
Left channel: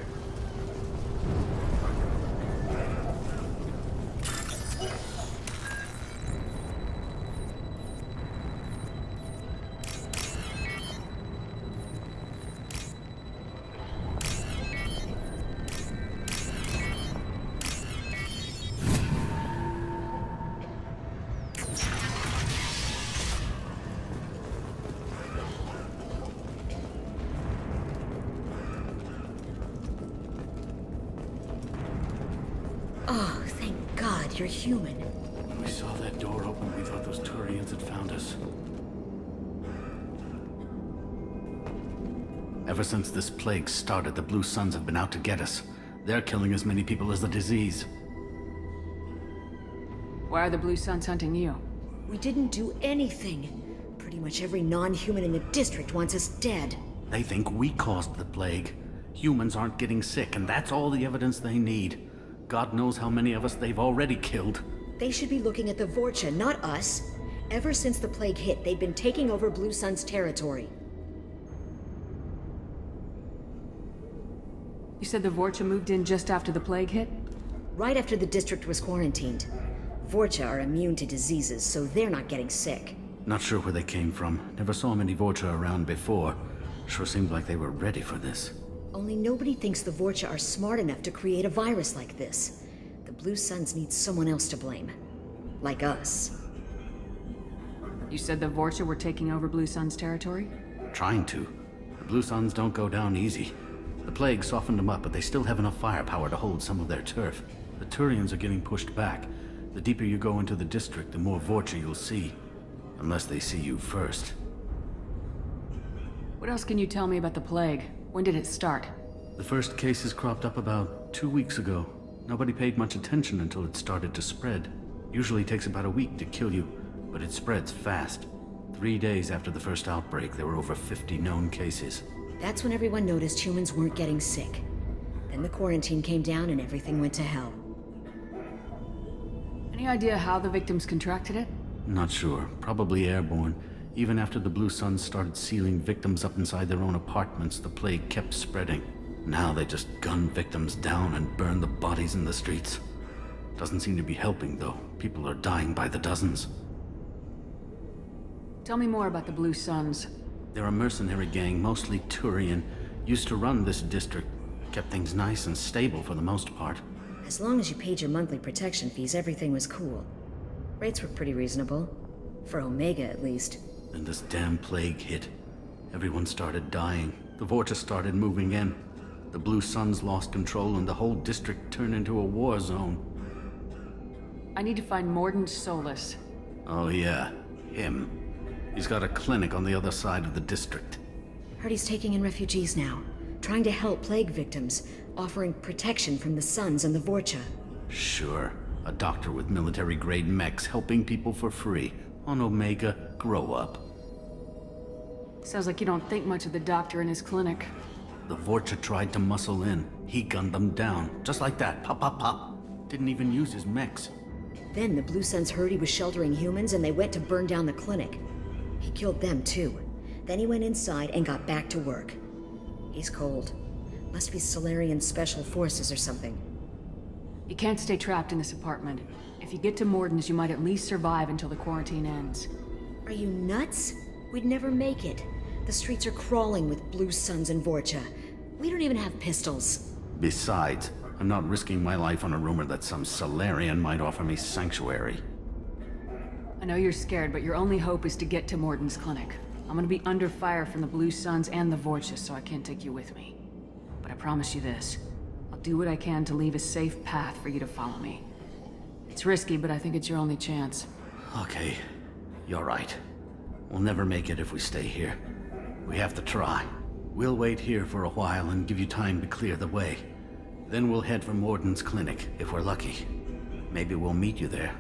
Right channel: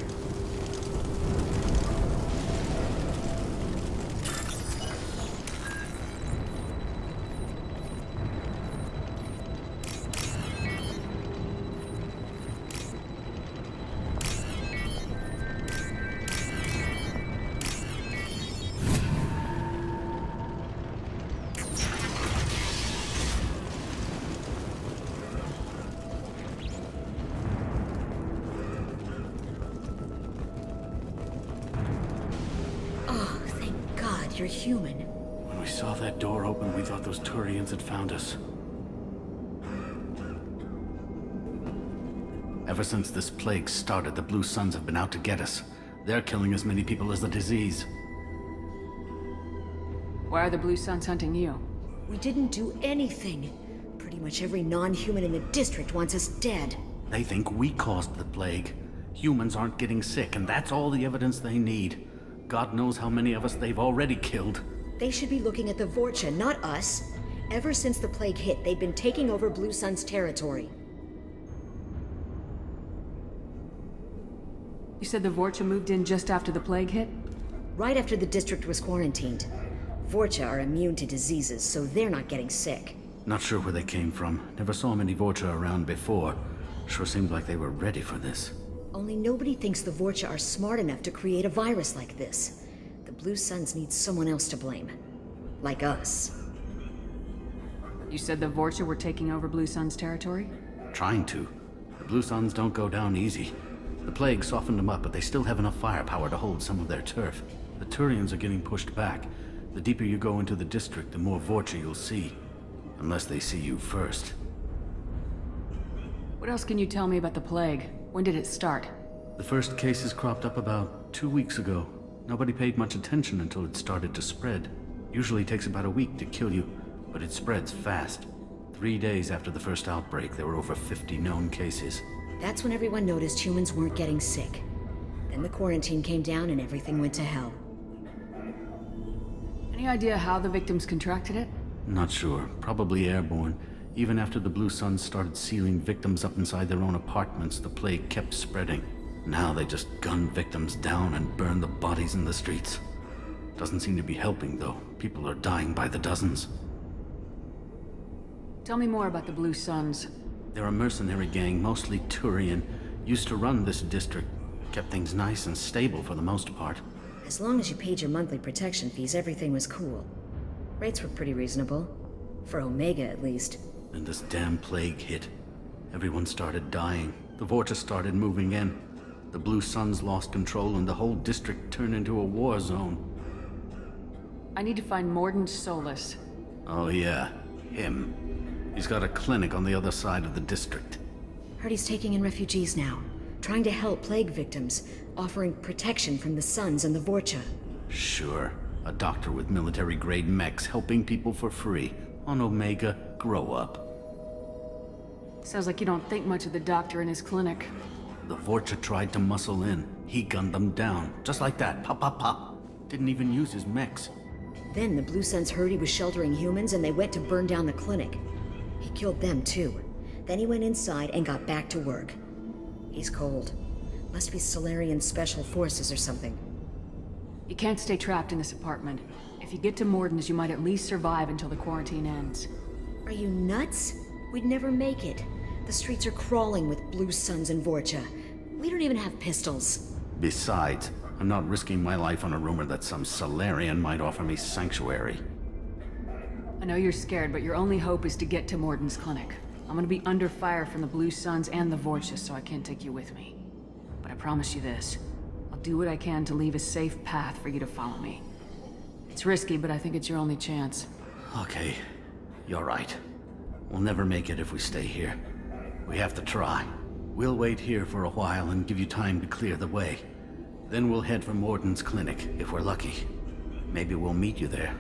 Oh, thank God you're human. When we saw that door open, we thought those Turians had found us. Ever since this plague started, the Blue Suns have been out to get us. They're killing as many people as the disease. Why are the Blue Suns hunting you? We didn't do anything. Pretty much every non-human in the district wants us dead. They think we caused the plague. Humans aren't getting sick, and that's all the evidence they need. God knows how many of us they've already killed. They should be looking at the Vorcha, not us. Ever since the plague hit, they've been taking over Blue Sun's territory. You said the Vorcha moved in just after the plague hit? Right after the district was quarantined. Vorcha are immune to diseases, so they're not getting sick. Not sure where they came from. Never saw many Vorcha around before. Sure seemed like they were ready for this. Only nobody thinks the Vorcha are smart enough to create a virus like this. The Blue Suns need someone else to blame. Like us. You said the Vorcha were taking over Blue Sun's territory? Trying to. The Blue Suns don't go down easy. The plague softened them up, but they still have enough firepower to hold some of their turf. The Turians are getting pushed back. The deeper you go into the district, the more Vorcha you'll see. Unless they see you first. What else can you tell me about the plague? When did it start? The first cases cropped up about 2 weeks ago. Nobody paid much attention until it started to spread. Usually takes about a week to kill you, but it spreads fast. 3 days after the first outbreak, there were over 50 known cases. That's when everyone noticed humans weren't getting sick. Then the quarantine came down and everything went to hell. Any idea how the victims contracted it? Not sure. Probably airborne. Even after the Blue Suns started sealing victims up inside their own apartments, the plague kept spreading. Now they just gun victims down and burn the bodies in the streets. Doesn't seem to be helping, though. People are dying by the dozens. Tell me more about the Blue Suns. They're a mercenary gang, mostly Turian. Used to run this district. Kept things nice and stable for the most part. As long as you paid your monthly protection fees, everything was cool. Rates were pretty reasonable. For Omega, at least. Then this damn plague hit. Everyone started dying. The Vorcha started moving in. The Blue Suns lost control and the whole district turned into a war zone. I need to find Mordin Solus. Oh yeah, him. He's got a clinic on the other side of the district. Heard he's taking in refugees now. Trying to help plague victims. Offering protection from the Suns and the Vorcha. Sure. A doctor with military-grade mechs helping people for free. On Omega, grow up. Sounds like you don't think much of the doctor in his clinic. The Vorcha tried to muscle in. He gunned them down. Just like that. Pop, pop, pop. Didn't even use his mechs. Then the Blue Suns heard he was sheltering humans and they went to burn down the clinic. He killed them too. Then he went inside and got back to work. He's cold. Must be Solarian Special Forces or something. You can't stay trapped in this apartment. If you get to Morden's, you might at least survive until the quarantine ends. Are you nuts? We'd never make it. The streets are crawling with Blue Suns and Vorcha. We don't even have pistols. Besides, I'm not risking my life on a rumor that some Solarian might offer me sanctuary. I know you're scared, but your only hope is to get to Morden's clinic. I'm gonna be under fire from the Blue Suns and the Vorcha, so I can't take you with me. But I promise you this. I'll do what I can to leave a safe path for you to follow me. It's risky, but I think it's your only chance. Okay, you're right. We'll never make it if we stay here. We have to try. We'll wait here for a while and give you time to clear the way. Then we'll head for Morden's clinic, if we're lucky. Maybe we'll meet you there.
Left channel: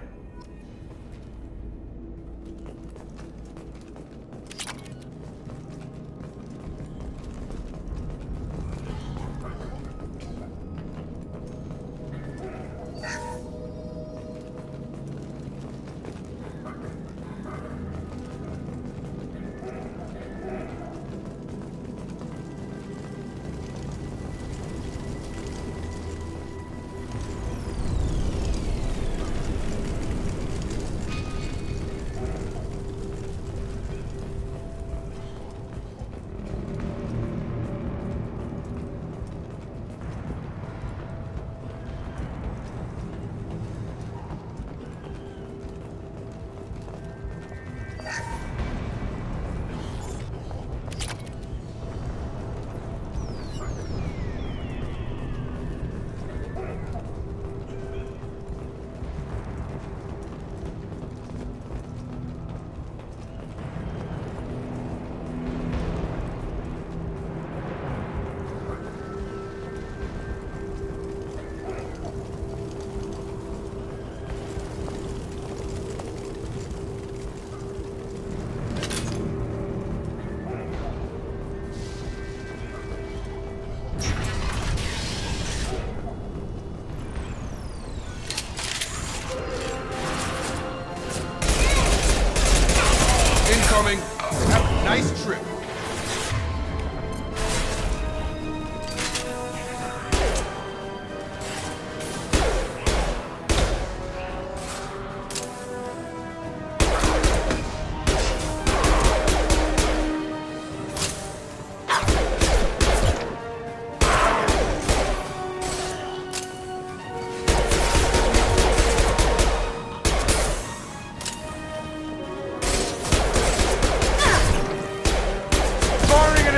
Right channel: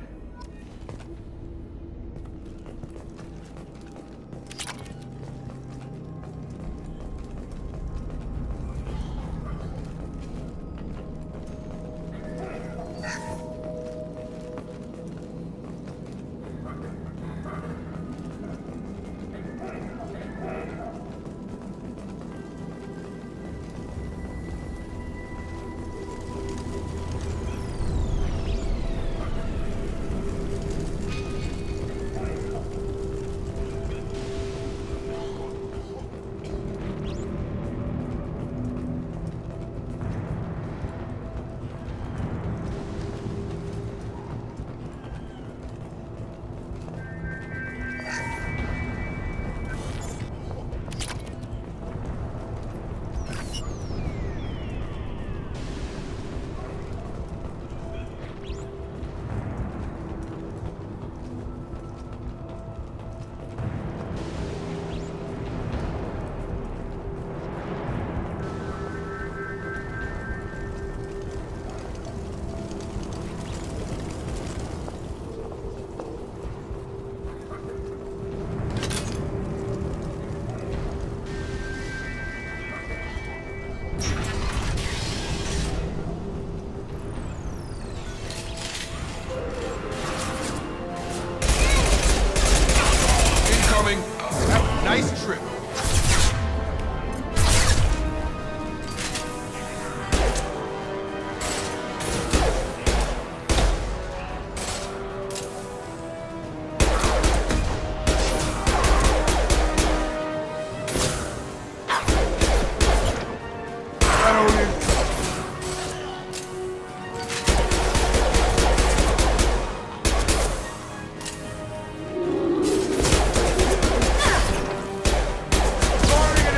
Incoming. Have a nice trip.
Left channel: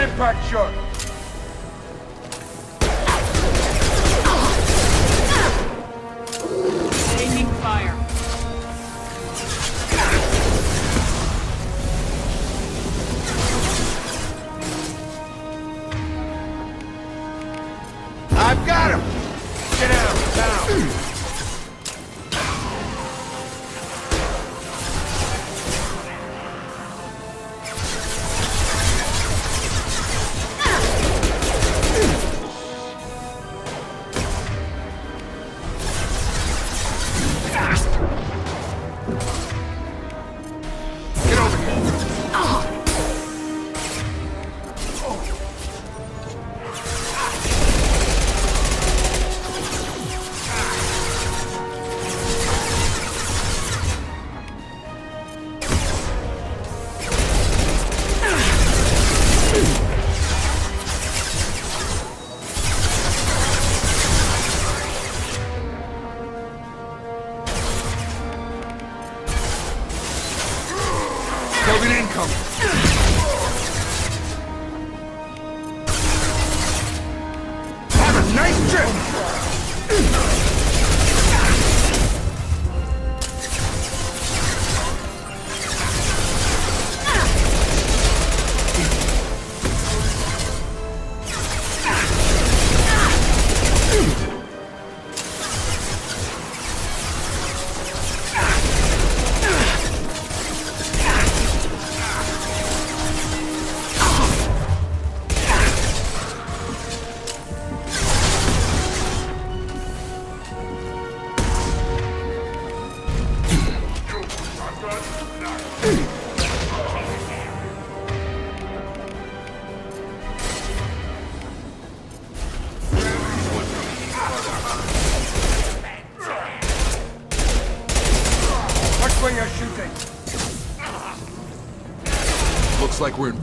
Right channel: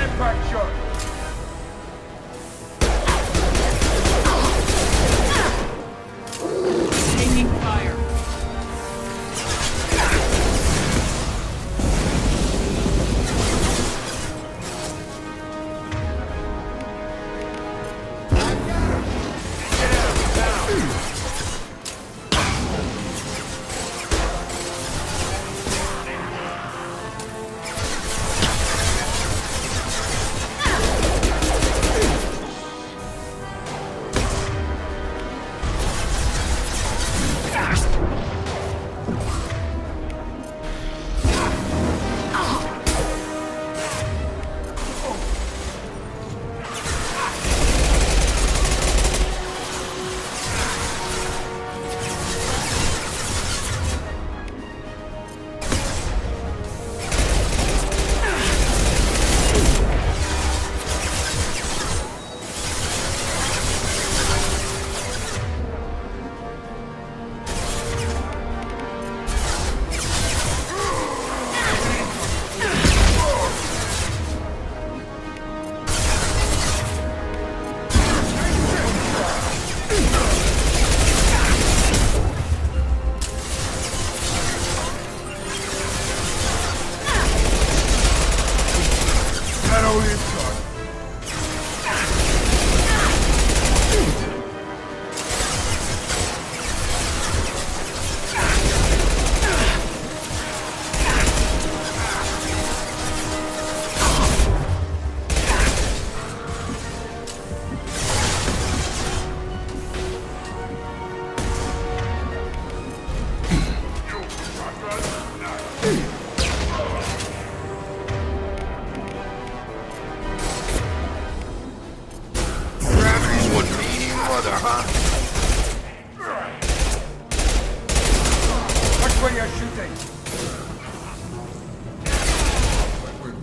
Impact shot. Taking fire. I've got him. Get out now.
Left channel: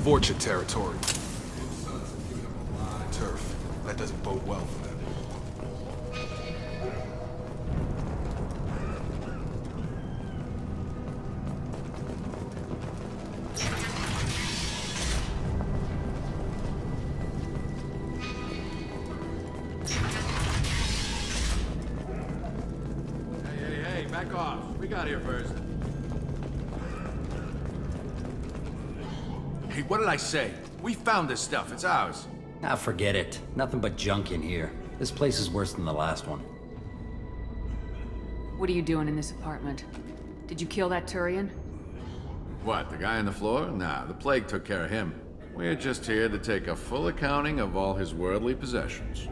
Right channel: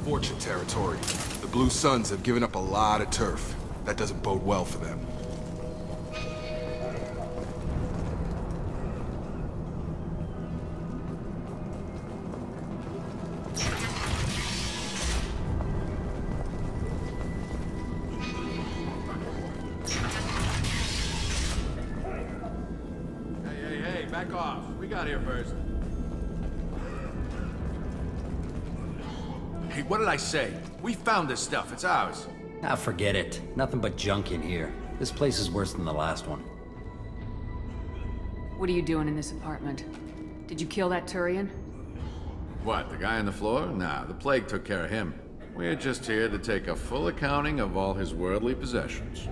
Vorcha territory. The Blue Suns have given up a lot of turf. That doesn't bode well for them. Hey, back off. We got here first. Hey, what did I say? We found this stuff. It's ours. Ah, forget it. Nothing but junk in here. This place is worse than the last one. What are you doing in this apartment? Did you kill that Turian? What, the guy on the floor? Nah, the plague took care of him. We're just here to take a full accounting of all his worldly possessions.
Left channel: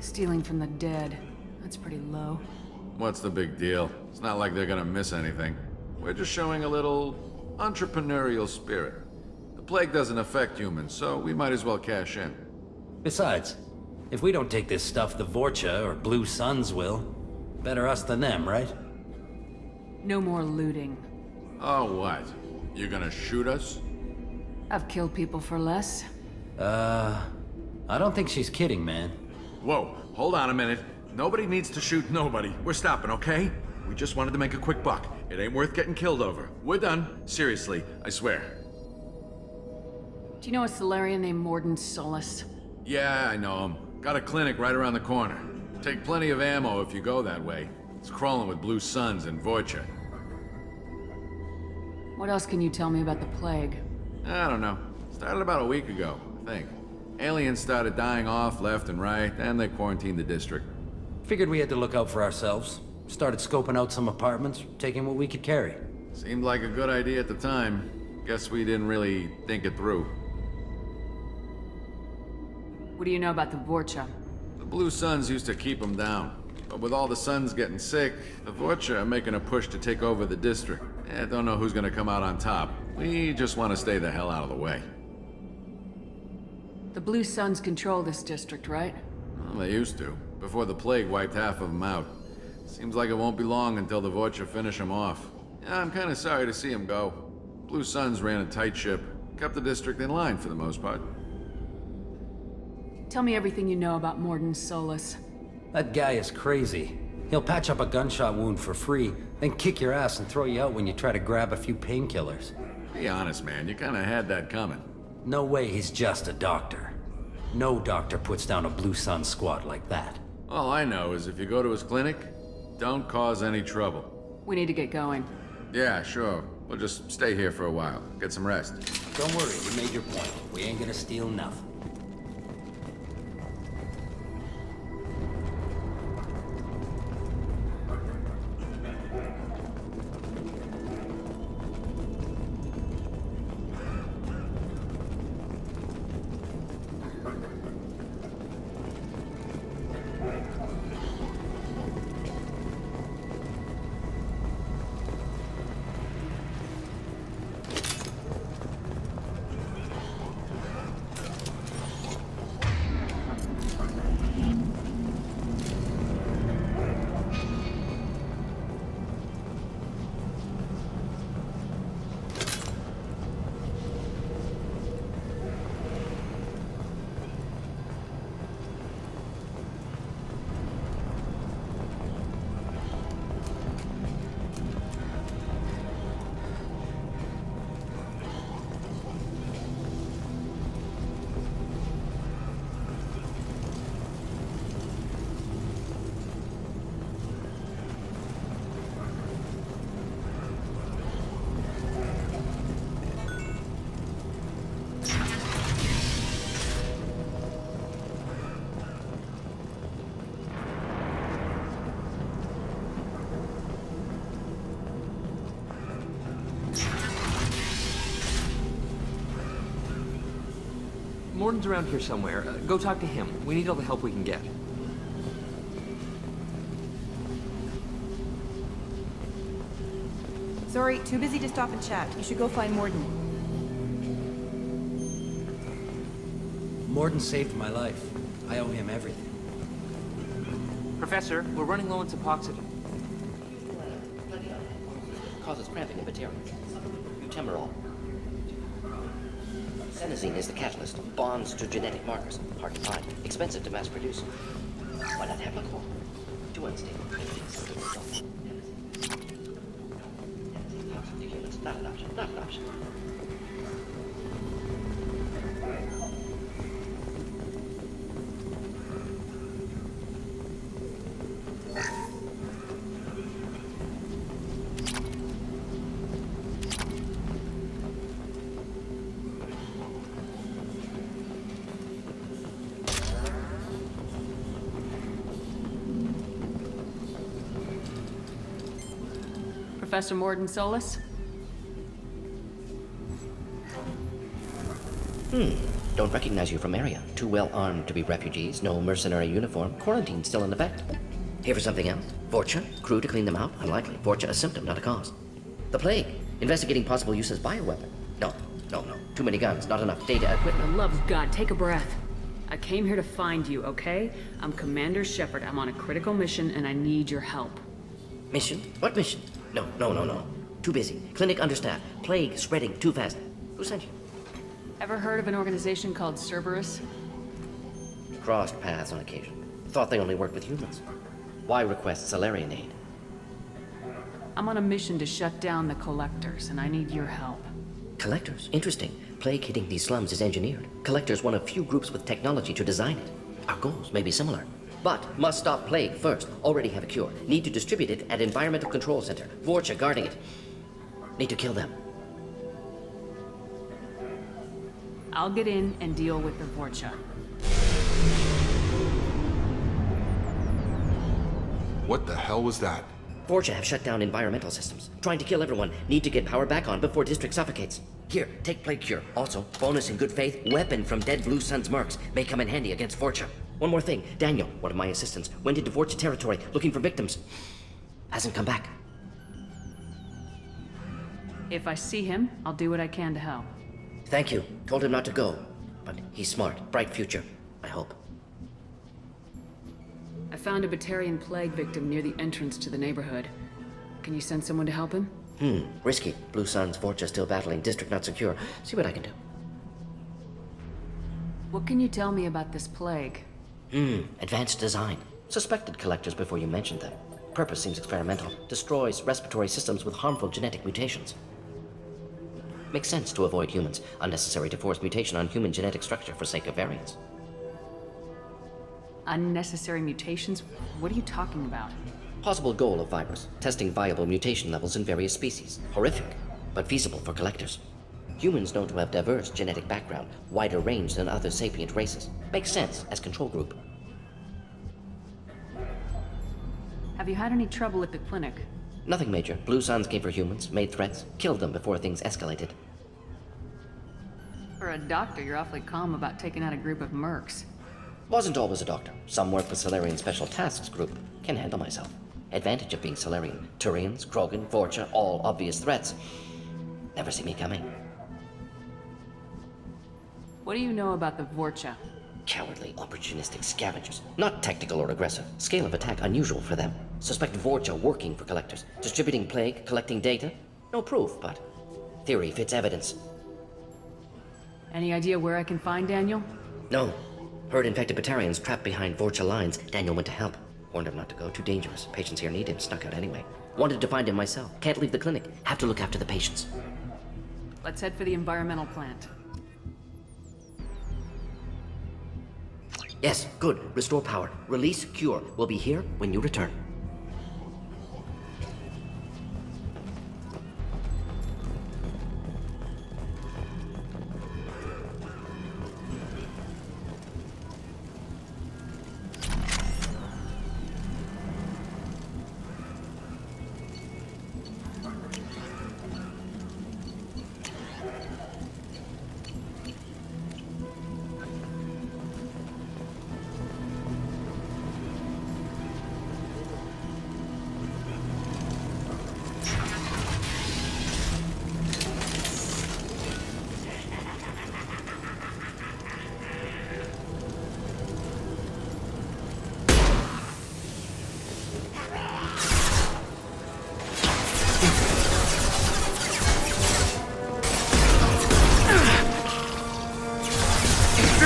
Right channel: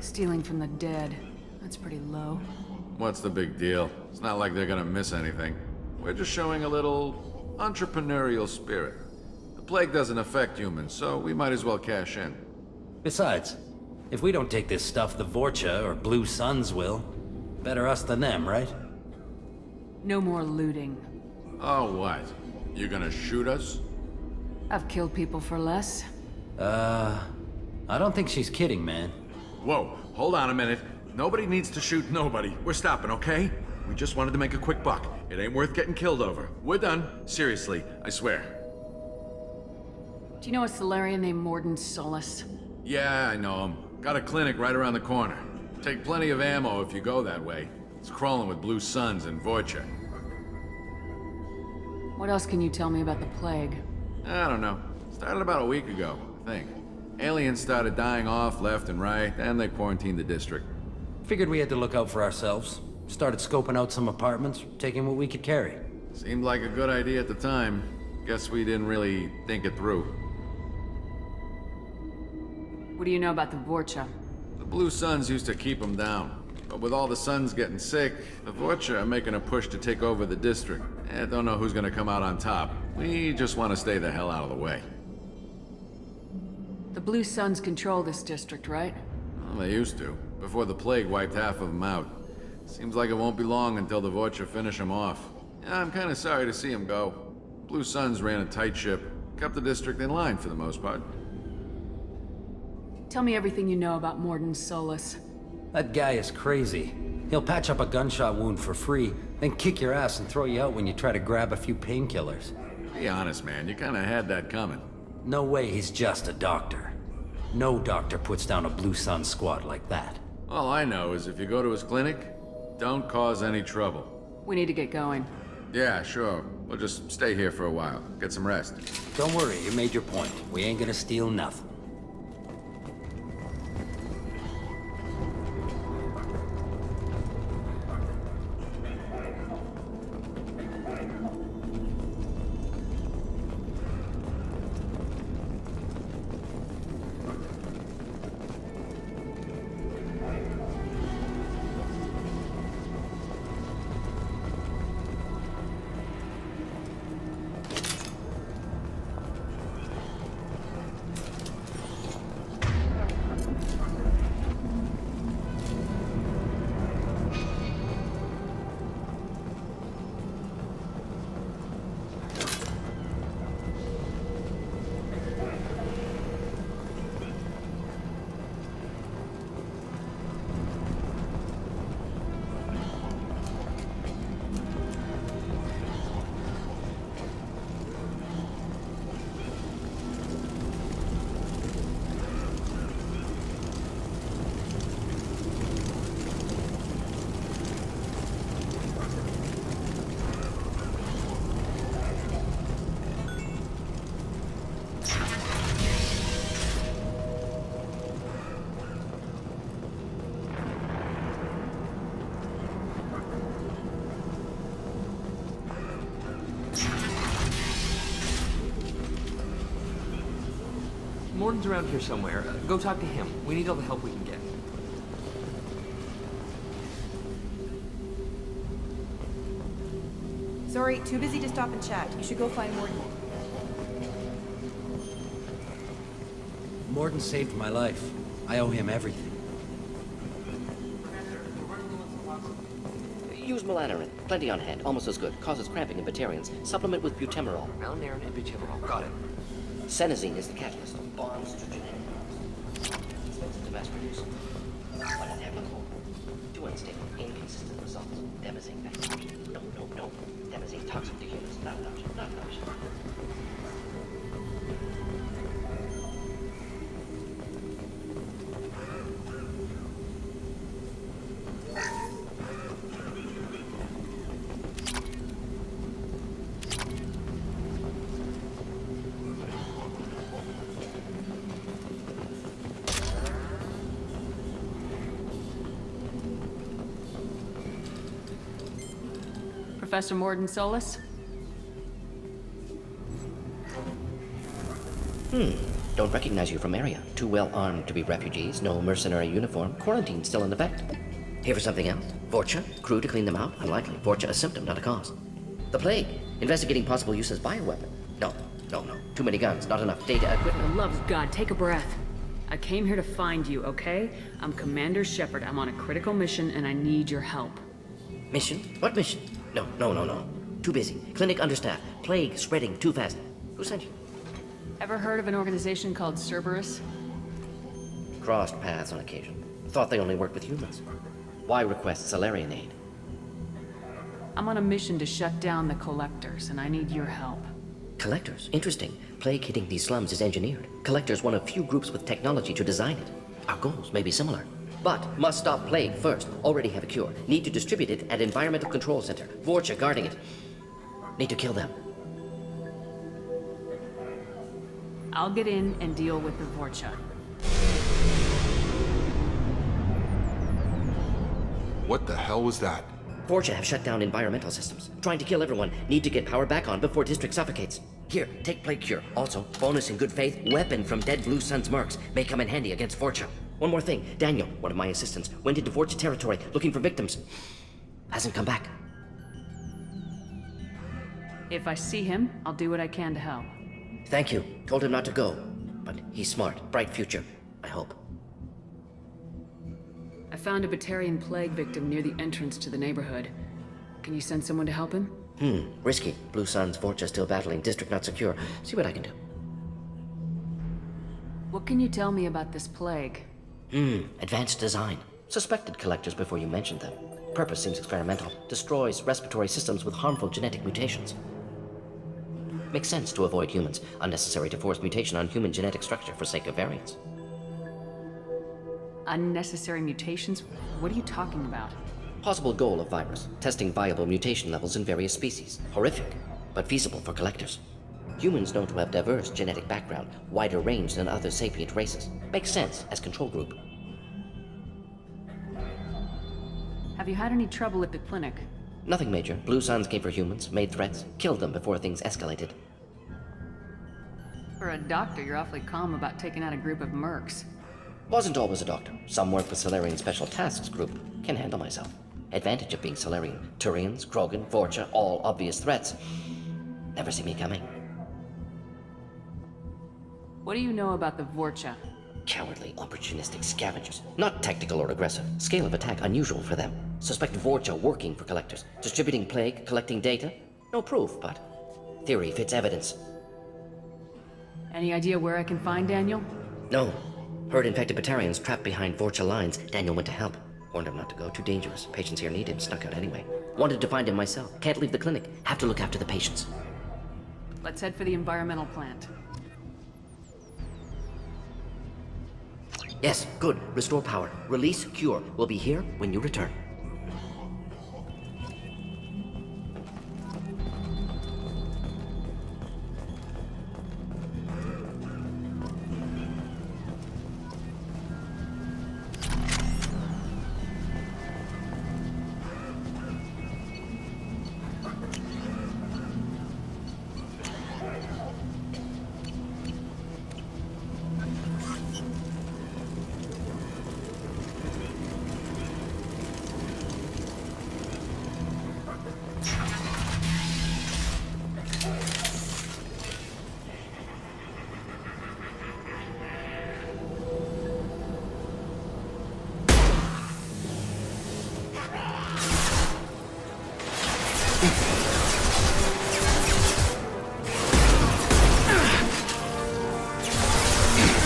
Stealing from the dead. That's pretty low. What's the big deal? It's not like they're gonna miss anything. We're just showing a little entrepreneurial spirit. The plague doesn't affect humans, so we might as well cash in. Besides, if we don't take this stuff, the Vorcha or Blue Suns will. Better us than them, right? No more looting. Oh, what? You gonna shoot us? I've killed people for less. I don't think she's kidding, man. Whoa, hold on a minute. Nobody needs to shoot nobody. We're stopping, okay? We just wanted to make a quick buck. It ain't worth getting killed over. We're done. Seriously, I swear. Do you know a Solarian named Morden Solus? Yeah, I know him. Got a clinic right around the corner. Take plenty of ammo if you go that way. It's crawling with Blue Suns and Vorcha. What else can you tell me about the plague? I don't know. Started about a week ago, I think. Aliens started dying off left and right, and they quarantined the district. Figured we had to look out for ourselves. Started scoping out some apartments, taking what we could carry. Seemed like a good idea at the time. Guess we didn't really think it through. What do you know about the Vorcha? The Blue Suns used to keep them down. But with all the Suns getting sick, the Vorcha are making a push to take over the district. Don't know who's gonna come out on top. We just want to stay the hell out of the way. The Blue Suns control this district, right? Well, they used to, before the plague wiped half of them out. Seems like it won't be long until the Vorcha finish them off. Yeah, I'm kinda sorry to see them go. Blue Suns ran a tight ship, kept the district in line for the most part. Tell me everything you know about Morden Solus. That guy is crazy. He'll patch up a gunshot wound for free, then kick your ass and throw you out when you try to grab a few painkillers. Be honest, man, you kinda had that coming. No way he's just a doctor. No doctor puts down a Blue Sun squad like that. All I know is if you go to his clinic, don't cause any trouble. We need to get going. Yeah, sure. We'll just stay here for a while. Get some rest. Don't worry, you made your point. We ain't gonna steal nothing. Morden's around here somewhere. Go talk to him. We need all the help we can get. Sorry, too busy to stop and chat. You should go find Morden. Morden saved my life. I owe him everything. Professor, we're running low on Suboxone. Use Use melanorin. Plenty on hand. Almost as good. Causes cramping in Batarians. Supplement with butemerol. Melanorin and butemerol. Got it. Senesine is the catalyst. Bonds to genetic markers. Hard to find. Expensive to mass produce. Why not have a call? Too unstable. Inconsistent results. Devastating. No. Devastating. Toxic to humans. Not an option. Not an option. Professor Morden Solus? Don't recognize you from area. Too well armed to be refugees. No mercenary uniform. Quarantine still in effect. Here for something else? Vorcha? Crew to clean them out? Unlikely. Vorcha a symptom, not a cause. The plague. Investigating possible use as bioweapon. No. Too many guns. Not enough data For equipment. the love of God, take a breath. I came here to find you, okay? I'm Commander Shepard. I'm on a critical mission and I need your help. Mission? What mission? No. Too busy. Clinic understaffed. Plague spreading too fast. Who sent you? Ever heard of an organization called Cerberus? Crossed paths on occasion. Thought they only worked with humans. Why request Salarian aid? I'm on a mission to shut down the Collectors, and I need your help. Collectors? Interesting. Plague hitting these slums is engineered. Collectors one of few groups with technology to design it. Our goals may be similar. But must stop plague first. Already have a cure. Need to distribute it at Environmental Control Center. Vorcha guarding it. Need to kill them. I'll get in and deal with the Vorcha. What the hell was that? Vorcha have shut down environmental systems. Trying to kill everyone. Need to get power back on before district suffocates. Here, take plague cure. Also, bonus in good faith, weapon from dead Blue Sun's mercs. May come in handy against Vorcha. One more thing. Daniel, one of my assistants, went into Vorcha territory looking for victims. Hasn't come back. If I see him, I'll do what I can to help. Thank you. Told him not to go. But he's smart. Bright future. I hope. I found a Batarian plague victim near the entrance to the neighborhood. Can you send someone to help him? Risky. Blue Sun's Vorcha still battling. District not secure. See what I can do. What can you tell me about this plague? Advanced design. Suspected collectors before you mentioned them. Purpose seems experimental. Destroys respiratory systems with harmful genetic mutations. Makes sense to avoid humans. Unnecessary to force mutation on human genetic structure for sake of variance. Unnecessary mutations? What are you talking about? Possible goal of virus. Testing viable mutation levels in various species. Horrific, but feasible for collectors. Humans known to have diverse genetic background, wider range than other sapient races. Makes sense as control group. Have you had any trouble at the clinic? Nothing major. Blue Suns came for humans, made threats, killed them before things escalated. For a doctor, you're awfully calm about taking out a group of mercs. Wasn't always a doctor. Some work with Salarian Special Tasks Group. Can handle myself. Advantage of being Salarian. Turians, Krogan, Vorcha, all obvious threats. Never see me coming. What do you know about the Vorcha? Cowardly, opportunistic scavengers. Not tactical or aggressive. Scale of attack unusual for them. Suspect Vorcha working for collectors. Distributing plague, collecting data. No proof, but theory fits evidence. Any idea where I can find Daniel? No. Heard infected Batarians trapped behind Vorcha lines. Daniel went to help. Warned him not to go. Too dangerous. Patients here need him. Snuck out anyway. Wanted to find him myself. Can't leave the clinic. Have to look after the patients. Let's head for the environmental plant. Yes, good. Restore power. Release cure. We'll be here when you return.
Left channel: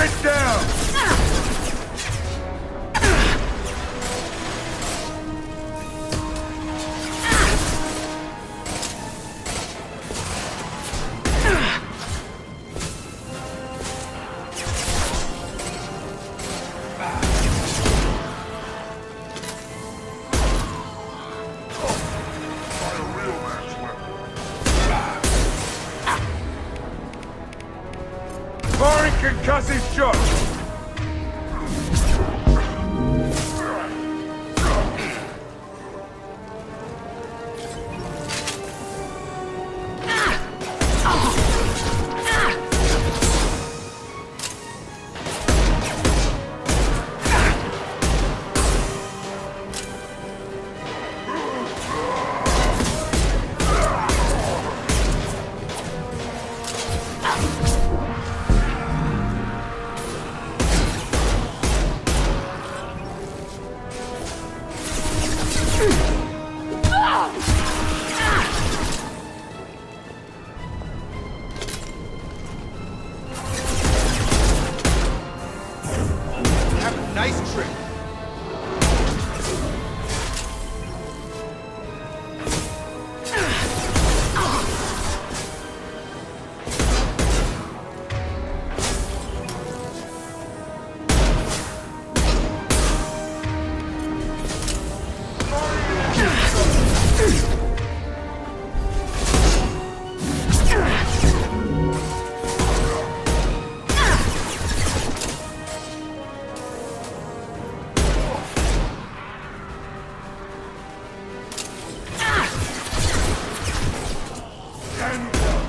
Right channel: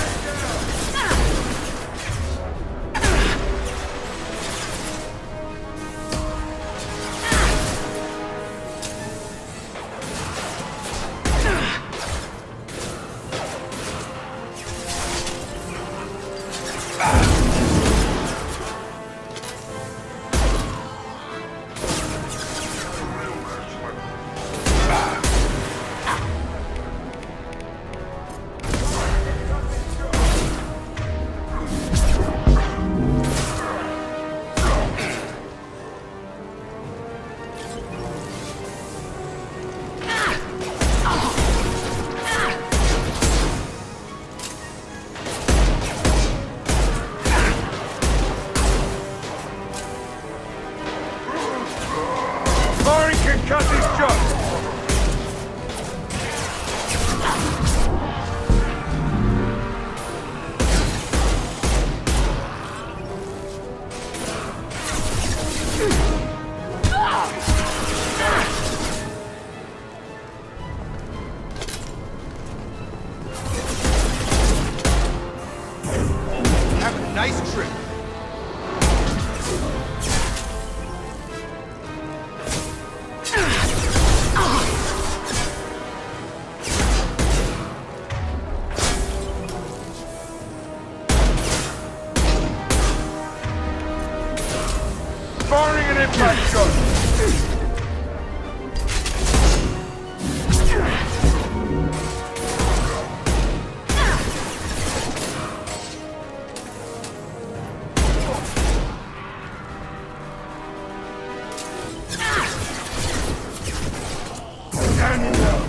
Get down! Foreign concussive shock! Foreign concussive shock! Have a nice trip. Firing an impact shot! Down you go!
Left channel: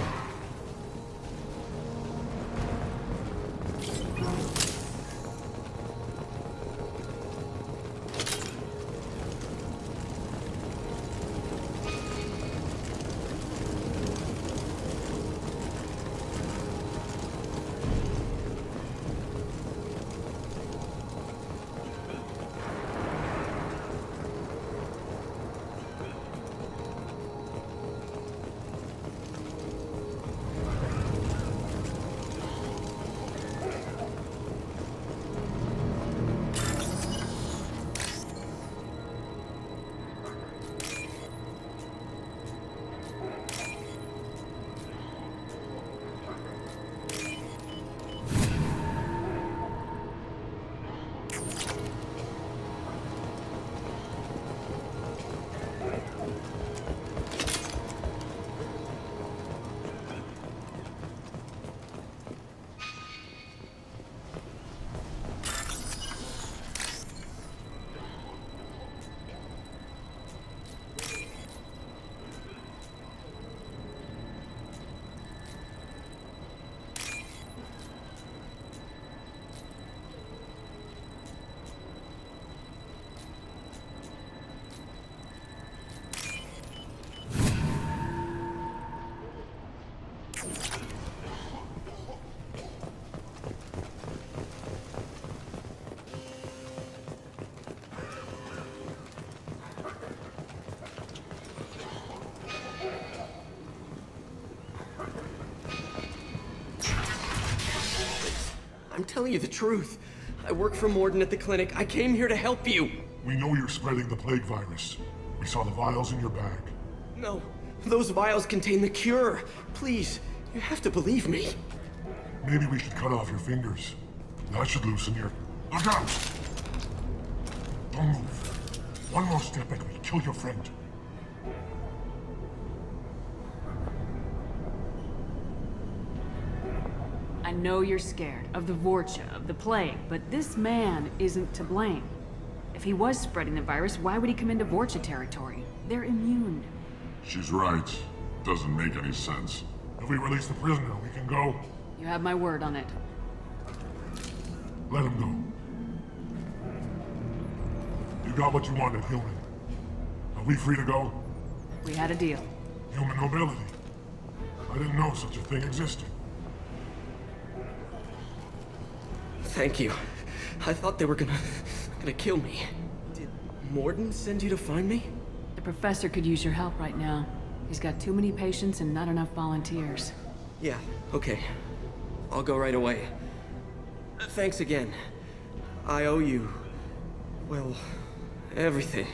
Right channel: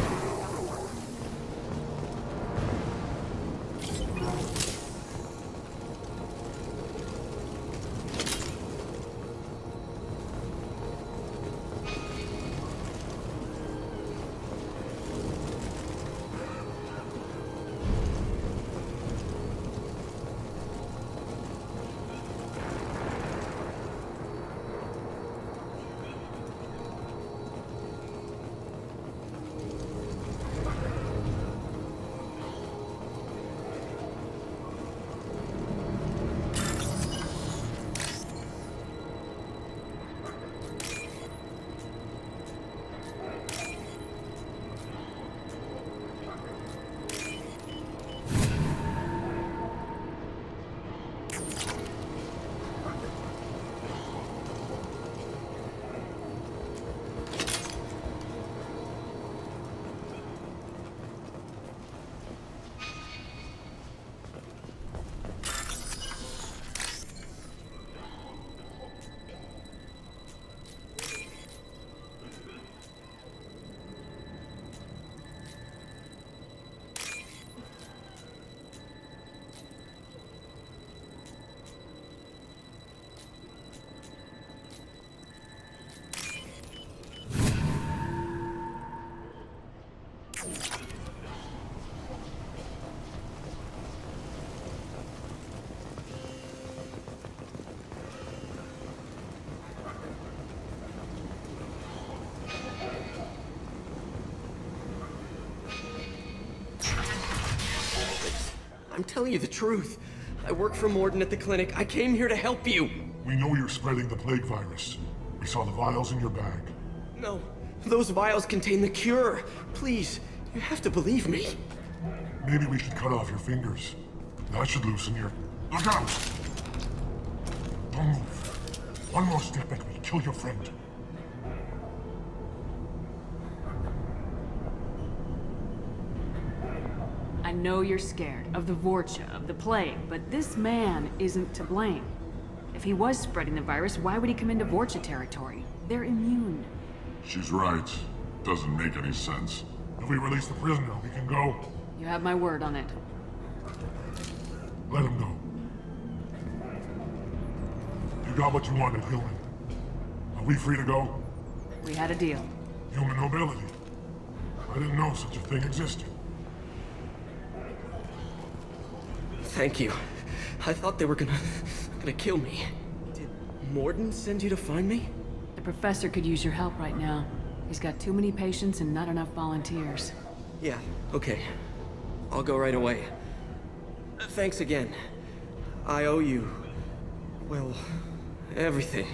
I'm telling you the truth. I work for Morden at the clinic. I came here to help you. We know you're spreading the plague virus. We saw the vials in your bag. No, those vials contain the cure. Please, you have to believe me. Maybe we should cut off your fingers. That should loosen your... Look out! Don't move. One more step and we kill your friend. I know you're scared of the Vorcha, of the plague, but this man isn't to blame. If he was spreading the virus, why would he come into Vorcha territory? They're immune. She's right. Doesn't make any sense. If we release the prisoner, we can go. You have my word on it. Let him go. You got what you wanted, human. Are we free to go? We had a deal. Human nobility. I didn't know such a thing existed. Thank you. I thought they were gonna kill me. Did Morden send you to find me? The professor could use your help right now. He's got too many patients and not enough volunteers. Yeah, okay. I'll go right away. Thanks again. I owe you, well, everything.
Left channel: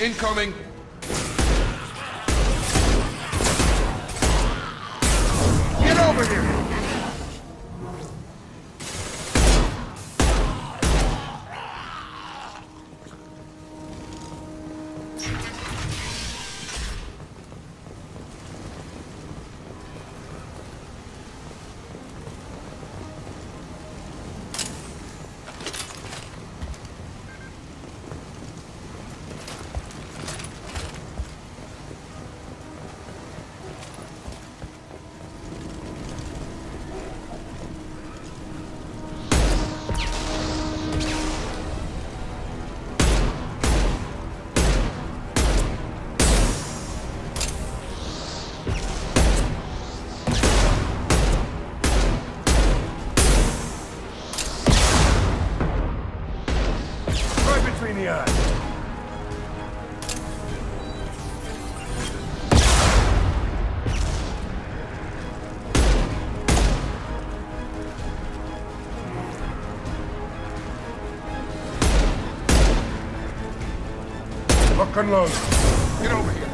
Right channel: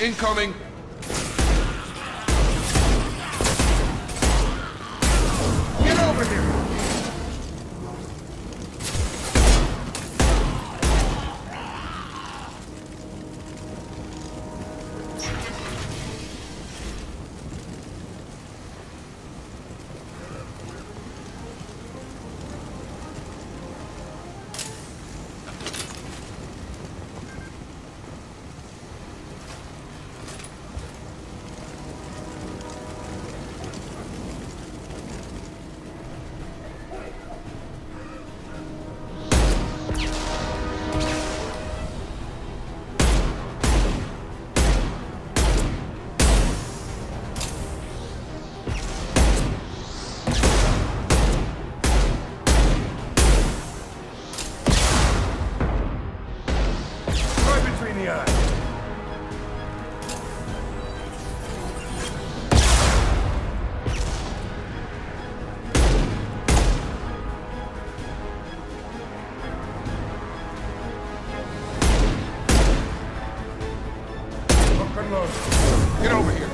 Incoming! Get over here! Between the eyes. Lock and load. Get over here.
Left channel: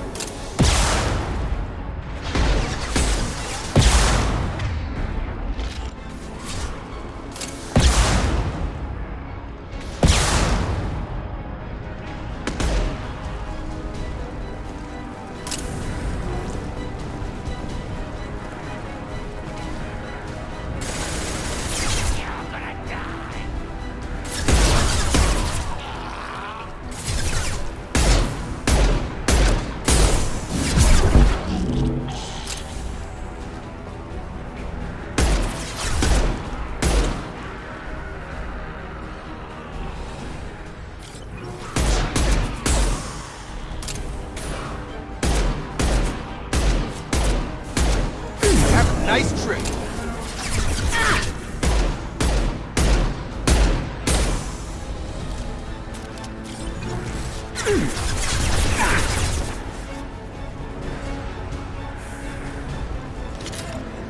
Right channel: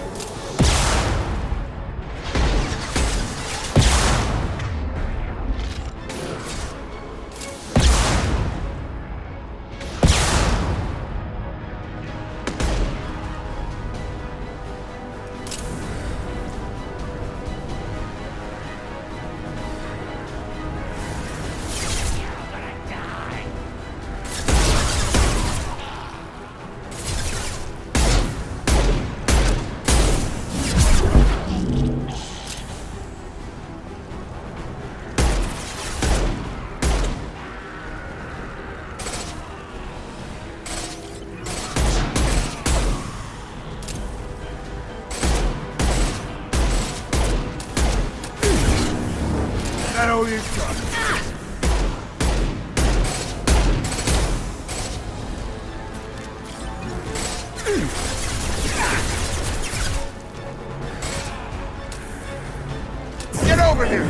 That all you Get over here!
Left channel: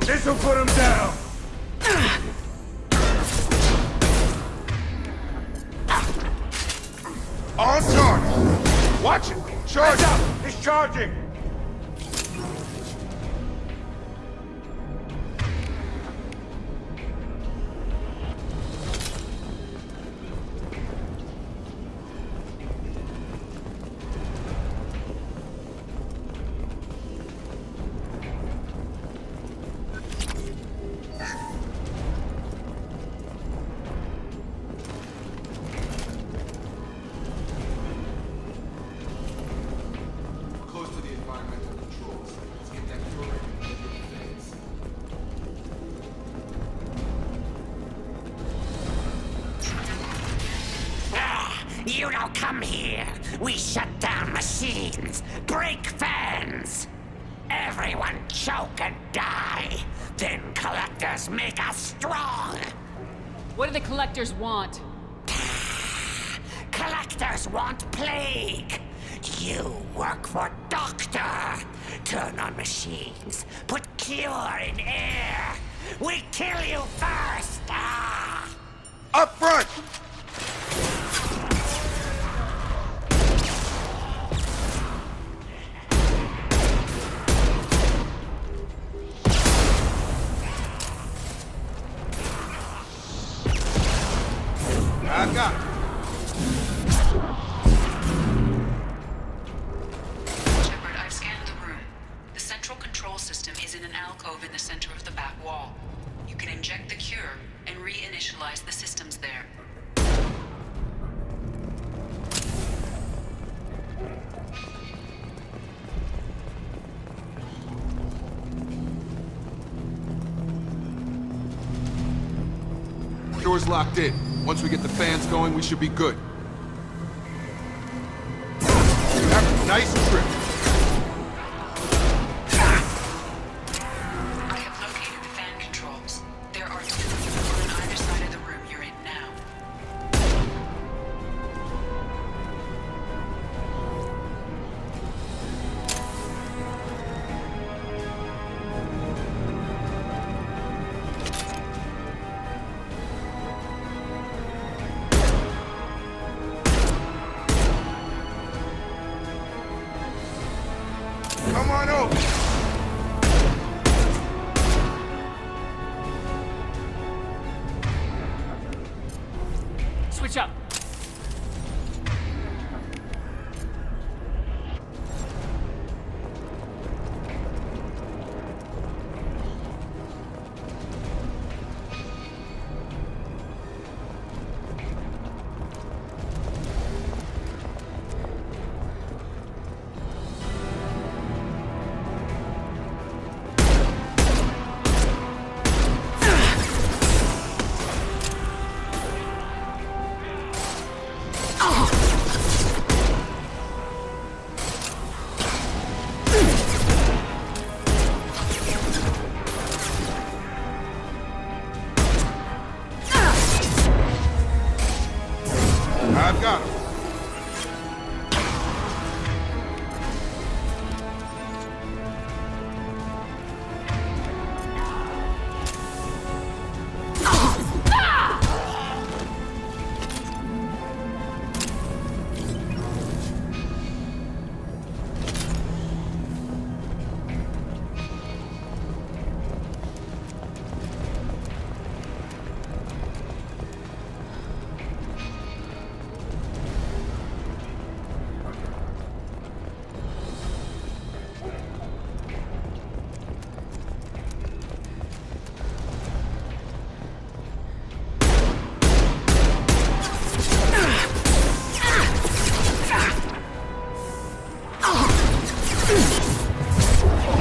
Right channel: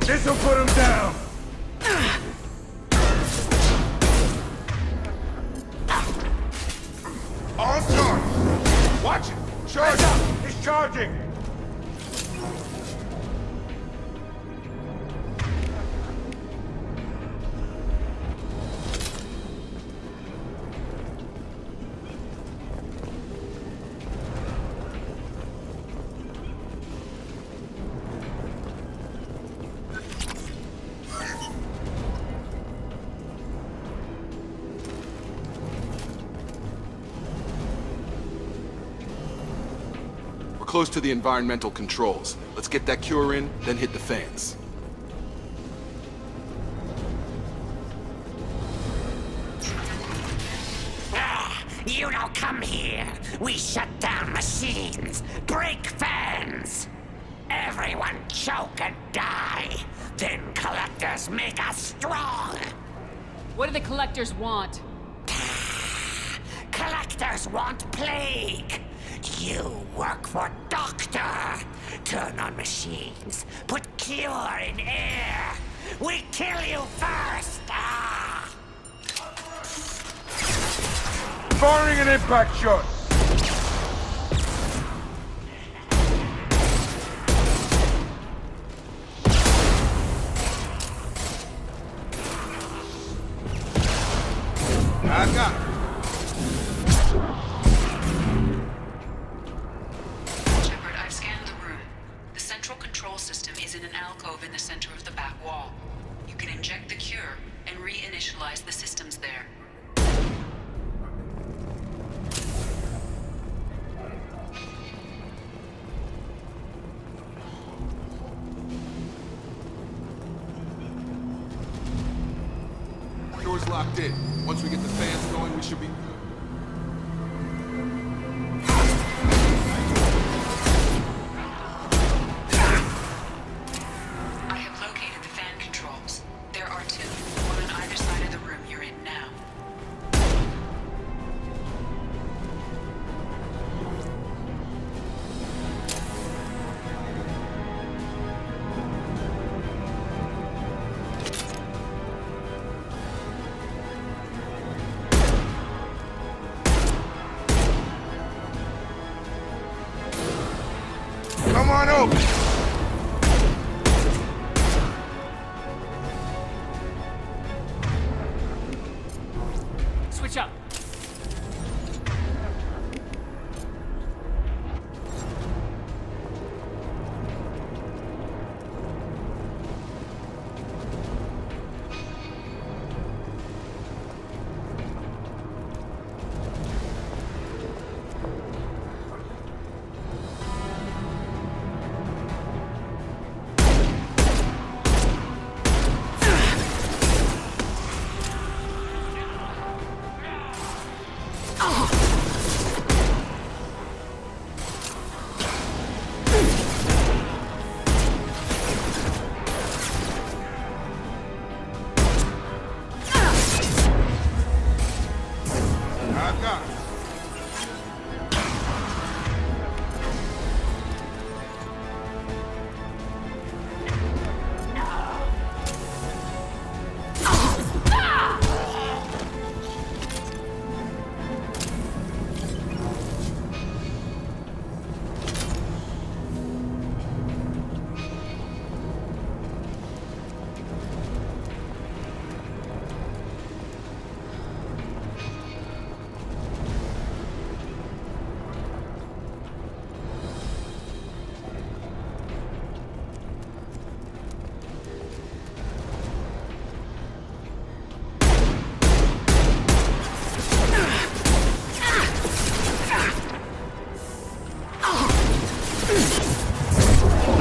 This'll put him down! On target! Watch it! Charge up! He's charging! Close to the environmental controls. Let's get that cure in, then hit the fans. You don't come here. We shut down machines, break fans. Everyone choke and die. Then collectors make us strong. What do the collectors want? Collectors want plague. You work for Doctor. Turn on machines. Put cure in air. We kill you first. Up front! Firing an impact shot. I got it. Shepard, I've scanned the room. The central control system is in an alcove in the center of the back wall. You can inject the cure and reinitialize the systems there. Door's locked in. Once we get the fans going, we should be good. Nice trick. I have located the fan controls. There are two, one on either side of the room you're in now. Come on over. Switch up. I've got him.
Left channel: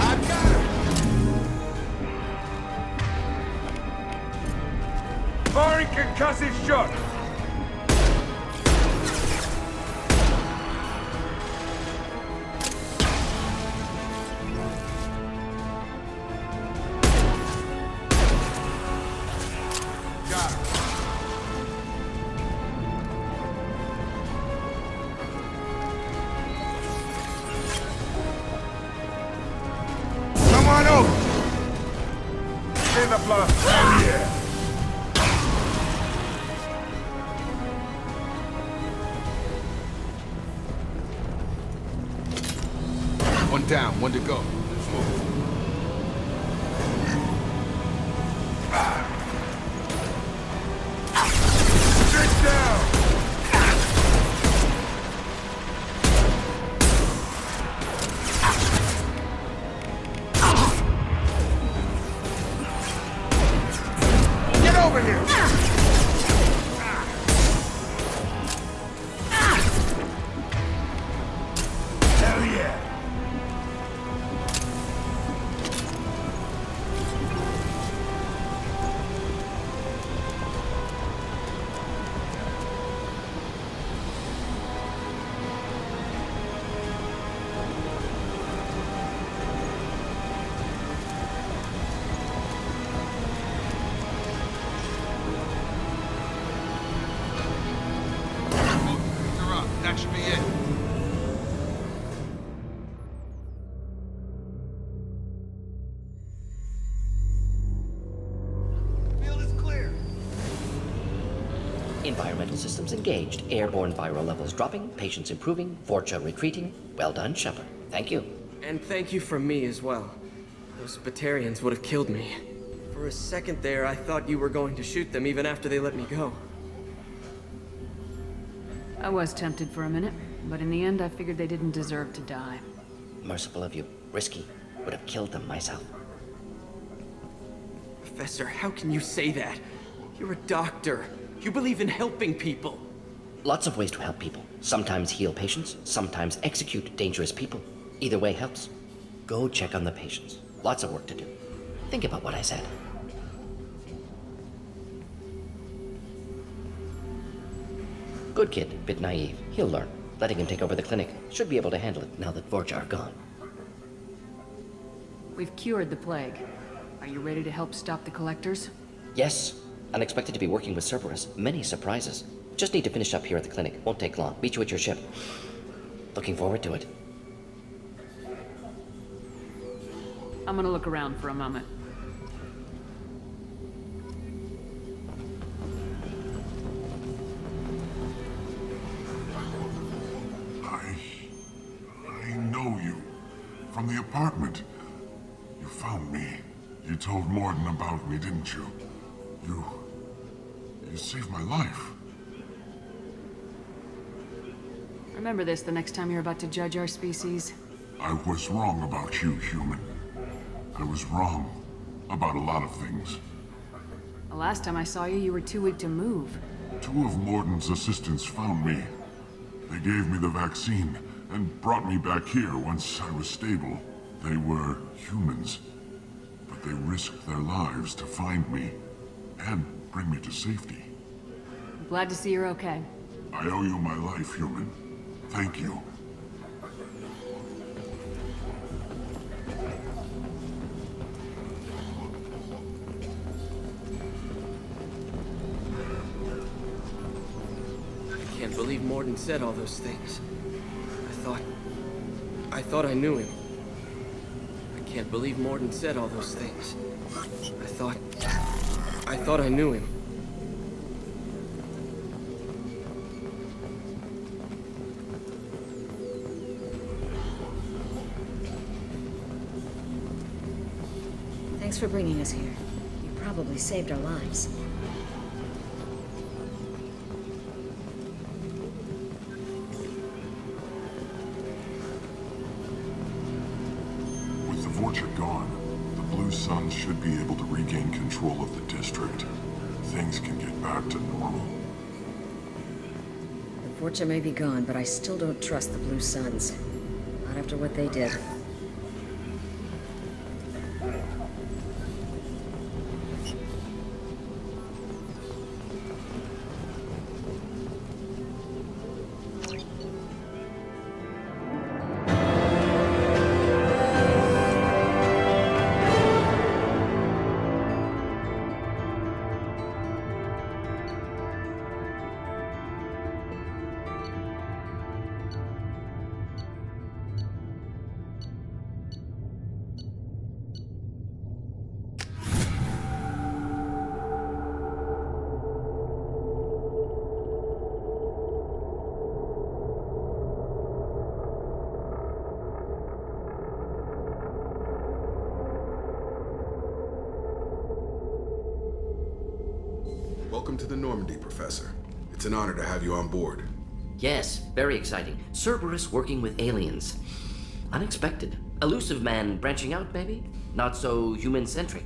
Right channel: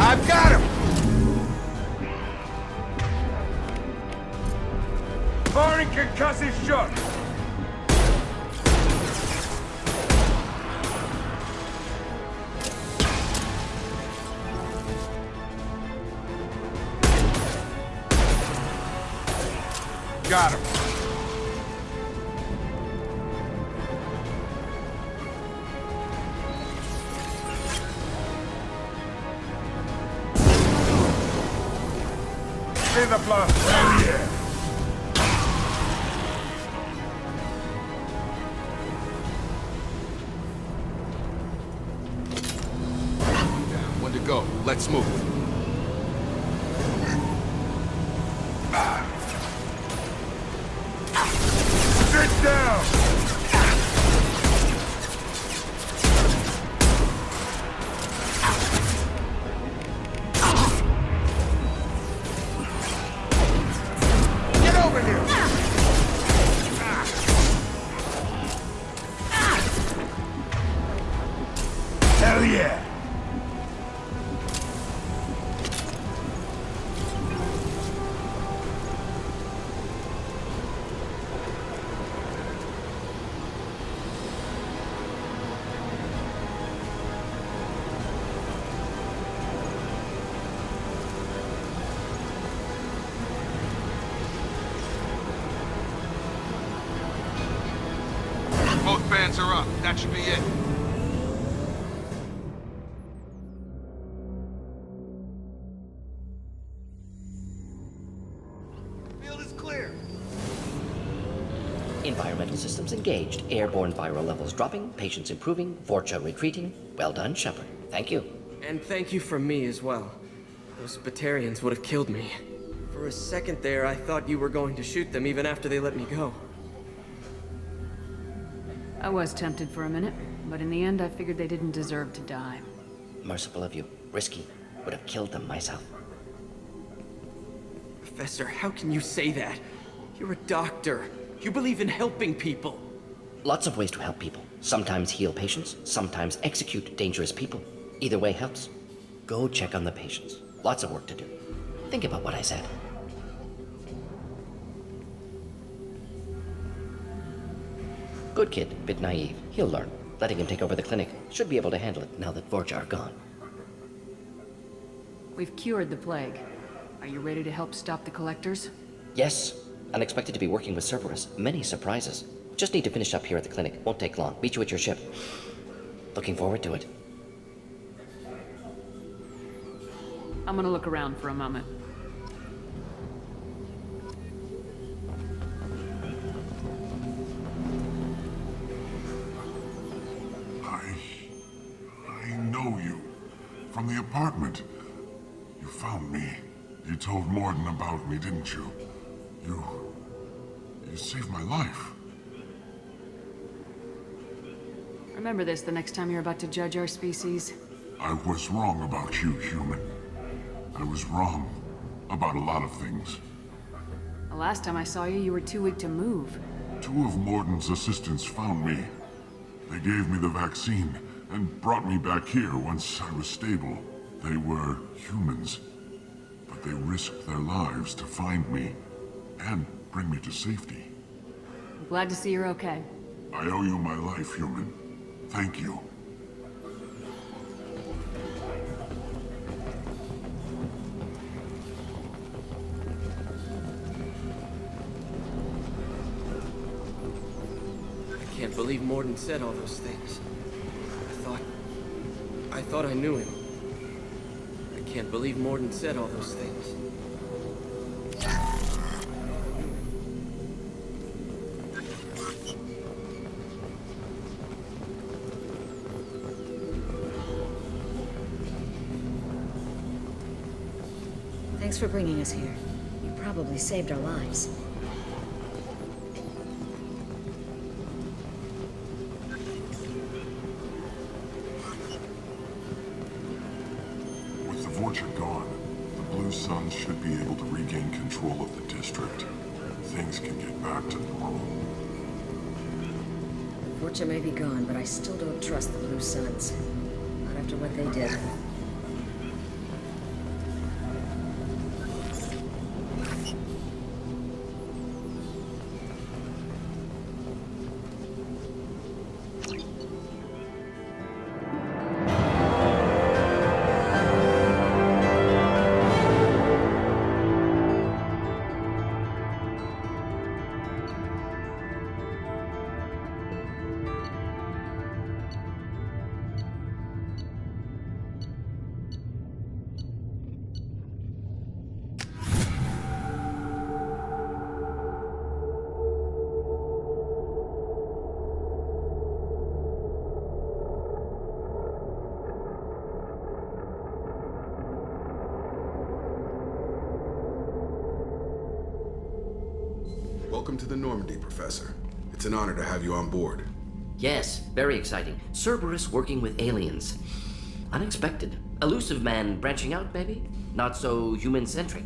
I've got him! Firing concussive shot! Got him. Come on over. See the blast. Oh yeah. One down, one to go. Let's move. Sit down. Get over here. Hell yeah. should be it. Field is clear. Environmental systems engaged. Airborne viral levels dropping. Patients improving. Vorcha retreating. Well done, Shepard. Thank you. And thank you from me as well. Those Batarians would have killed me. For a second there, I thought you were going to shoot them even after they let me go. I was tempted for a minute, but in the end I figured they didn't deserve to die. Merciful of you. Risky. Would have killed them myself. Professor, how can you say that? You're a doctor. You believe in helping people. Lots of ways to help people. Sometimes heal patients, sometimes execute dangerous people. Either way helps. Go check on the patients. Lots of work to do. Think about what I said. Good kid, bit naive. He'll learn. Letting him take over the clinic. Should be able to handle it now that Vorcha are gone. We've cured the plague. Are you ready to help stop the collectors? Yes. Unexpected to be working with Cerberus. Many surprises. Just need to finish up here at the clinic. Won't take long. Meet you at your ship. Looking forward to it. I'm gonna look around for a moment. I know you. From the apartment. You found me. You told Morden about me, didn't you? You saved my life. Remember this the next time you're about to judge our species. I was wrong about you, human. I was wrong about a lot of things. The last time I saw you, you were too weak to move. 2 of Morden's assistants found me. They gave me the vaccine and brought me back here once I was stable. They were humans, but they risked their lives to find me and bring me to safety. I'm glad to see you're okay. I owe you my life, human. Thank you. I can't believe Morden said all those things. I thought I knew him. I can't believe Morden said all those things. I thought I knew him. Thanks for bringing us here. You probably saved our lives. With the Vorcha gone, the Blue Suns should be able to regain control of the district. Things can get back to normal. The Vorcha may be gone, but I still don't trust the Blue Suns. Not after what they did. Welcome to the Normandy, Professor. It's an honor to have you on board. Yes, very exciting. Cerberus working with aliens. Unexpected. Elusive man branching out, maybe? Not so human-centric.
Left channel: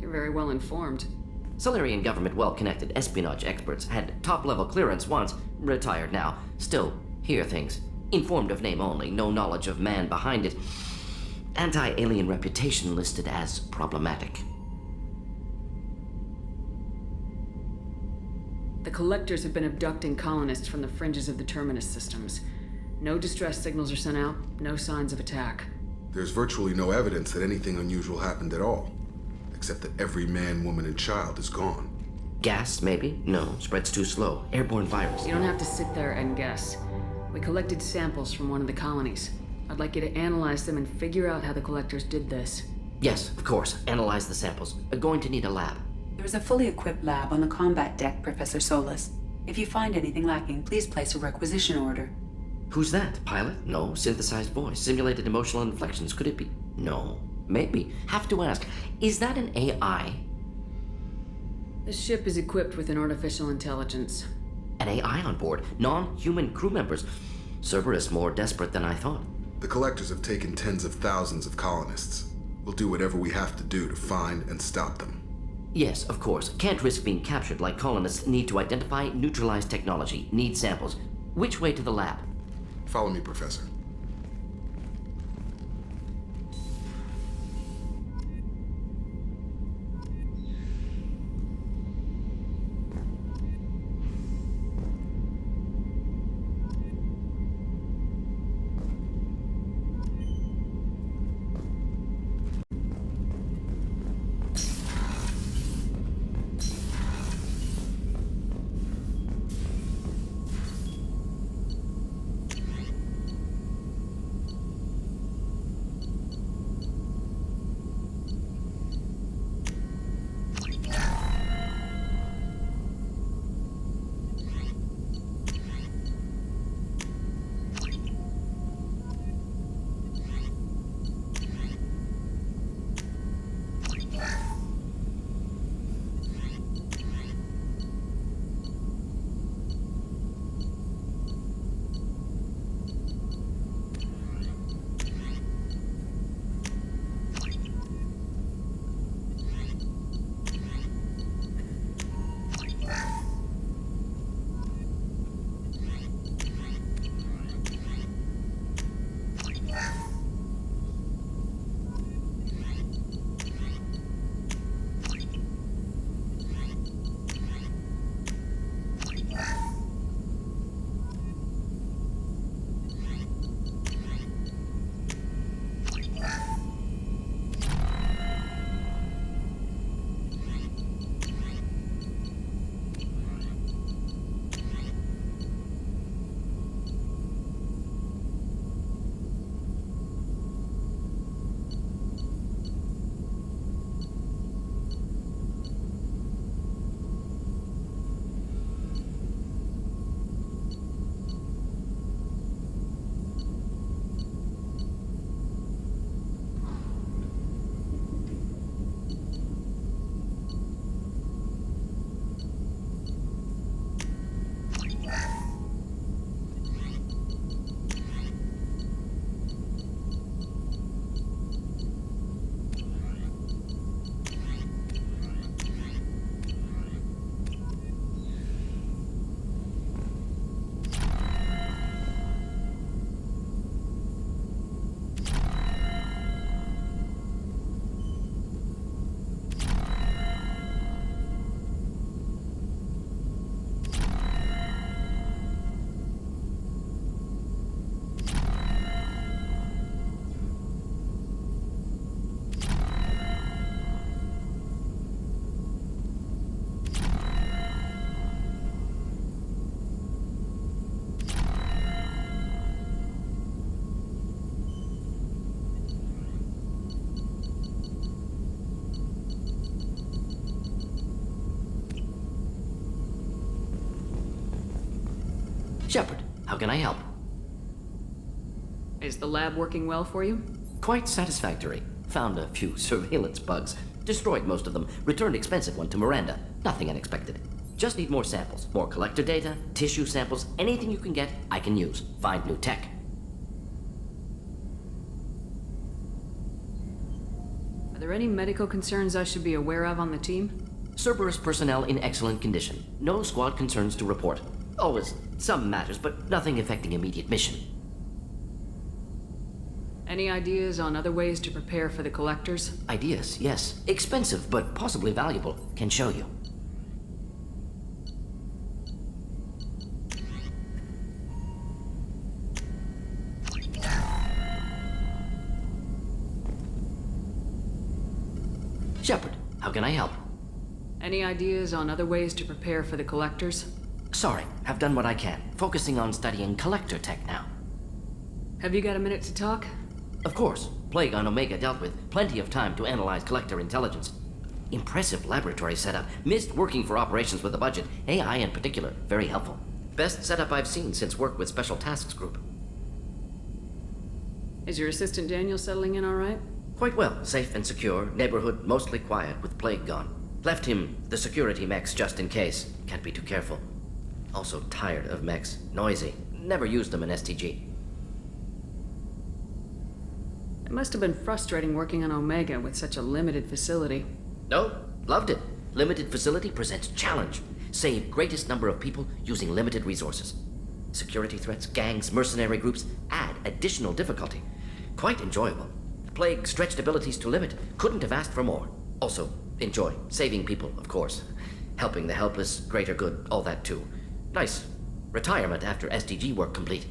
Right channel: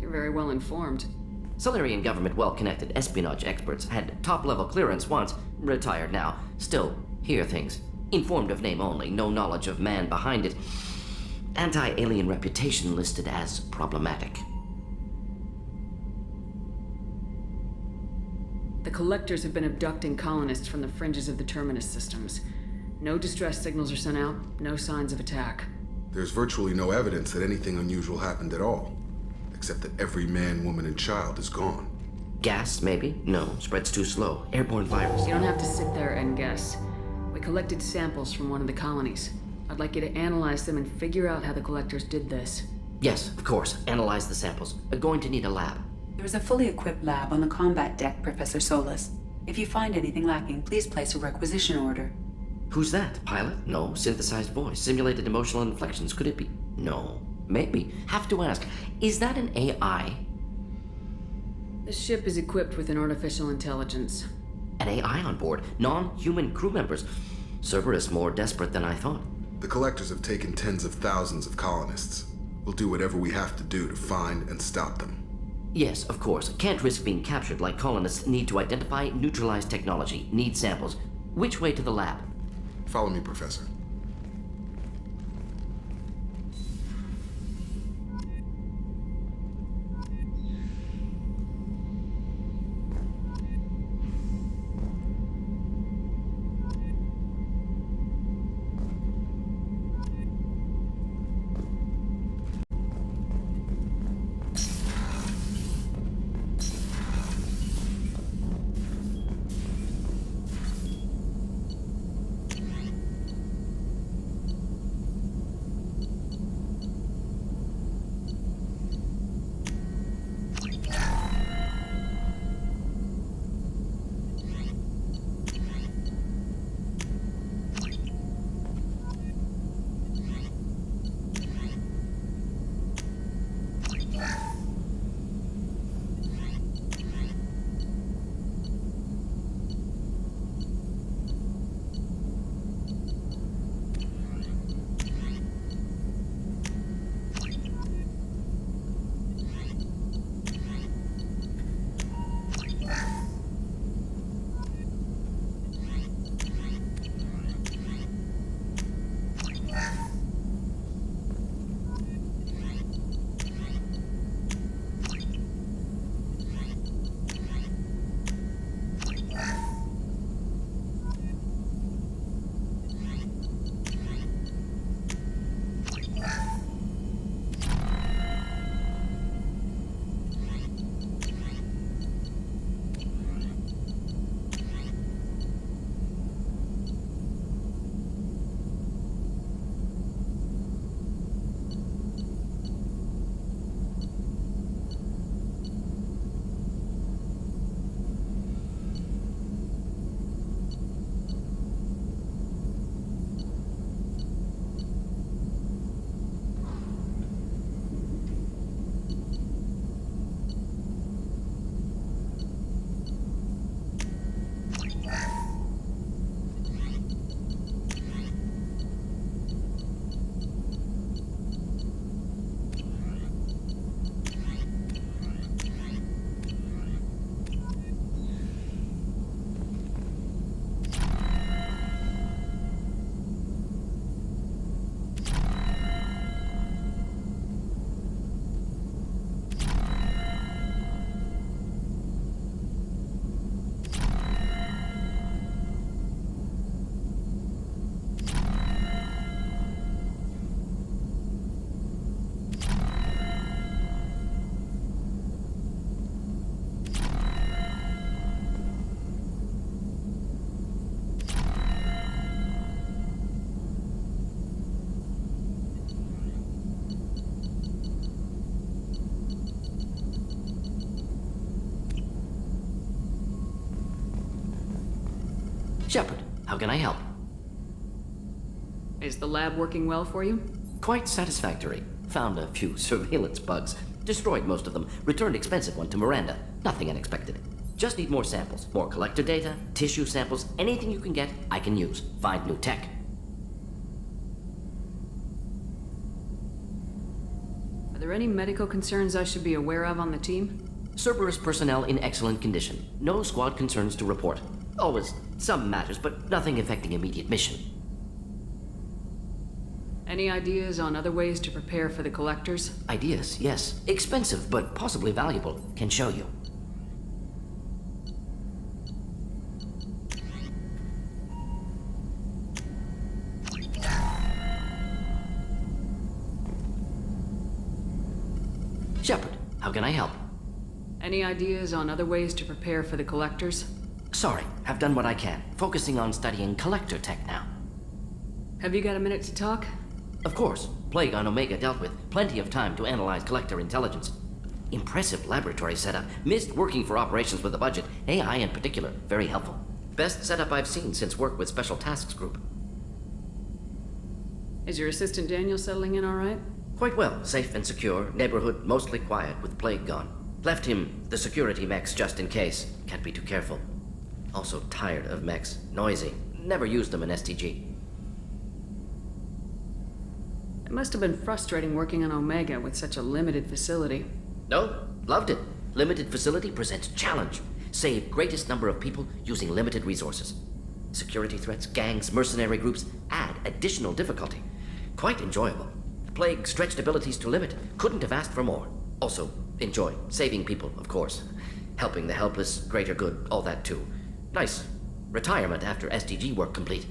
You're very well informed. Solarian government well-connected espionage experts had top-level clearance once, retired now. Still, hear things. Informed of name only, no knowledge of man behind it. Anti-alien reputation listed as problematic. The Collectors have been abducting colonists from the fringes of the Terminus systems. No distress signals are sent out, no signs of attack. There's virtually no evidence that anything unusual happened at all, except that every man, woman, and child is gone. Gas, maybe? No, spreads too slow. Airborne virus. You don't have to sit there and guess. We collected samples from one of the colonies. I'd like you to analyze them and figure out how the collectors did this. Yes, of course. Analyze the samples. Going to need a lab. There is a fully equipped lab on the combat deck, Professor Solis. If you find anything lacking, please place a requisition order. Who's that? Pilot? No. Synthesized voice. Simulated emotional inflections. Could it be? No. Maybe. Have to ask. Is that an AI? This ship is equipped with an artificial intelligence. An AI on board? Non-human crew members? Cerberus more desperate than I thought. The collectors have taken tens of thousands of colonists. We'll do whatever we have to do to find and stop them. Yes, of course. Can't risk being captured like colonists need to identify, neutralize technology, need samples. Which way to the lab? Follow me, Professor. Shepard, how can I help? Is the lab working well for you? Quite satisfactory. Found a few surveillance bugs. Destroyed most of them. Returned expensive one to Miranda. Nothing unexpected. Just need more samples. More collector data, tissue samples, anything you can get, I can use. Find new tech. Are there any medical concerns I should be aware of on the team? Cerberus personnel in excellent condition. No squad concerns to report. Always some matters, but nothing affecting immediate mission. Any ideas on other ways to prepare for the collectors? Ideas, yes. Expensive, but possibly valuable. Can show you. Shepard, how can I help? Any ideas on other ways to prepare for the Collectors? Sorry, have done what I can. Focusing on studying collector tech now. Have you got a minute to talk? Of course. Plague on Omega dealt with. Plenty of time to analyze collector intelligence. Impressive laboratory setup. Missed working for operations with a budget. AI in particular. Very helpful. Best setup I've seen since work with Special Tasks Group. Is your assistant Daniel settling in all right? Quite well. Safe and secure. Neighborhood mostly quiet with Plague gone. Left him the security mechs just in case. Can't be too careful. Also tired of mechs. Noisy. Never used them in STG. It must have been frustrating working on Omega with such a limited facility. No, loved it. Limited facility presents challenge. Save greatest number of people using limited resources. Security threats, gangs, mercenary groups add additional difficulty. Quite enjoyable. Plague stretched abilities to limit. Couldn't have asked for more. Also, enjoy. Saving people, of course. Helping the helpless, greater good, all that too. Nice. Retirement after SDG work complete.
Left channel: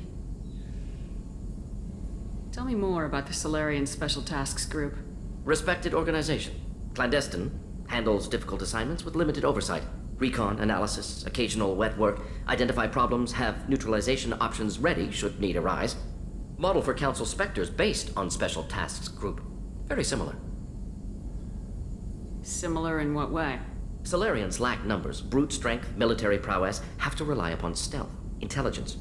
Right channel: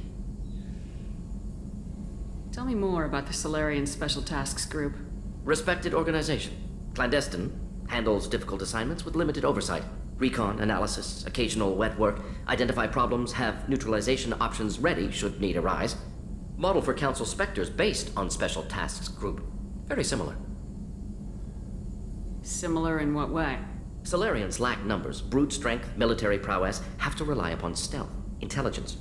Tell me more about the Solarian Special Tasks Group. Respected organization. Clandestine. Handles difficult assignments with limited oversight. Recon, analysis, occasional wet work. Identify problems, have neutralization options ready should need arise. Model for Council Spectres based on Special Tasks Group. Very similar. Similar in what way? Solarians lack numbers, brute strength, military prowess, have to rely upon stealth, intelligence.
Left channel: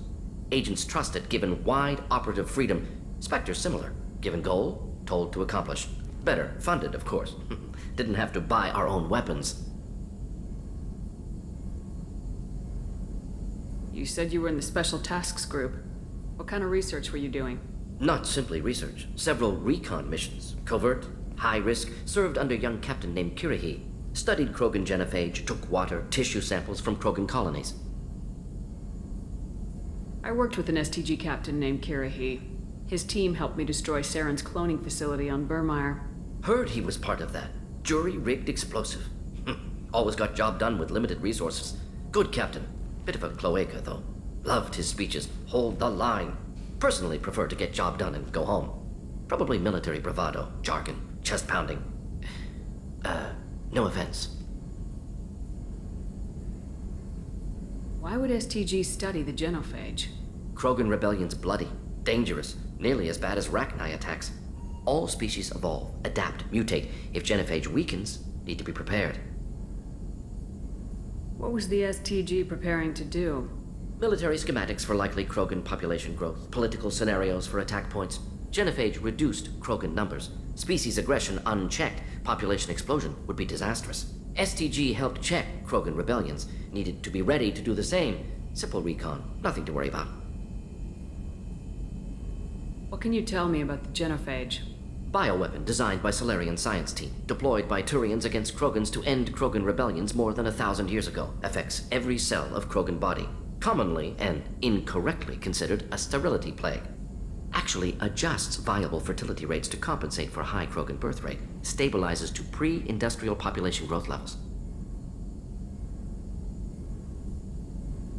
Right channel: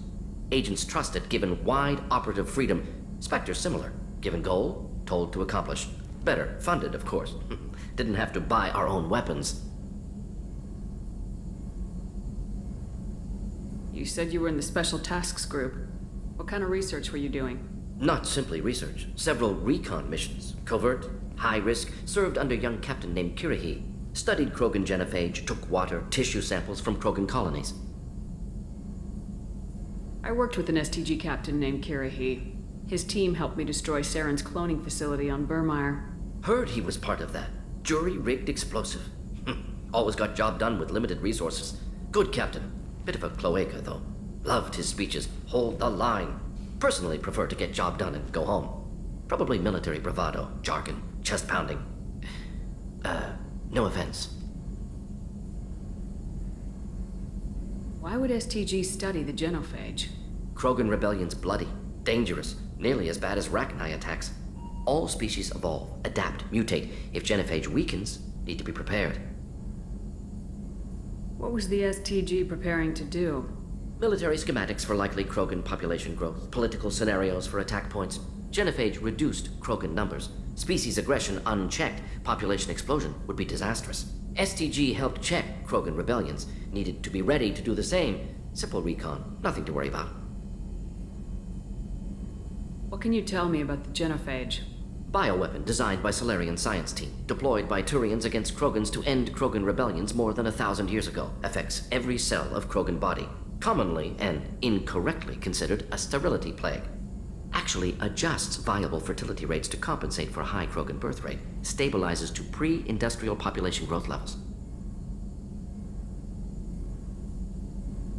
Agents trusted, given wide operative freedom. Spectres similar, given goal, told to accomplish. Better, funded, of course. Didn't have to buy our own weapons. You said you were in the Special Tasks Group. What kind of research were you doing? Not simply research. Several recon missions. Covert, high risk, served under a young captain named Kirahi. Studied Krogan genophage, took water, tissue samples from Krogan colonies. I worked with an STG captain named Kirahi. His team helped me destroy Saren's cloning facility on Burmire. Heard he was part of that. Jury-rigged explosive. Always got job done with limited resources. Good captain. Bit of a cloaca, though. Loved his speeches. Hold the line. Personally prefer to get job done and go home. Probably military bravado, jargon, chest pounding. No offense. Why would STG study the genophage? Krogan rebellion's bloody, dangerous, nearly as bad as Rachni attacks. All species evolve, adapt, mutate. If genophage weakens, need to be prepared. What was the STG preparing to do? Military schematics for likely Krogan population growth, political scenarios for attack points. Genophage reduced Krogan numbers. Species aggression unchecked, population explosion would be disastrous. STG helped check Krogan rebellions, needed to be ready to do the same. Simple recon, nothing to worry about. What can you tell me about the genophage? Bioweapon designed by Solarian science team, deployed by Turians against Krogans to end Krogan rebellions more than 1,000 years ago. Affects every cell of Krogan body. Commonly and incorrectly considered a sterility plague. Actually adjusts viable fertility rates to compensate for a high Krogan birth rate. Stabilizes to pre-industrial population growth levels.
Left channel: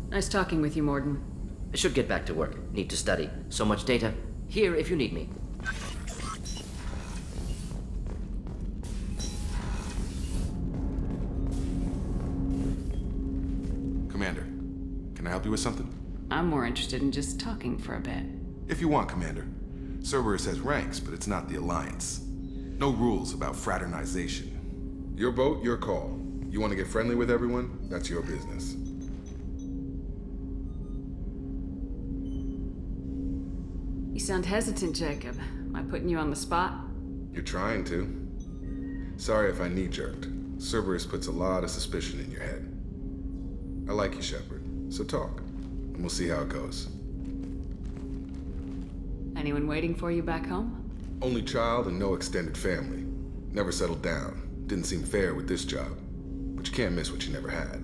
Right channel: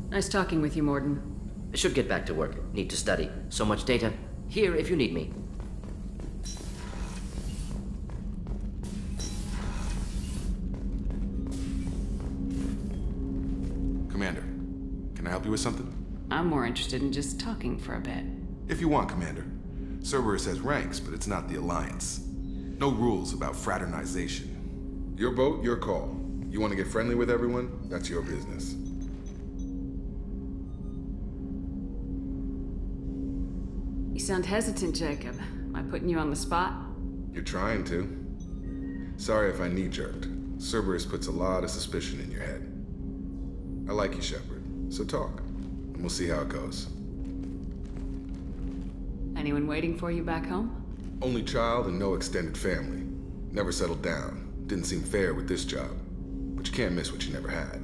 Nice talking with you, Mordin. I should get back to work. Need to study. So much data. Here if you need me. Commander, can I help you with something? I'm more interested in just talking for a bit. If you want, Commander. Cerberus has ranks, but it's not the Alliance. No rules about fraternization. Your boat, your call. You want to get friendly with everyone? That's your business. You sound hesitant, Jacob. Am I putting you on the spot? You're trying to. Sorry if I knee-jerked. Cerberus puts a lot of suspicion in your head. I like you, Shepard. So talk, and we'll see how it goes. Anyone waiting for you back home? Only child and no extended family. Never settled down. Didn't seem fair with this job. But you can't miss what you never had.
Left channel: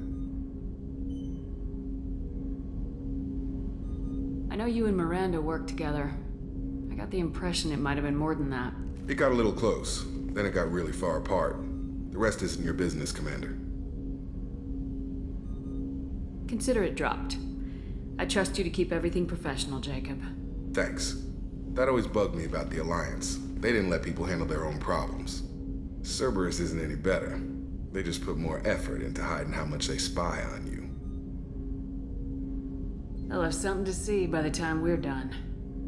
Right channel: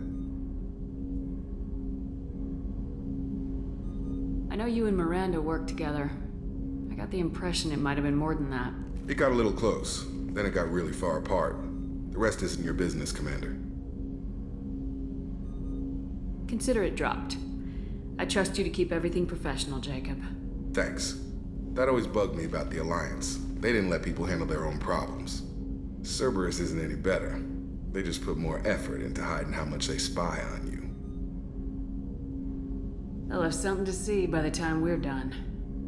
I know you and Miranda worked together. I got the impression it might have been more than that. It got a little close. Then it got really far apart. The rest isn't your business, Commander. Consider it dropped. I trust you to keep everything professional, Jacob. Thanks. That always bugged me about the Alliance. They didn't let people handle their own problems. Cerberus isn't any better. They just put more effort into hiding how much they spy on you. They'll have something to see by the time we're done.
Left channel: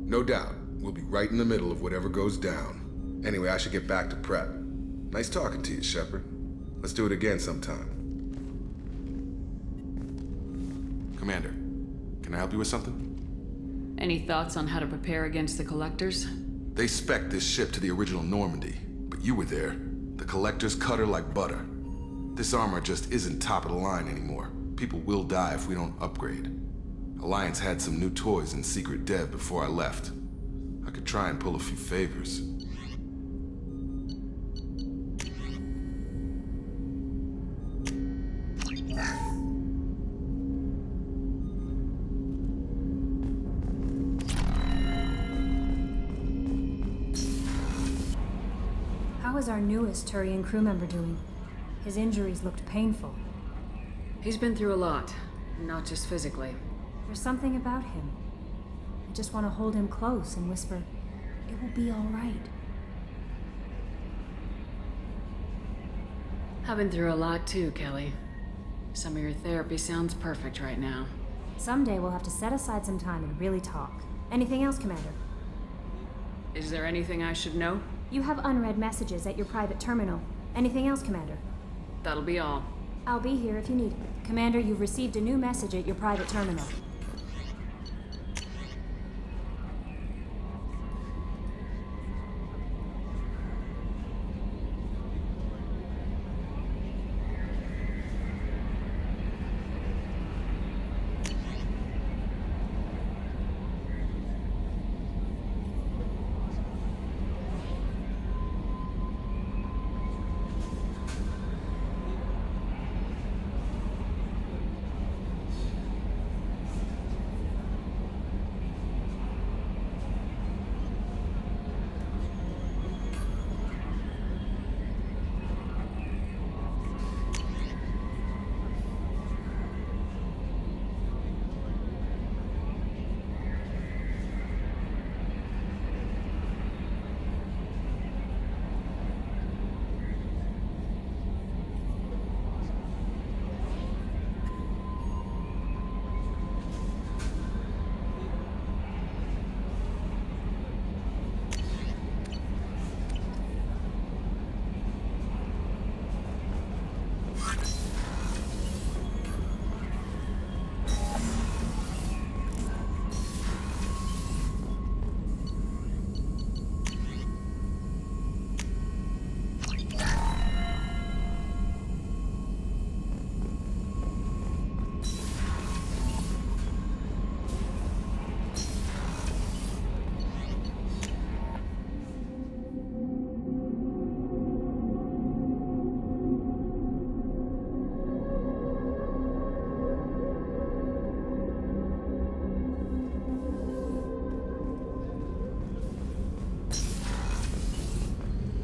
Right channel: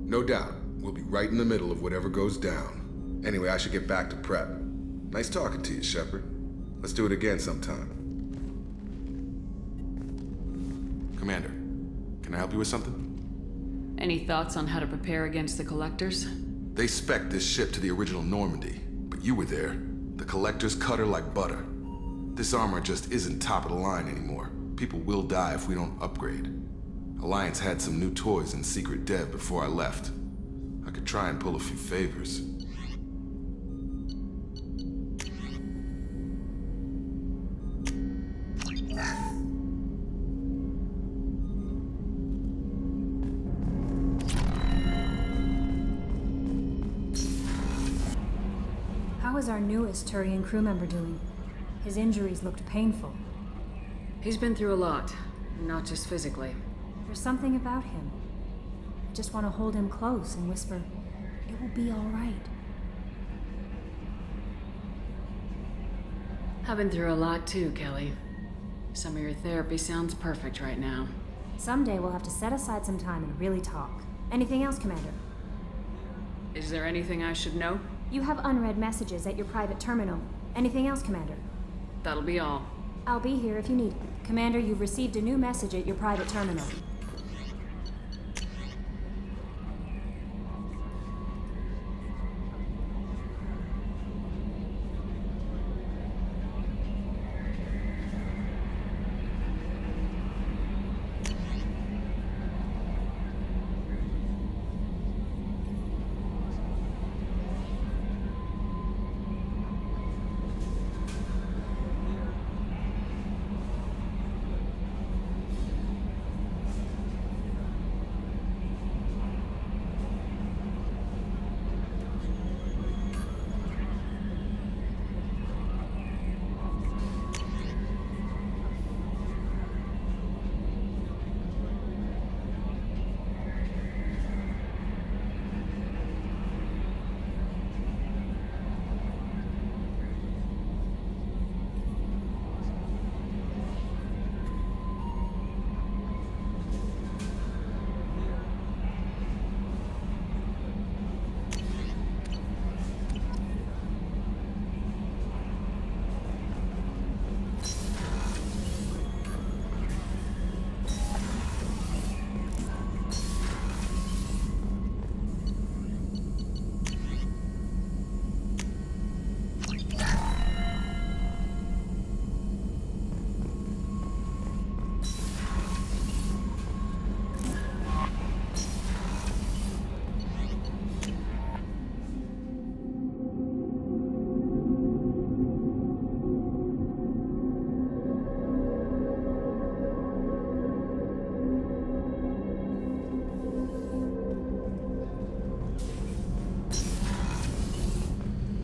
No doubt. We'll be right in the middle of whatever goes down. Anyway, I should get back to prep. Nice talking to you, Shepard. Let's do it again sometime. Commander, can I help you with something? Any thoughts on how to prepare against the Collectors? They spec'd this ship to the original Normandy, but you were there. The Collectors cut her like butter. This armor just isn't top of the line anymore. People will die if we don't upgrade. Alliance had some new toys in secret dev before I left. I could try and pull a few favors. How is our newest Turian crew member doing? His injuries looked painful. He's been through a lot, not just physically. There's something about him. I just want to hold him close and whisper, "It will be all right." I've been through a lot too, Kelly. Some of your therapy sounds perfect right now. Someday we'll have to set aside some time and really talk. Anything else, Commander? Is there anything I should know? You have unread messages at your private terminal. Anything else, Commander? That'll be all. I'll be here if you need it. Commander, you've received a new message at your private terminal.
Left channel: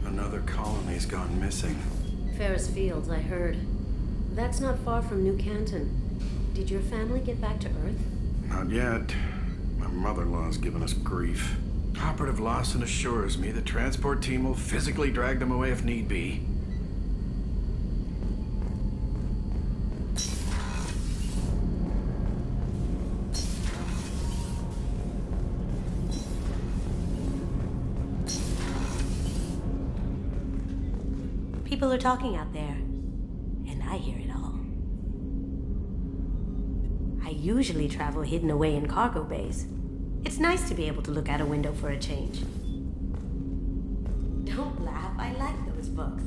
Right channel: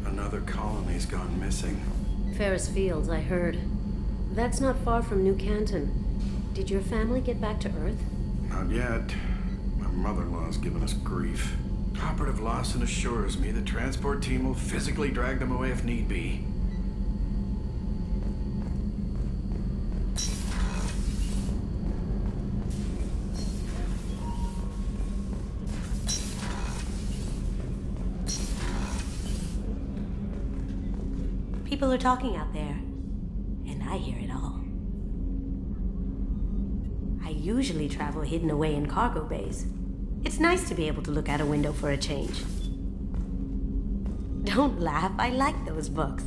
Another colony's gone missing. Ferris Fields, I heard. That's not far from New Canton. Did your family get back to Earth? Not yet. My mother-in-law's given us grief. Operative Lawson assures me the transport team will physically drag them away if need be. People are talking out there, and I hear it all. I usually travel hidden away in cargo bays. It's nice to be able to look out a window for a change. Don't laugh, I like those books.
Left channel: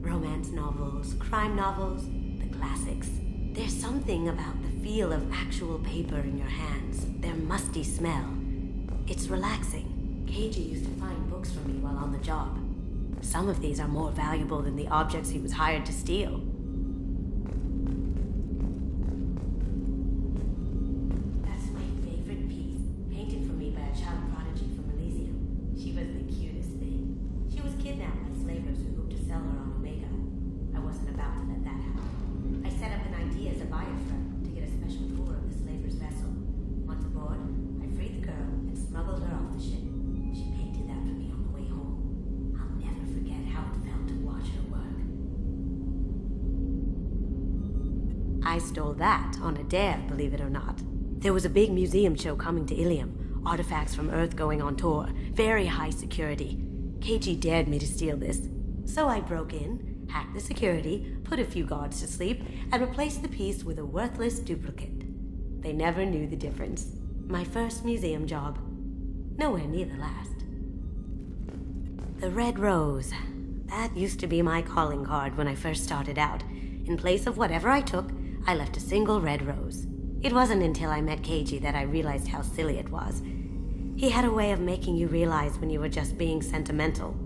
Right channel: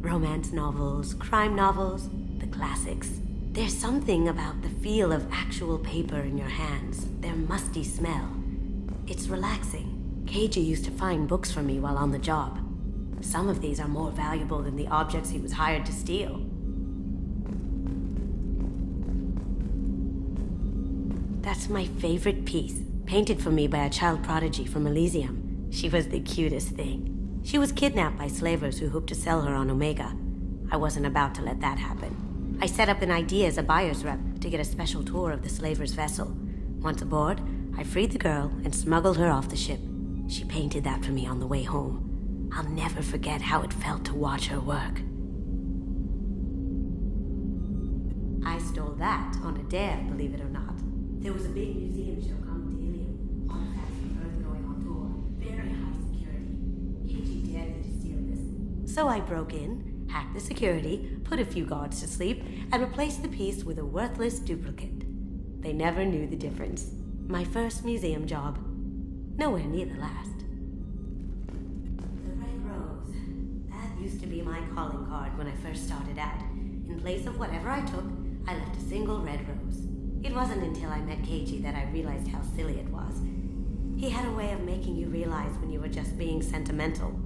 Romance novels, crime novels, the classics. There's something about the feel of actual paper in your hands, their musty smell. It's relaxing. KJ used to find books for me while on the job. Some of these are more valuable than the objects he was hired to steal. That's my favorite piece, painted for me by a child prodigy from Elysium. She was the cutest thing. She was kidnapped by slavers who hoped to sell her on Omega. I wasn't about to let that happen. I set up an idea as a buyer's rep to get a special tour of the slaver's vessel. Once aboard, I freed the girl and smuggled her off the ship. She painted that for me on the way home. I'll never forget how it felt to watch her work. I stole that on a dare, believe it or not. There was a big museum show coming to Ilium. Artifacts from Earth going on tour. Very high security. KG dared me to steal this. So I broke in, hacked the security, put a few guards to sleep, and replaced the piece with a worthless duplicate. They never knew the difference. My first museum job. Nowhere near the last. The Red Rose. That used to be my calling card when I first started out. In place of whatever I took, I left a single red rose. It wasn't until I met KG that I realized how silly it was. He had a way of making you realize when you were just being sentimental.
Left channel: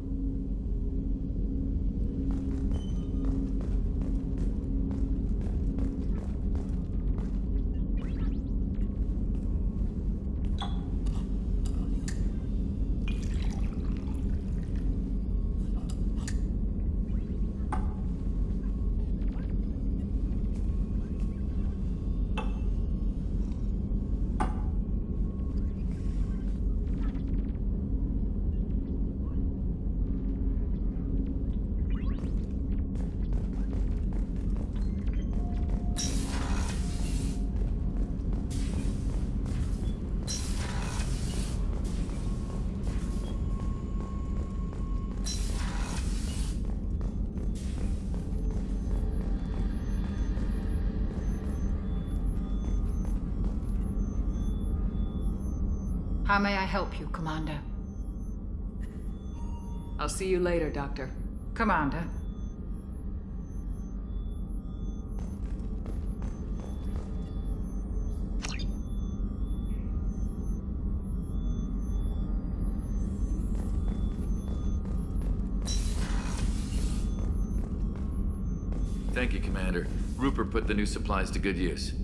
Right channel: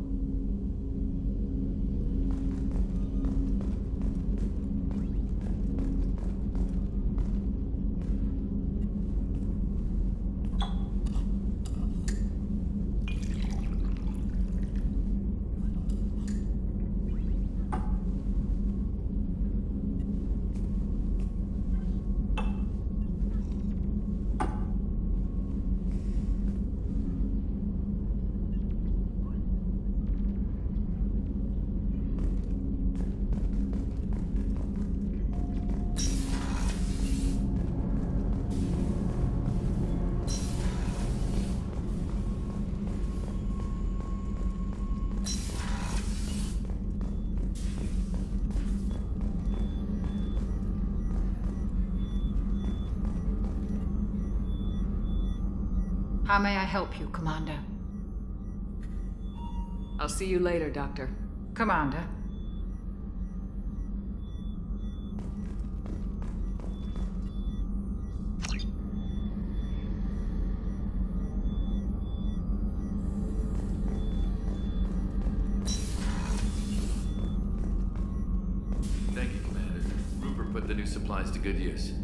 How may I help you, Commander? I'll see you later, Doctor. Commander. Thank you, Commander. Rupert put the new supplies to good use.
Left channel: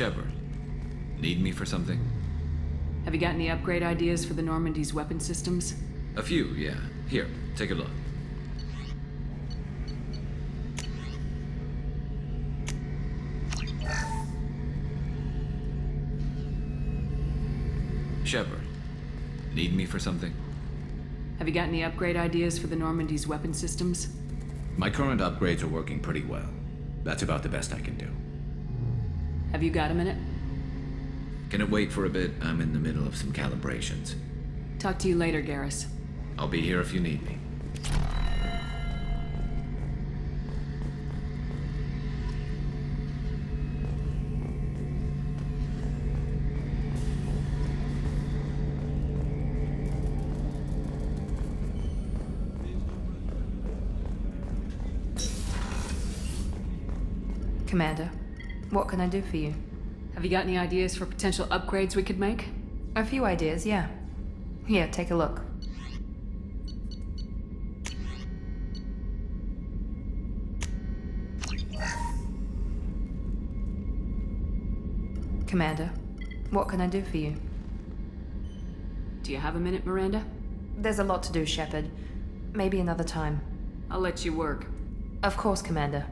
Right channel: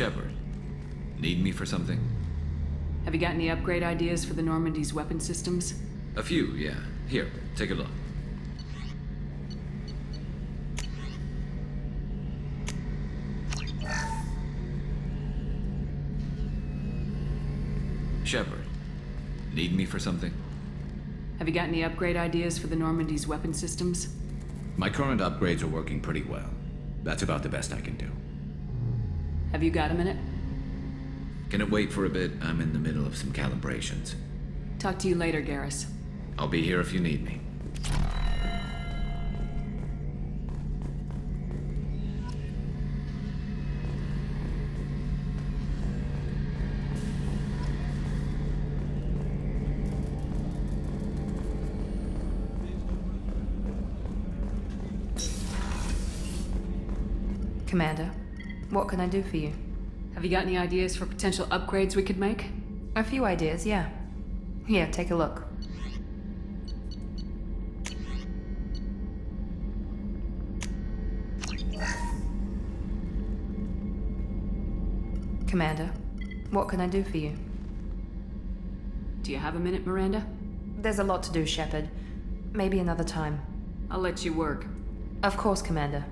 Shepard, need me for something? Have you got any upgrade ideas for the Normandy's weapon systems? A few, yeah. Here, take a look. Shepard, need me for something? Have you got any upgrade ideas for the Normandy's weapon systems? My current upgrades are working pretty well. That's about the best I can do. Have you got a minute? Can it wait for a bit? I'm in the middle of some calibrations. Talk to you later, Garrus. I'll be here if you need me. Commander, what can I do for you? Have you got any ideas for potential upgrades we could make? A few ideas, yeah. Here, take a look. Commander, what can I do for you? Do you have a minute, Miranda? There's a lot to do, Shepard. Maybe another time. I'll let you work. Of course, Commander.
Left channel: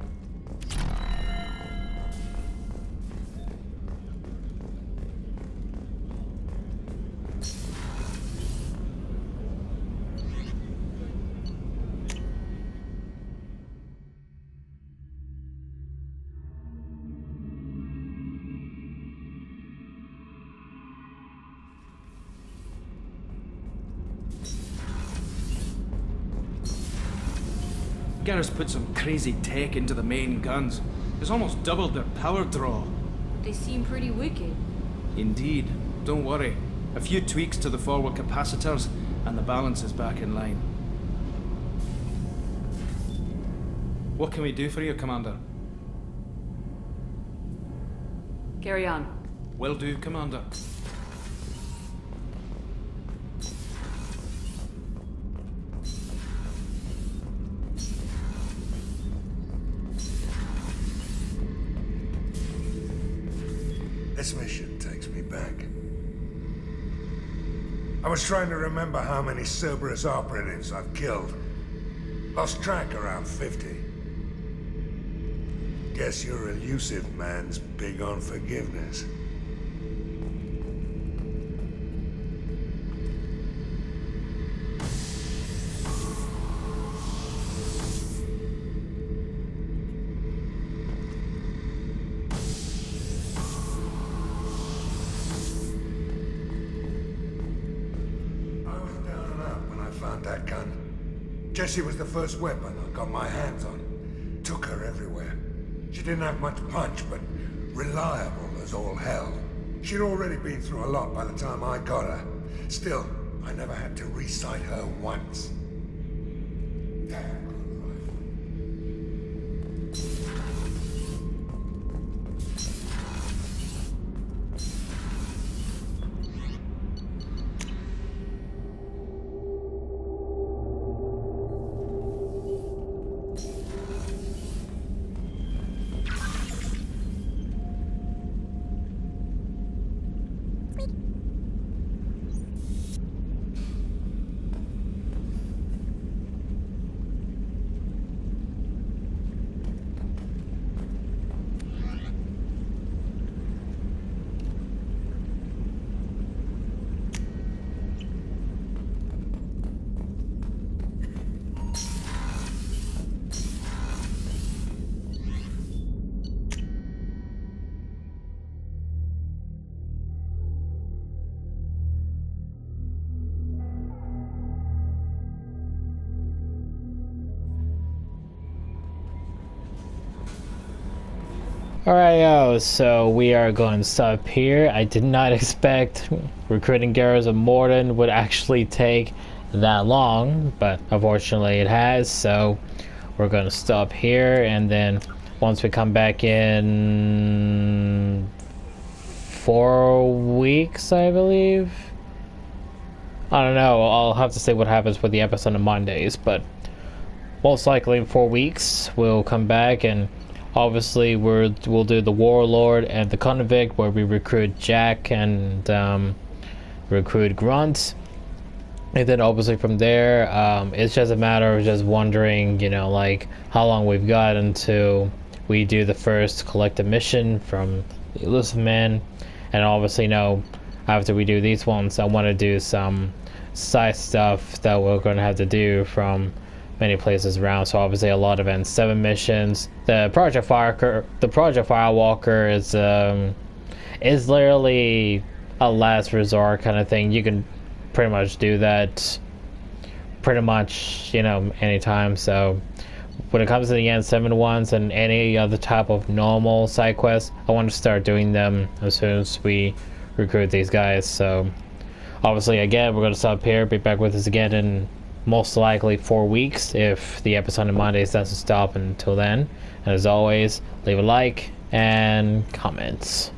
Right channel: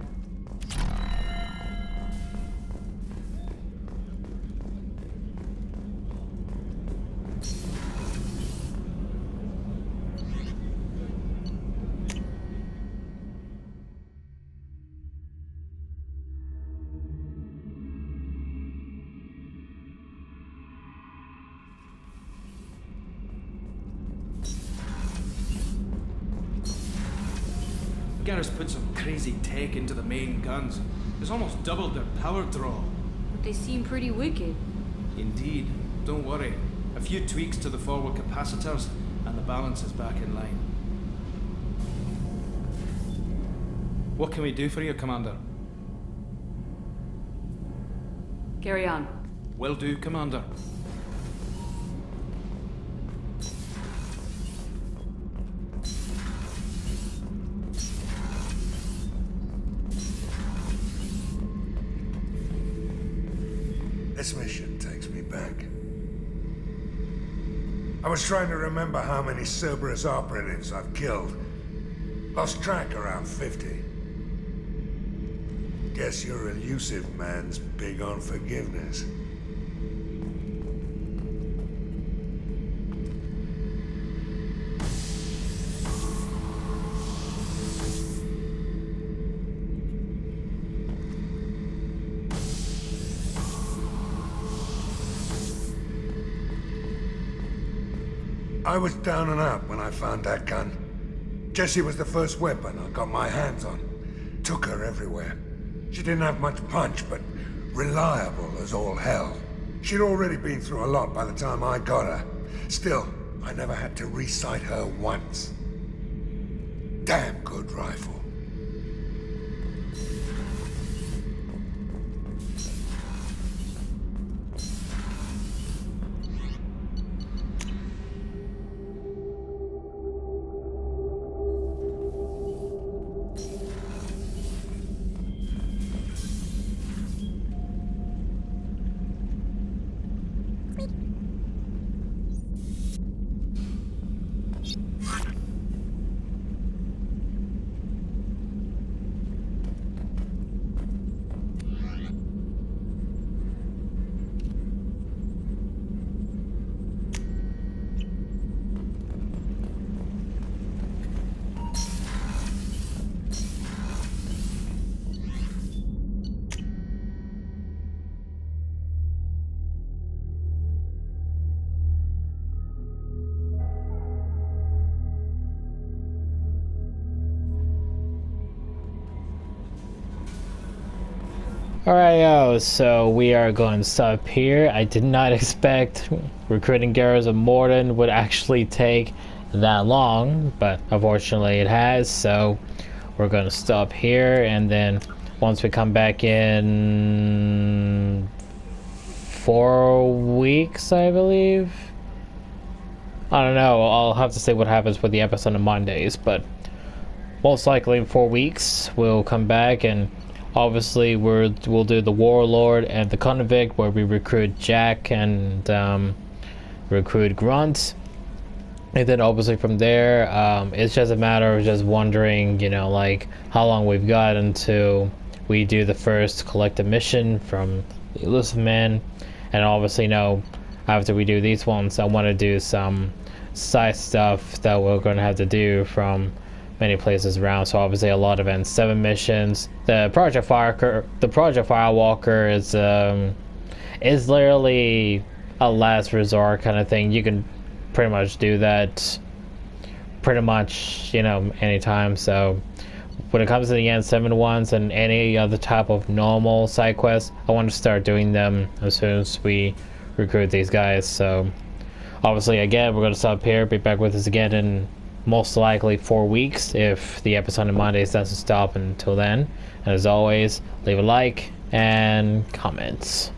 Garrus put some crazy tech into the main guns. It's almost doubled their power draw. But they seem pretty wicked. Indeed. Don't worry. A few tweaks to the forward capacitors, and the balance is back in line. What can we do for you, Commander? Carry on. Will do, Commander. This mission takes me back. I was trying to remember how many Cerberus operatives I've killed. Lost track around 50. Guess your elusive man's big on forgiveness. I was down and out when I found that gun. Jessie was the first weapon I got my hands on. Took her everywhere. She didn't have much punch, but reliable as all hell. She'd already been through a lot by the time I got her. Still, I never had to re-sight her once. Damn good rifle. Alright, so we are going to stop here. I did not expect recruiting Garrus of Mordin would actually take that long, but unfortunately it has, so we're going to stop here, and then once we come back in 4 weeks, I believe. I don't know, I'll have to see what happens with the episode on Mondays, but most likely in 4 weeks we'll come back, and obviously we'll do the Warlord and the Convict, where we recruit Jack and recruit Grunt, and then obviously from there it's just a matter of just wondering, you know, like how long we've got until we do the first collective mission from the Elusive Man. And obviously, you know, after we do these ones, I want to do some side stuff that we're going to have to do from many places around. So obviously a lot of N7 missions. The Project Firewalker is literally a last resort kind of thing. You can pretty much do that pretty much, you know, anytime. So when it comes to the N7 ones and any other type of normal side quests, I want to start doing them as soon as we recruit these guys. So obviously, again, we're going to stop here, be back with us again in most likely 4 weeks if the episode on Mondays doesn't stop until then. And as always, leave a like and comments.